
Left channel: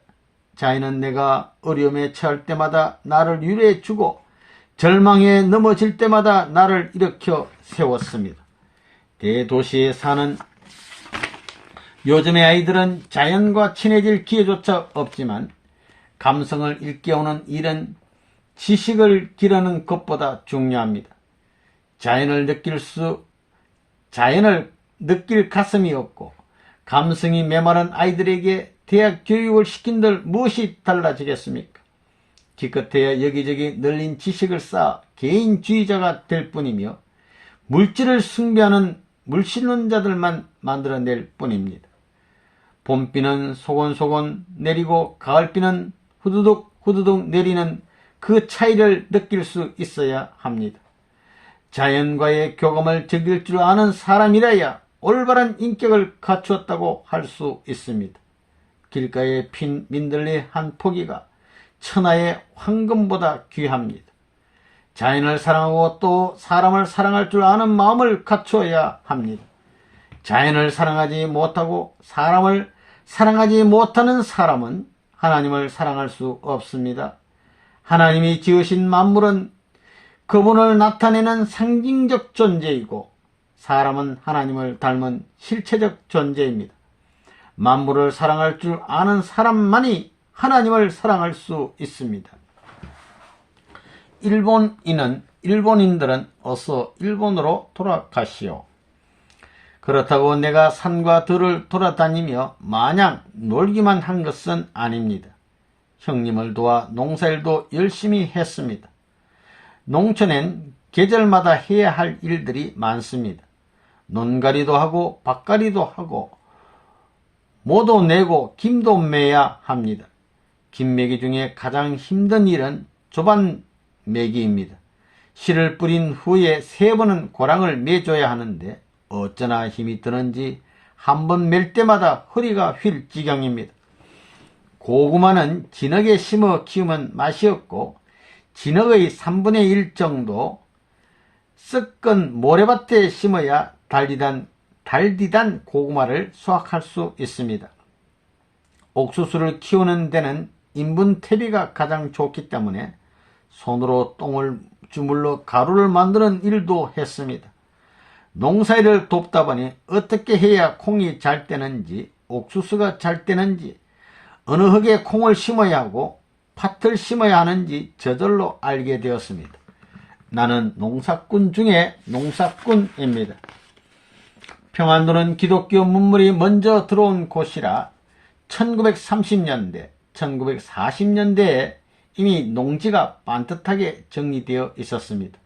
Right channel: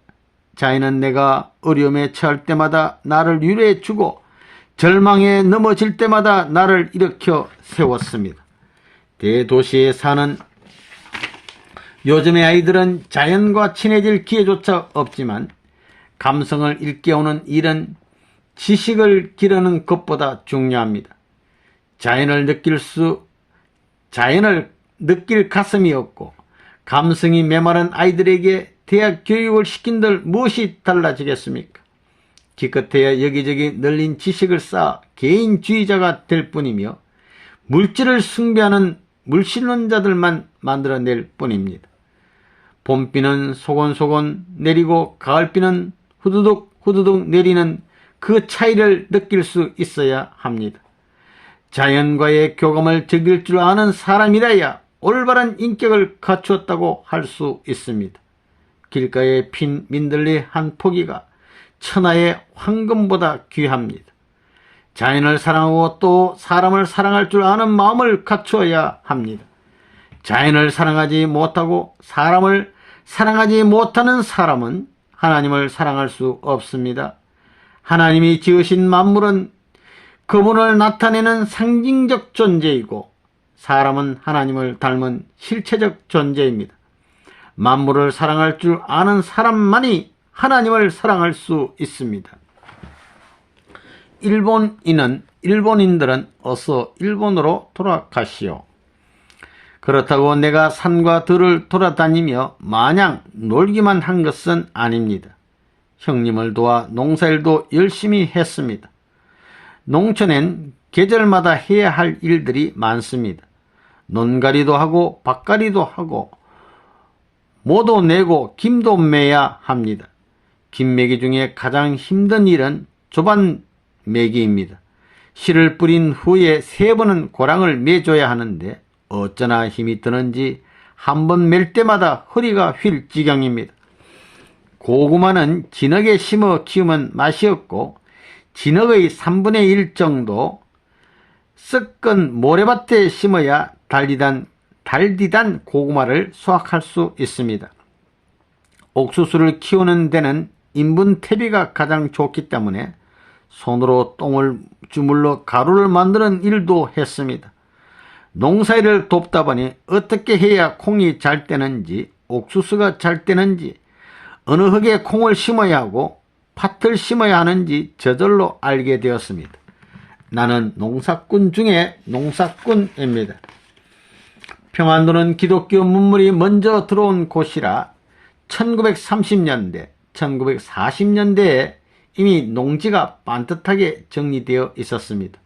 자연은 내가 어려움에 처할 때마다 나를 위로해주고 절망에 넘어질 때마다 나를 일으켜 세웠습니다. 대도시에 사는 요즘의 아이들은 자연과 친해질 기회조차 없지만 감성을 일깨우는 일은 지식을 기르는 것보다 중요합니다. 자연을 느낄 가슴이 없고 감성이 메마른 아이들에게 대학 교육을 시킨들 무엇이 달라지겠습니까? 기껏해야 여기저기 널린 지식을 쌓아 개인주의자가 될 뿐이며 물질을 숭배하는 물신론자들만 만들어낼 뿐입니다. 봄비는 소곤소곤 내리고 가을비는 후두둑 내리는 그 차이를 느낄 수 있어야 합니다. 자연과의 교감을 즐길 줄 아는 사람이라야 올바른 인격을 갖추었다고 할 수 있습니다. 길가에 핀 민들레 한 포기가 천하의 황금보다 귀합니다. 자연을 사랑하고 또 사람을 사랑할 줄 아는 마음을 갖추어야 합니다. 자연을 사랑하지 못하고 사람을 사랑하지 못하는 사람은 하나님을 사랑할 수 없습니다. 하나님이 지으신 만물은 그분을 나타내는 상징적 존재이고 사람은 하나님을 닮은 실체적 존재입니다. 만물을 사랑할 줄 아는 사람만이 하나님을 사랑할 수 있습니다. 일본인들은 어서 일본으로 돌아가시오. 그렇다고 내가 산과 들을 돌아다니며 마냥 놀기만 한 것은 아닙니다. 형님을 도와 농사일도 열심히 했습니다. 농촌엔 계절마다 해야 할 일들이 많습니다. 논가리도 하고 밭가리도 하고 모도 내고 김도 매야 합니다. 김매기 중에 가장 힘든 일은 조반매기입니다. 씨를 뿌린 후에 3번은 고랑을 매줘야 하는데 어쩌나 힘이 드는지 한 번 맬 때마다 허리가 휠 지경입니다. 고구마는 진흙에 심어 키우면 맛이 없고 진흙의 3분의 1 정도 썩은 모래밭에 심어야 달디단 고구마를 수확할 수 있습니다. 옥수수를 키우는 데는 인분 퇴비가 가장 좋기 때문에 손으로 똥을 주물러 가루를 만드는 일도 했습니다. 농사일을 돕다 보니 어떻게 해야 콩이 잘 되는지 옥수수가 잘 되는지 어느 흙에 콩을 심어야 하고 팥을 심어야 하는지 저절로 알게 되었습니다. 나는 농사꾼 중에 농사꾼입니다. 평안도는 기독교 문물이 먼저 들어온 곳이라 1930년대, 1940년대에 이미 농지가 반듯하게 정리되어 있었습니다.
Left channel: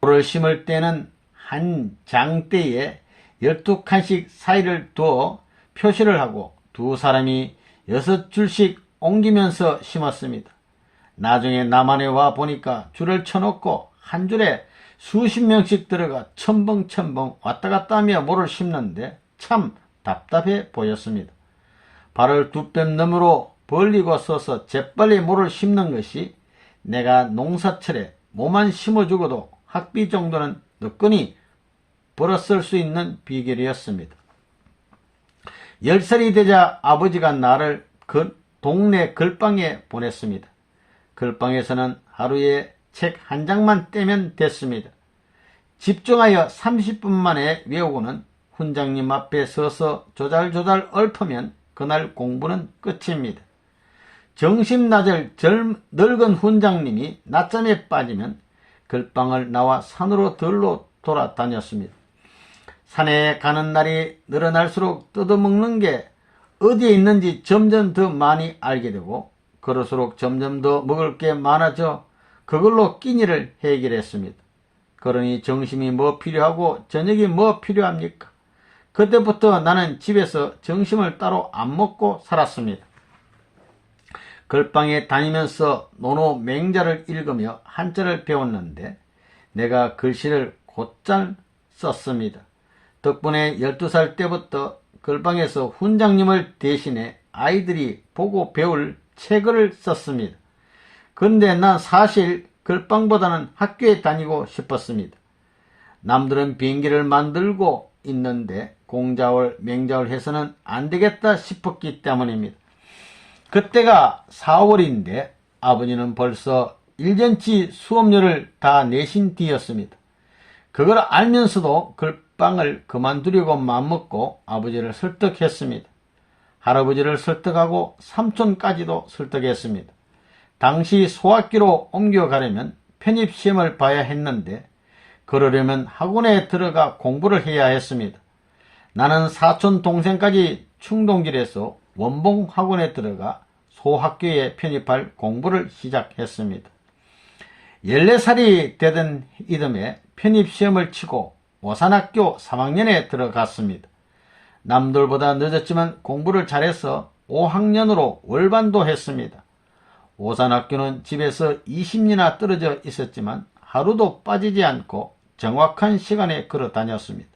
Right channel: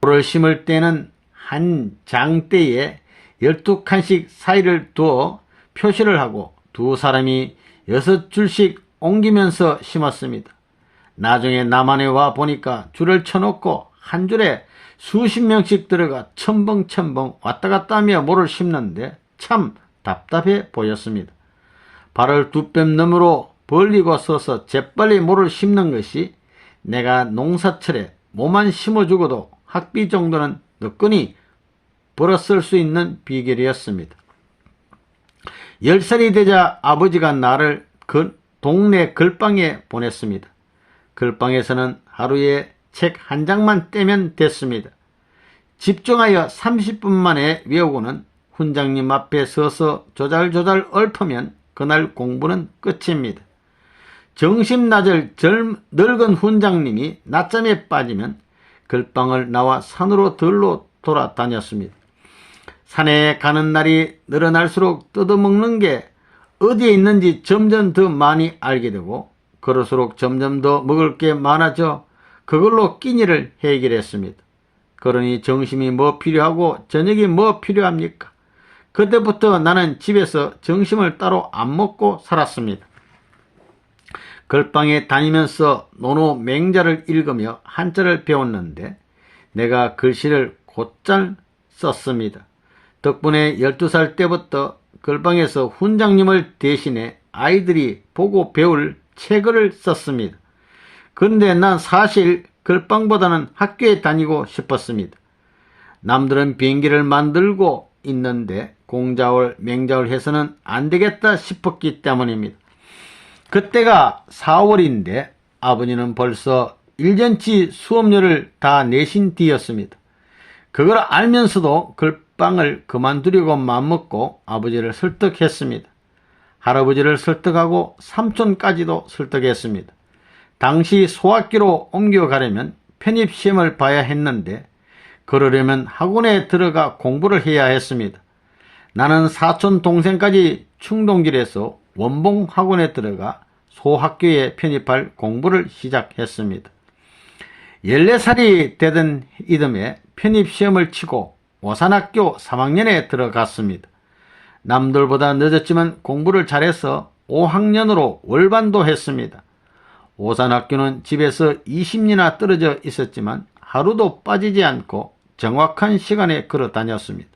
모를 심을 때는 한 장대에 12칸씩 사이를 두어 표시를 하고 2사람이 6줄씩 옮기면서 심었습니다. 나중에 남한에 와 보니까 줄을 쳐놓고 한 줄에 수십 명씩 들어가 첨벙첨벙 왔다갔다 하며 모를 심는데 참 답답해 보였습니다. 발을 2뼘 너머로 벌리고 서서 재빨리 모를 심는 것이 내가 농사철에 모만 심어주고도 학비 정도는 너끈히 벌었을 수 있는 비결이었습니다. 10살이 되자 아버지가 나를 동네 글방에 보냈습니다. 글방에서는 하루에 책 한 장만 떼면 됐습니다. 집중하여 30분 만에 외우고는 훈장님 앞에 서서 조잘조잘 얽으면 그날 공부는 끝입니다. 정신나절 늙은 훈장님이 낮잠에 빠지면 글방을 나와 산으로 들로 돌아다녔습니다. 산에 가는 날이 늘어날수록 뜯어먹는 게 어디에 있는지 점점 더 많이 알게 되고 그럴수록 점점 더 먹을 게 많아져 그걸로 끼니를 해결했습니다. 그러니 점심이 뭐 필요하고 저녁이 뭐 필요합니까? 그때부터 나는 집에서 점심을 따로 안 먹고 살았습니다. 글방에 다니면서 논어 맹자를 읽으며 한자를 배웠는데 내가 글씨를 곧잘 썼습니다. 덕분에 12살 때부터 글방에서 훈장님을 대신해 아이들이 보고 배울 책을 썼습니다. 그런데 난 사실 글방보다는 학교에 다니고 싶었습니다. 남들은 비행기를 만들고 있는데 공자월, 맹자월 해서는 안 되겠다 싶었기 때문입니다. 그때가 4월인데 아버지는 벌써 1년치 수업료를 다 내신 뒤였습니다. 그걸 알면서도 글방을 그만두려고 맘먹고 아버지를 설득했습니다. 할아버지를 설득하고 삼촌까지도 설득했습니다. 당시 소학교로 옮겨가려면 편입시험을 봐야 했는데 그러려면 학원에 들어가 공부를 해야 했습니다. 나는 사촌 동생까지 충동질해서 원봉 학원에 들어가 소학교에 편입할 공부를 시작했습니다. 14살이 되던 이듬해 편입시험을 치고 오산학교 3학년에 들어갔습니다. 남들보다 늦었지만 공부를 잘해서 5학년으로 월반도 했습니다. 오산학교는 집에서 20리나 떨어져 있었지만 하루도 빠지지 않고 정확한 시간에 걸어 다녔습니다.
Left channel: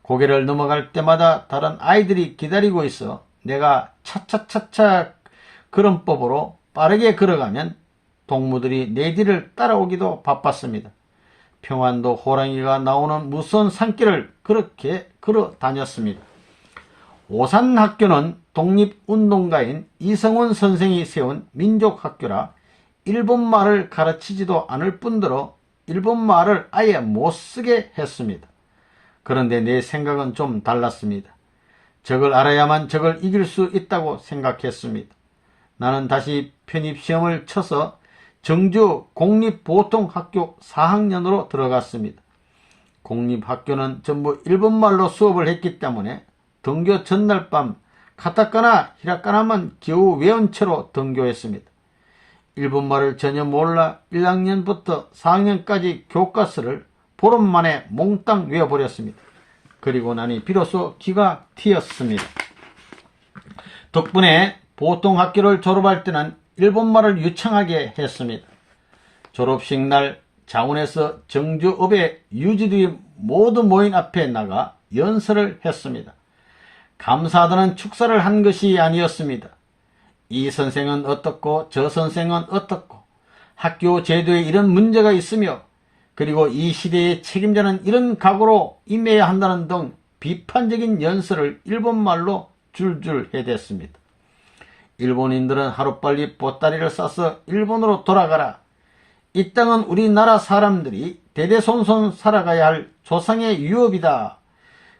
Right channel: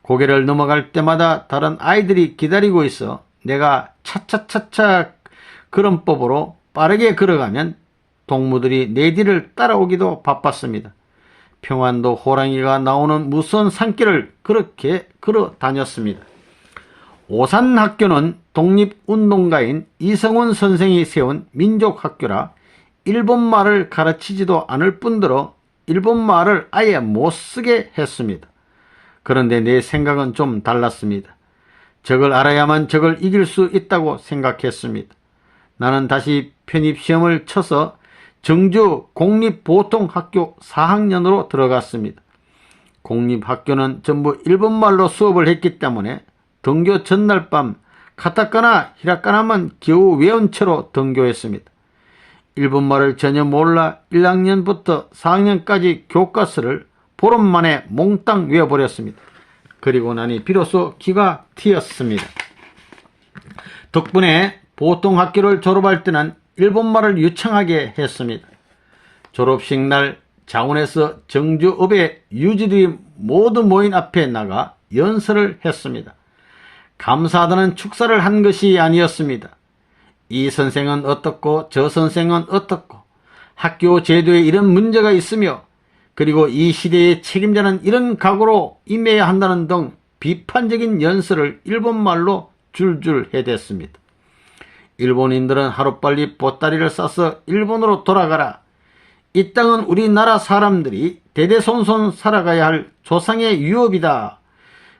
고개를 넘어갈 때마다 다른 아이들이 기다리고 있어 내가 차차차차 걸음법으로 빠르게 걸어가면 동무들이 내 뒤를 따라오기도 바빴습니다. 평안도 호랑이가 나오는 무서운 산길을 그렇게 걸어 다녔습니다. 오산학교는 독립운동가인 이성훈 선생이 세운 민족학교라 일본말을 가르치지도 않을 뿐더러 일본말을 아예 못쓰게 했습니다. 그런데 내 생각은 좀 달랐습니다. 적을 알아야만 적을 이길 수 있다고 생각했습니다. 나는 다시 편입시험을 쳐서 정주 공립보통학교 4학년으로 들어갔습니다. 공립학교는 전부 일본말로 수업을 했기 때문에 등교 전날 밤 카타카나, 히라카나만 겨우 외운 채로 등교했습니다. 일본말을 전혀 몰라 1학년부터 4학년까지 교과서를 보름 만에 몽땅 외워버렸습니다. 그리고 나니 비로소 기가 튀었습니다. 덕분에 보통학교를 졸업할 때는 일본말을 유창하게 했습니다. 졸업식 날 장원에서 정주읍의 유지들이 모두 모인 앞에 나가 연설을 했습니다. 감사하다는 축사를 한 것이 아니었습니다. 이 선생은 어떻고 저 선생은 어떻고 학교 제도에 이런 문제가 있으며 그리고 이 시대의 책임자는 이런 각오로 임해야 한다는 등 비판적인 연설을 일본말로 줄줄 해댔습니다. 일본인들은 하루빨리 보따리를 싸서 일본으로 돌아가라. 이 땅은 우리나라 사람들이 대대손손 살아가야 할 조상의 유업이다.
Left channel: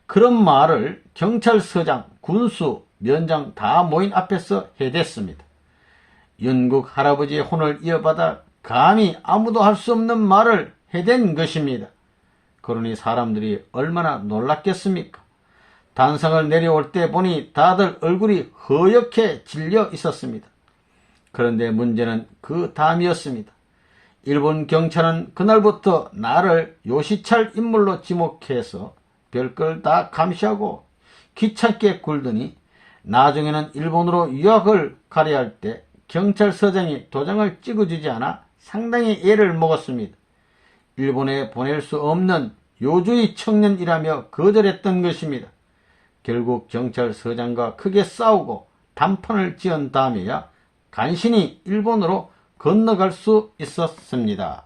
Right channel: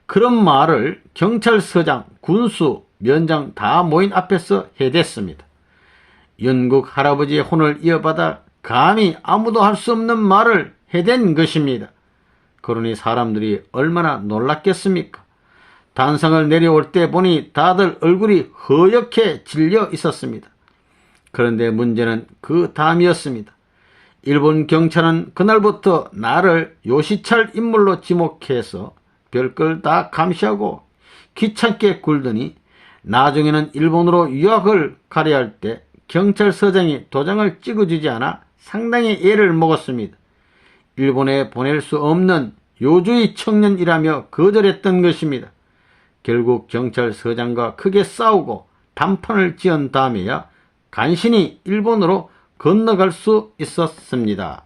그런 말을 경찰서장, 군수, 면장 다 모인 앞에서 해댔습니다. 영국 할아버지의 혼을 이어받아 감히 아무도 할 수 없는 말을 해댄 것입니다. 그러니 사람들이 얼마나 놀랐겠습니까? 단상을 내려올 때 보니 다들 얼굴이 허옇게 질려 있었습니다. 그런데 문제는 그 다음이었습니다. 일본 경찰은 그날부터 나를 요시찰 인물로 지목해서 별걸 다 감시하고 귀찮게 굴더니 나중에는 일본으로 유학을 가려 할 때 경찰서장이 도장을 찍어주지 않아 상당히 애를 먹었습니다. 일본에 보낼 수 없는 요주의 청년이라며 거절했던 것입니다. 결국 경찰서장과 크게 싸우고 단판을 지은 다음에야 간신히 일본으로 건너갈 수 있었습니다.